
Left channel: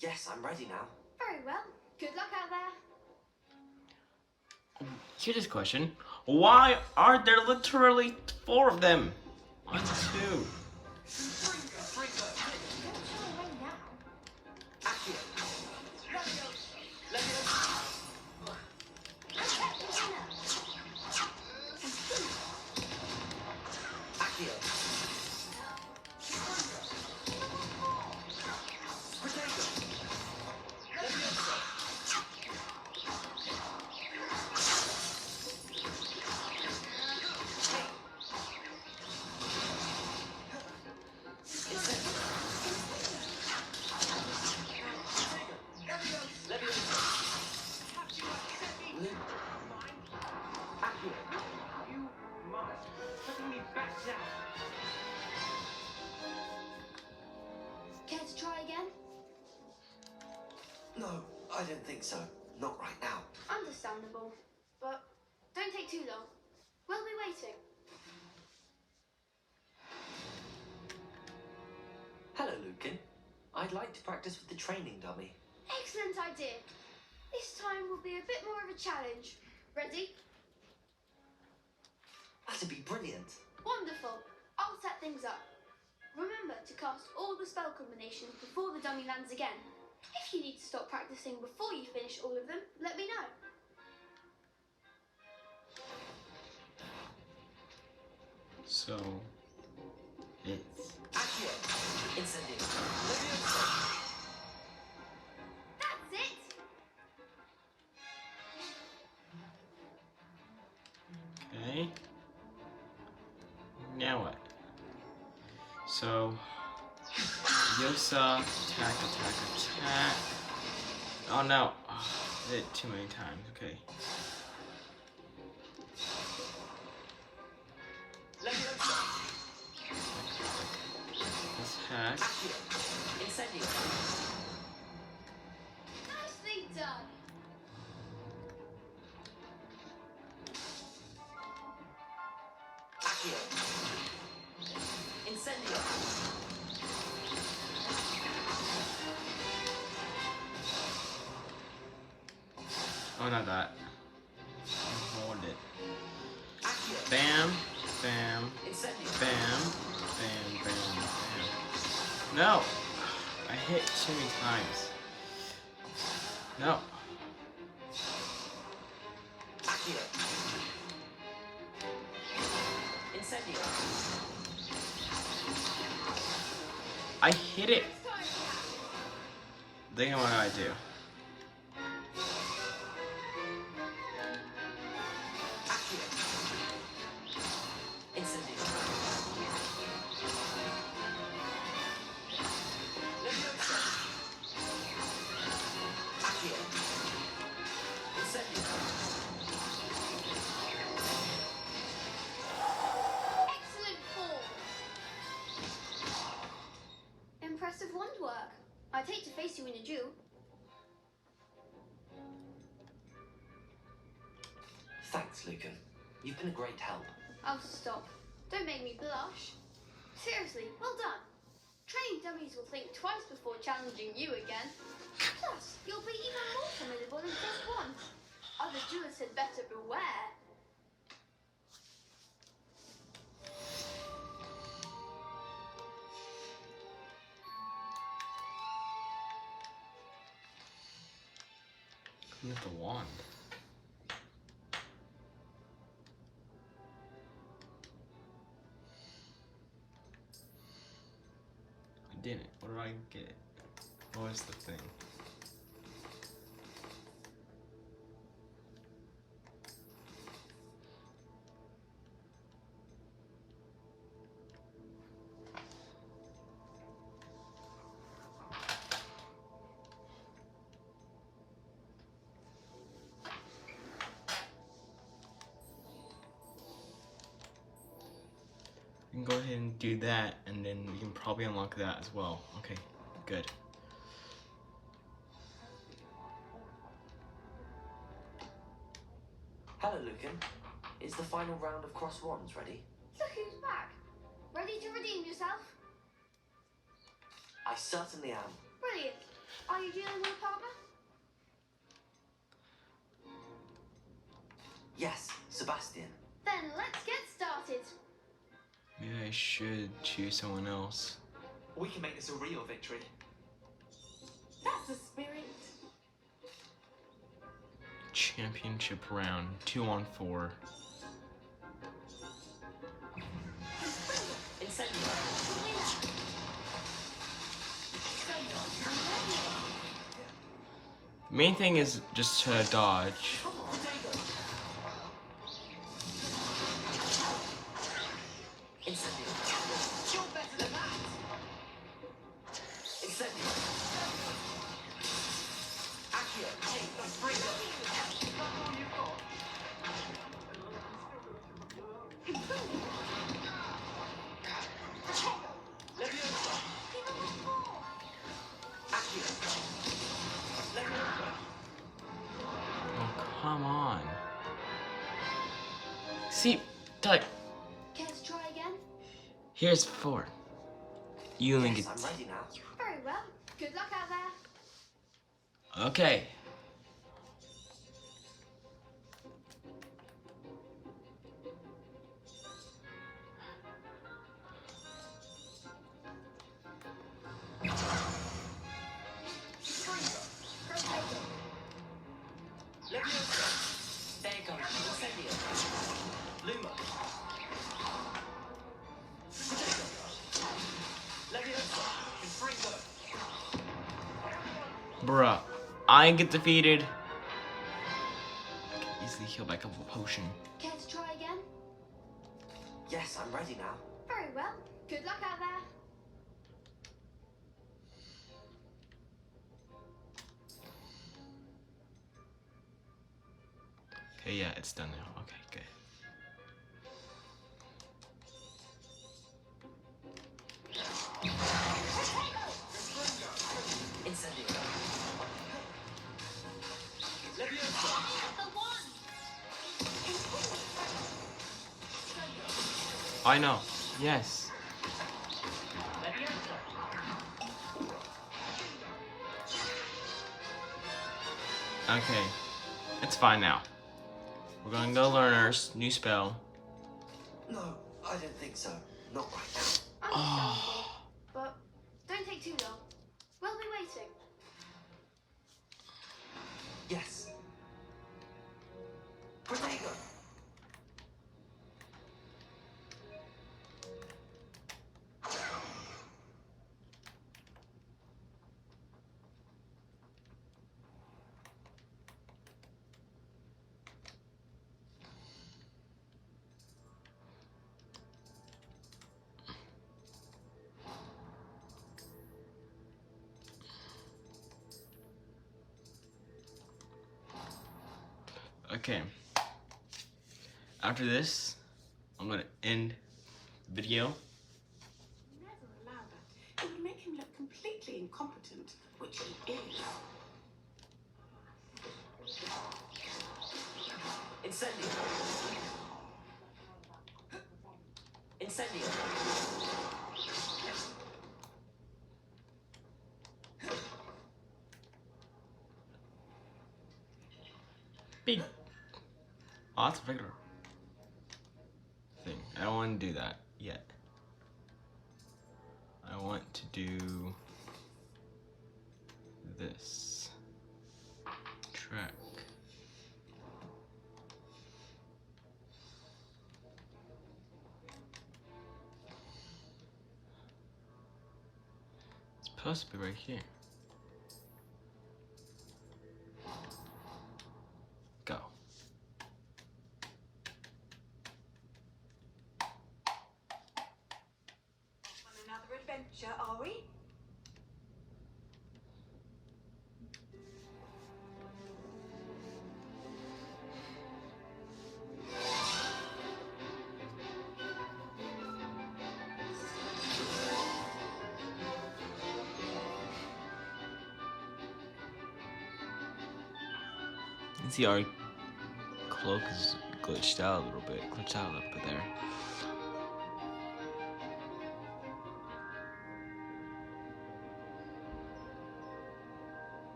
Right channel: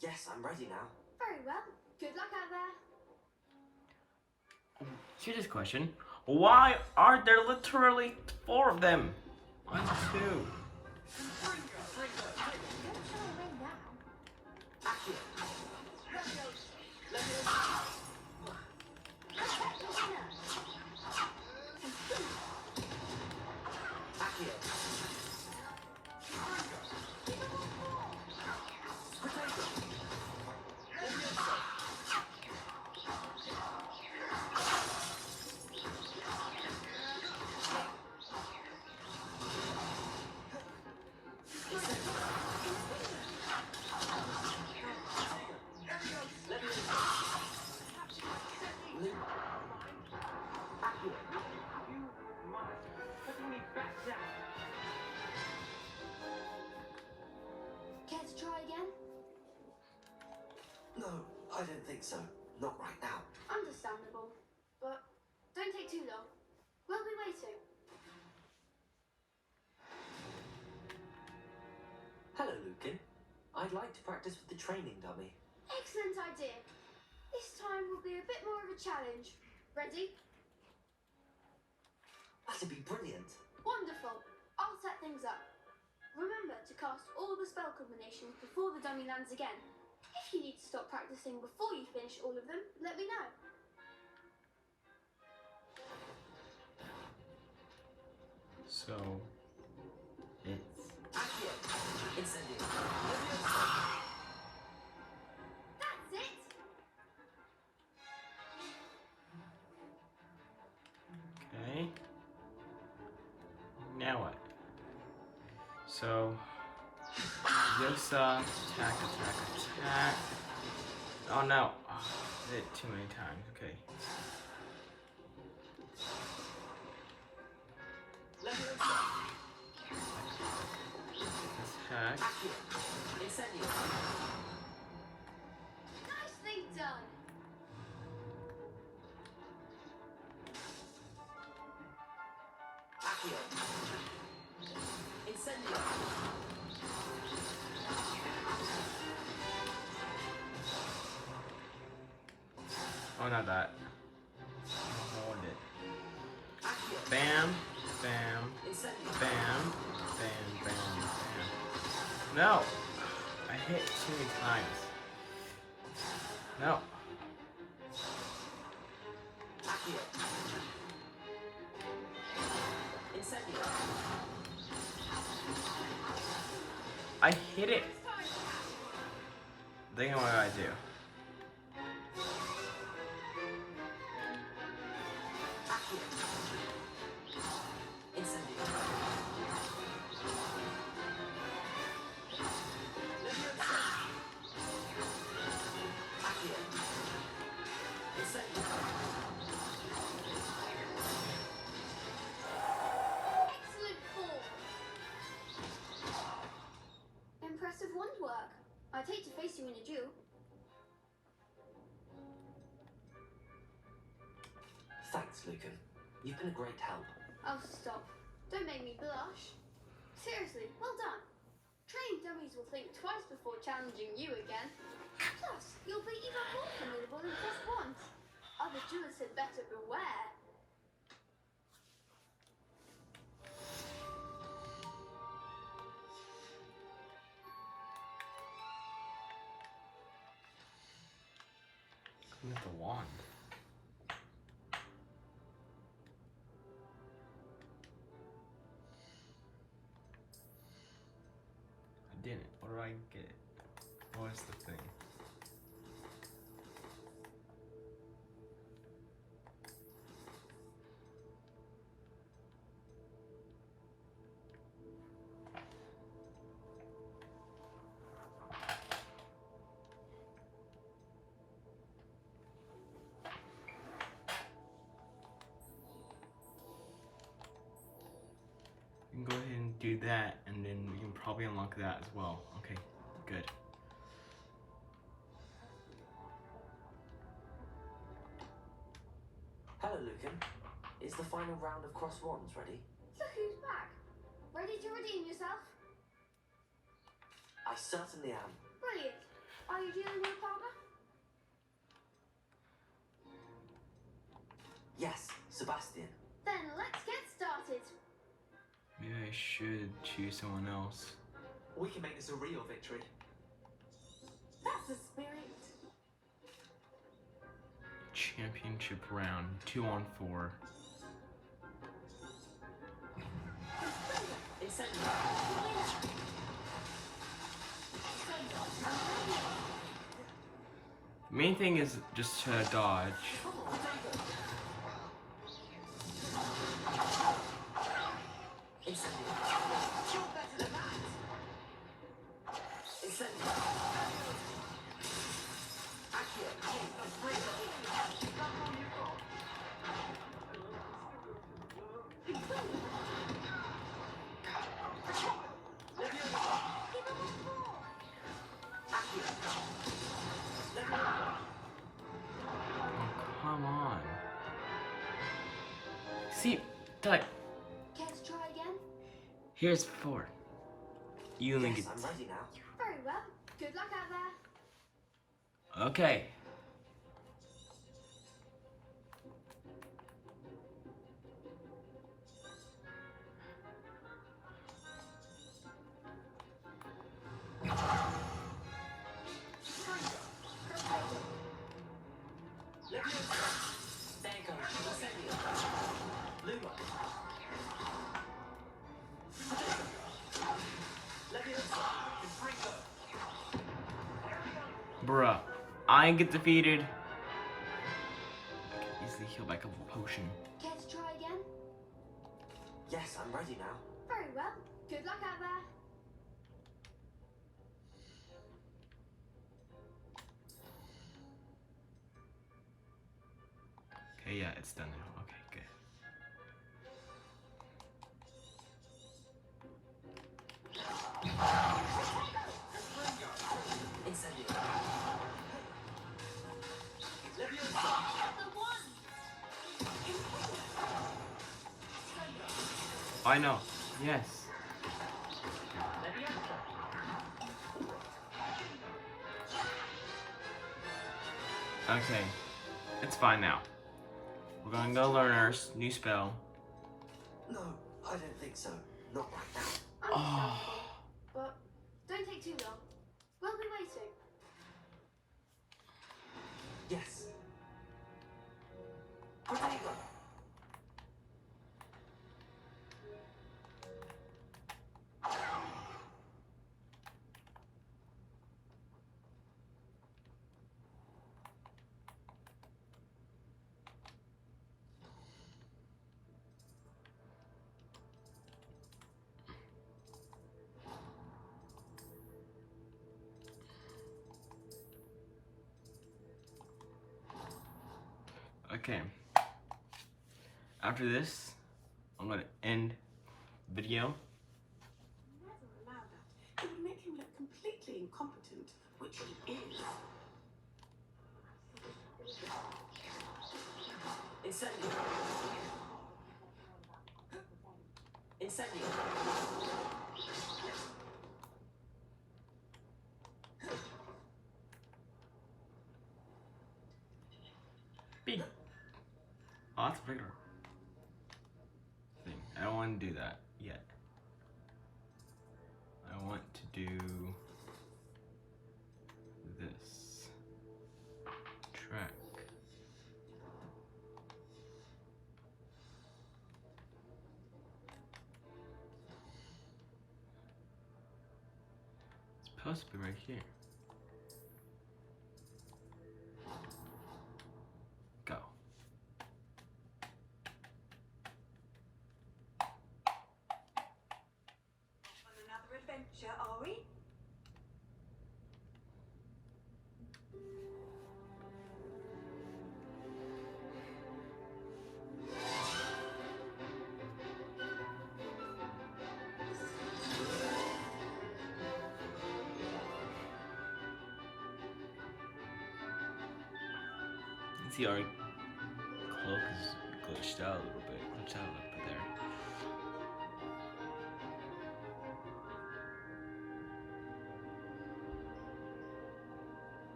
Yes, I'm ready now. Very well. Good luck out there. Here's this question. Why are there literally 4 of them? 1, 2. Don't try away now. Accio. Accio. Care to try again? No, I don't think so. Not right now. Understandable. But don't take too long. We'll be waiting. Hello, Lucan. I'd like to practice with the training dummy. Excellent idea. This time will be a bit more of a challenge. Ready? That'd be brilliant. Wonderful. I'll set things up. Remember to cast all the spell combinations before the dummy lands again. If you need to stop practicing before you finish all of them, let me know. So it's Accio. Incendio. That's it. okay. Now what? So Yosa, attack, attack, attack. Oh no. Oh, I did it too many times. Okay. Attack. Incendio. Nicely done. Accio. Incendio. Oh, not that. Hold it. Accio. Bam, bam, Incendio. bam, bam, bam, bam. No! I hit too many times. No. Accio. Incendio. I hit it! Think of what I do. Accio. Incendio. Levioso. Accio. Incendio. Excellent form. Impressive wand work. I'd hate to face you in a duel. Thanks, Lucan. You've been a great help. Oh, stop. Don't make me blush. Seriously, well done. Training dummies will think twice before challenging you again. Plus, you'll be even more formidable than just one. Other duelists had better beware. With the wand. I didn't. What did I get? What was the thing? We can go ahead and do that, and then we can probably unlock that as well. Okay, good. Hello, Lucan. Is the final round of cross wands ready? Look who's back. Ready to redeem yourself? I certainly am. Brilliant. Are you dealing with a partner? Yes, Sebastian. Then let's get started. Maybe I should choose someone else. We can make this a real victory. That's the spirit. Championship round, 2-on-4. The main thing is just to dodge. Come on. See, like, Care to try again? here's 4. You only get. I'm ready now. Very well. Good luck out there. Okay. There goes Luma. Bruh, I get defeated. I can easily heal by a couple of potion. Care to try again? Yes, I'm ready now. Very well. Good luck out there. Okay, yeah, it's done now. Okay, good. I know. Yes. Okay. It's fine now. We're gonna go learn our new spell. No, I don't think so. Not right now. Understandable. But don't take too long. We'll be waiting. Yes. Protego. Okay. After this, I'm gonna end video. Never allow that. It would make him look completely incompetent, which he is. Incendio. Incendio. Oh, that's a regular thing. I don't want to do that yet. I want to do this track. It's supposed to be right here. Go. On another adventure, are we? See, our cloak is glitched out a little bit. Glitched out a little bit there.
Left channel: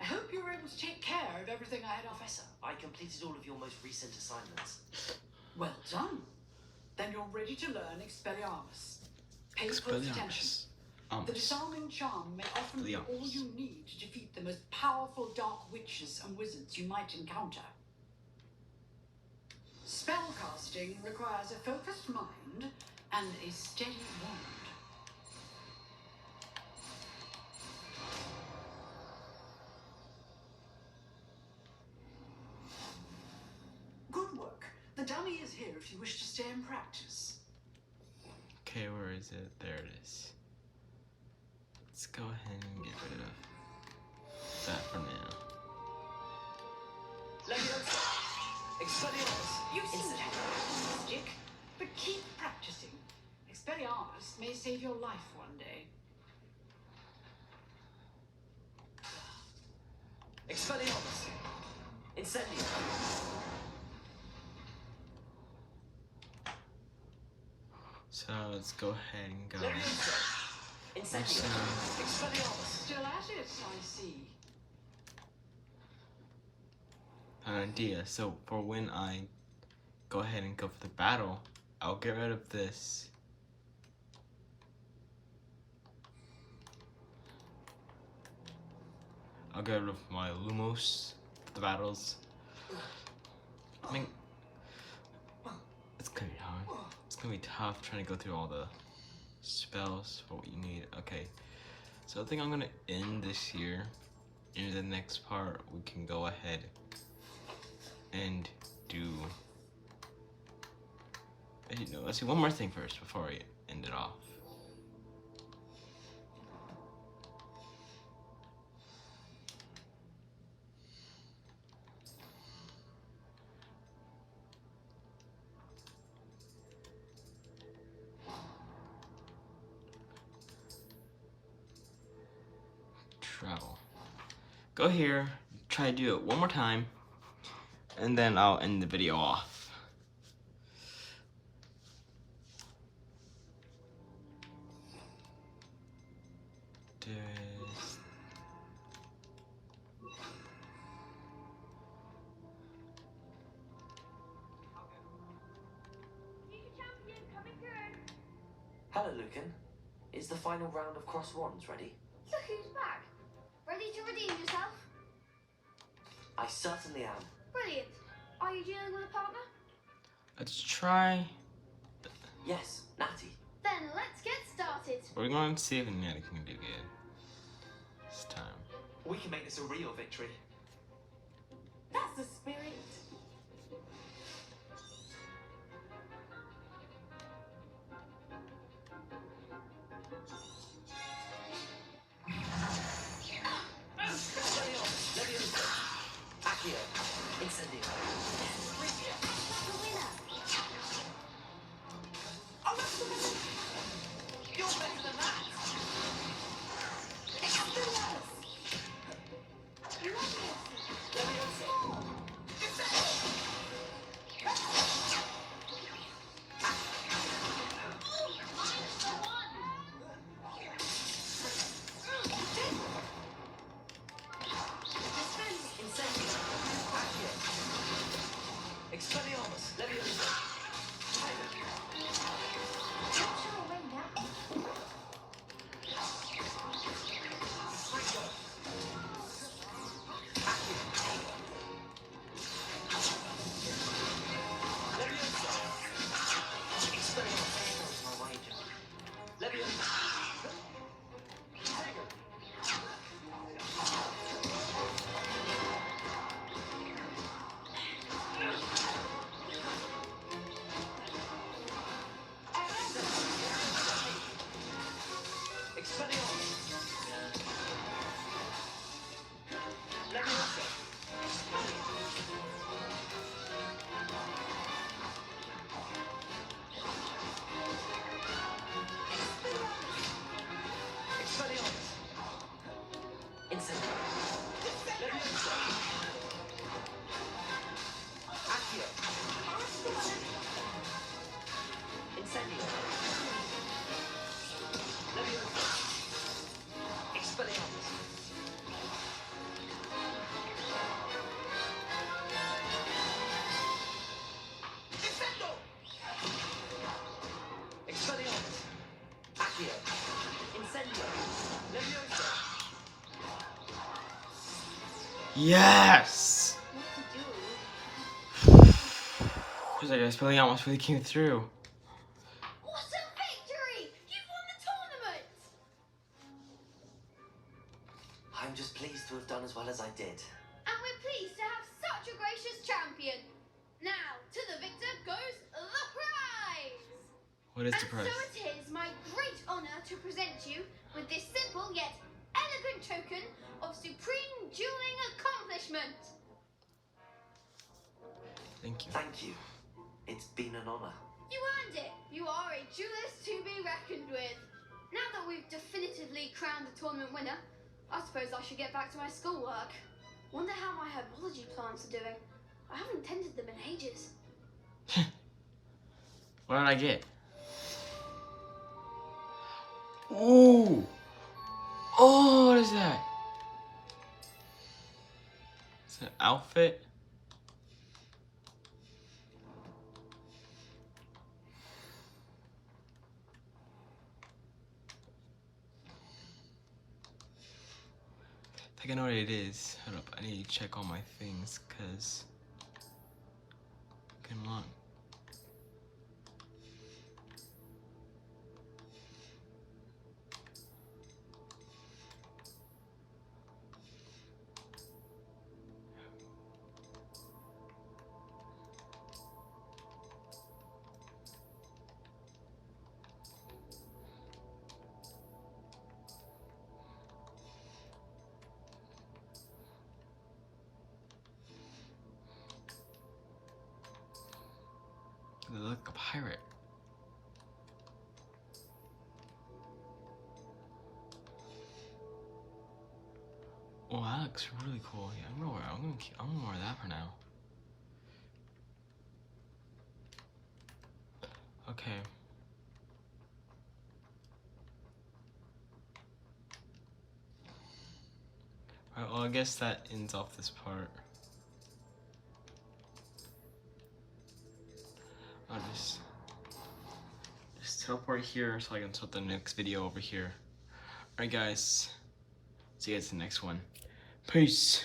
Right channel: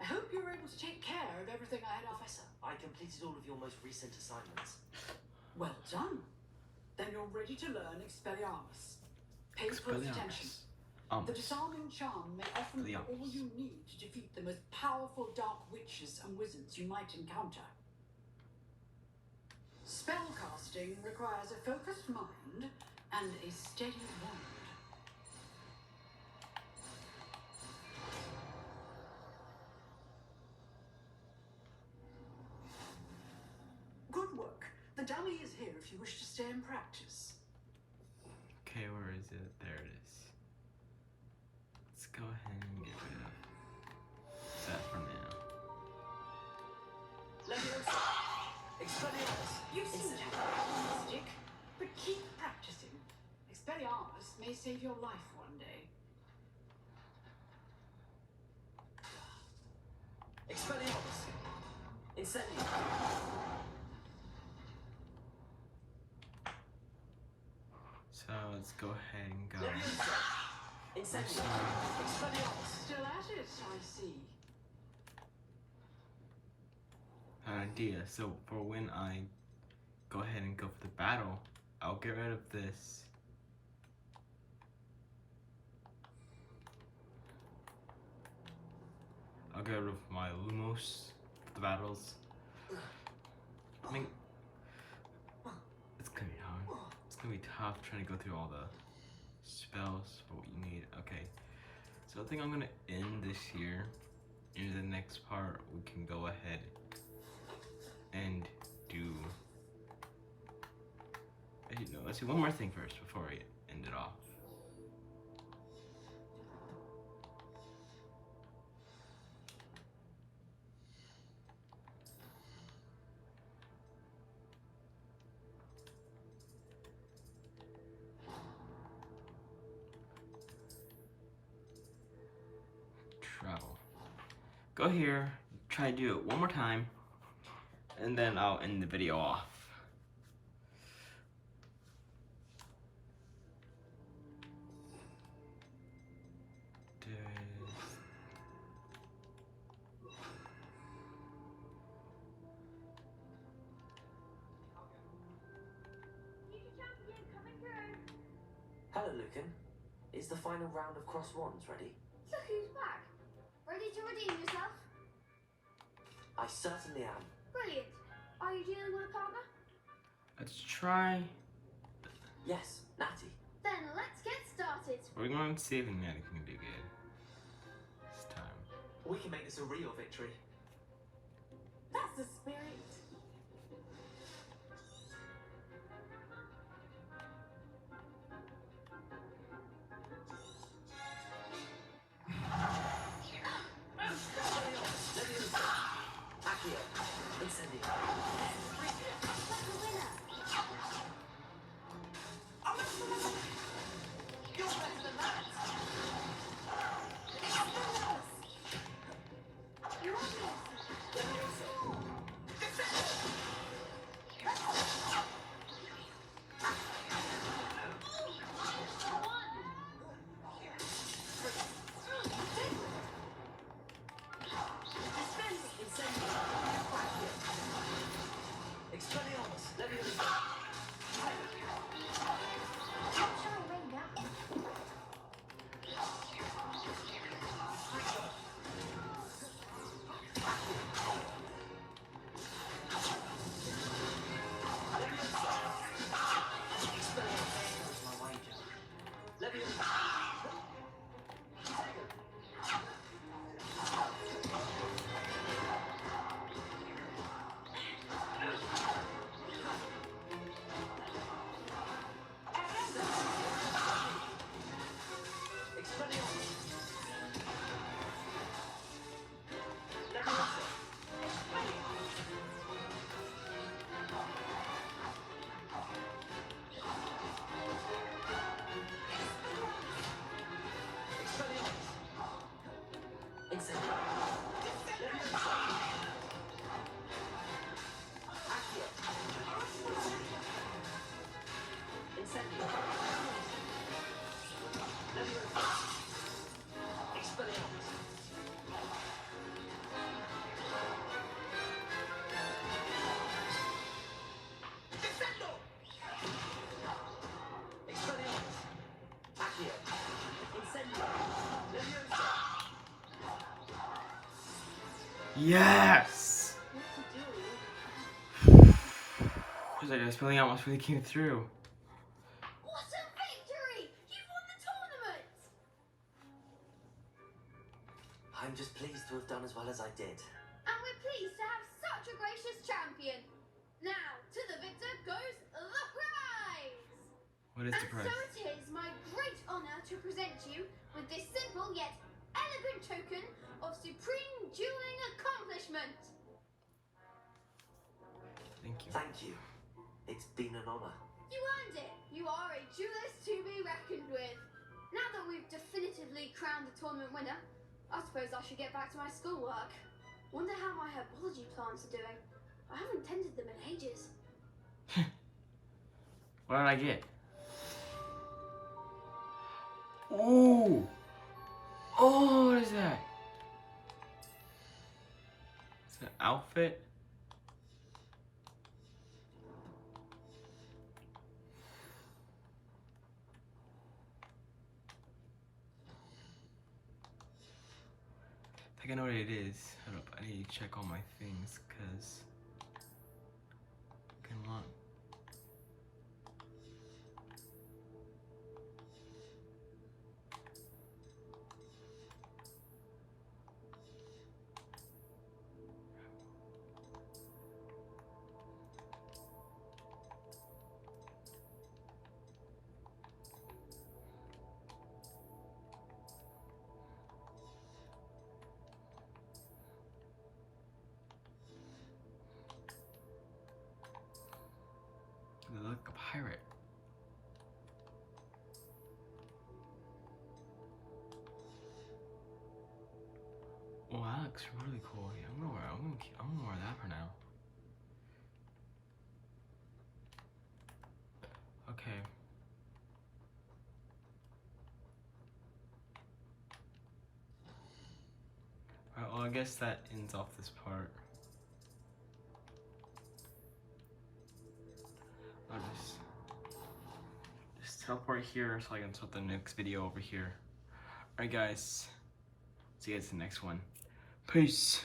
I hope you were able to take care of everything I had offered. Professor, I completed all of your most recent assignments. Well done. Then you're ready to learn Expelliarmus. Pay close attention. The disarming charm may often be all you need to defeat the most powerful dark witches and wizards you might encounter. Spellcasting requires a focused mind and a steady wand. Good work. The dummy is here if you wish to stay and practice. Okay, where is it? There it is. Let's go ahead and get rid of that for now. Leviosa! Expelliarmus! You seem to have magic, but keep practicing. Expelliarmus may save your life one day. Expelliarmus! Incendio! So let's go ahead and go. Incendio! Expelliarmus! Still at it, I see. An idea. So for when I go ahead and go for the battle, I'll get rid of this. I'll get rid of my Lumos for the battles. I mean, it's gonna be hard. It's gonna be tough trying to go through all the spells for what you need. Okay, so I think I'm gonna end this here. In the next part, we can go ahead and do. Actually, no, let's do one more thing first before I end it off. Travel. Go here, try to do it one more time, and then I'll end the video off. Hello, Lucan. Is the final round of cross wands ready? Look who's back. Ready to redeem yourself? I certainly am. Brilliant. Are you dealing with a partner? Let's try. Yes, Natty. Then let's get started. We're going to see if Natty can do good this time. We can make this a real victory. That's the spirit. Accio. Incendio. That's the winner. Oh, that's the one. You're better than that. You want this? Yes! What to do? Was like I spelling out almost really came through. What a victory! You won the tournament! I'm just pleased to have done as well as I did. And we're pleased to have such a gracious champion. Now, to the victor goes the prize! What is the prize? And so it is my great honour to present you with this simple yet elegant token of supreme dueling accomplishment. Thank you. Thank you. It's been an honor. You earned it. You are a duelist to be reckoned with. Now that we've definitively crowned the tournament winner, I suppose I should get back to my schoolwork. Wonder how my herbology plants are doing. I haven't tended them in ages. What did I get? Ooh! Oh, what is that? It's an outfit? I think I know what it is. Hold up, I need to check all my things, cause I can unlock. They look like a pirate. Oh, that looks really cool. Yeah, I'm gonna wear that for now. Okay. Alright, well I guess that ends off this part. I'll just teleport here so I can start the next video over here. Alright guys, see you guys in the next one. Peace.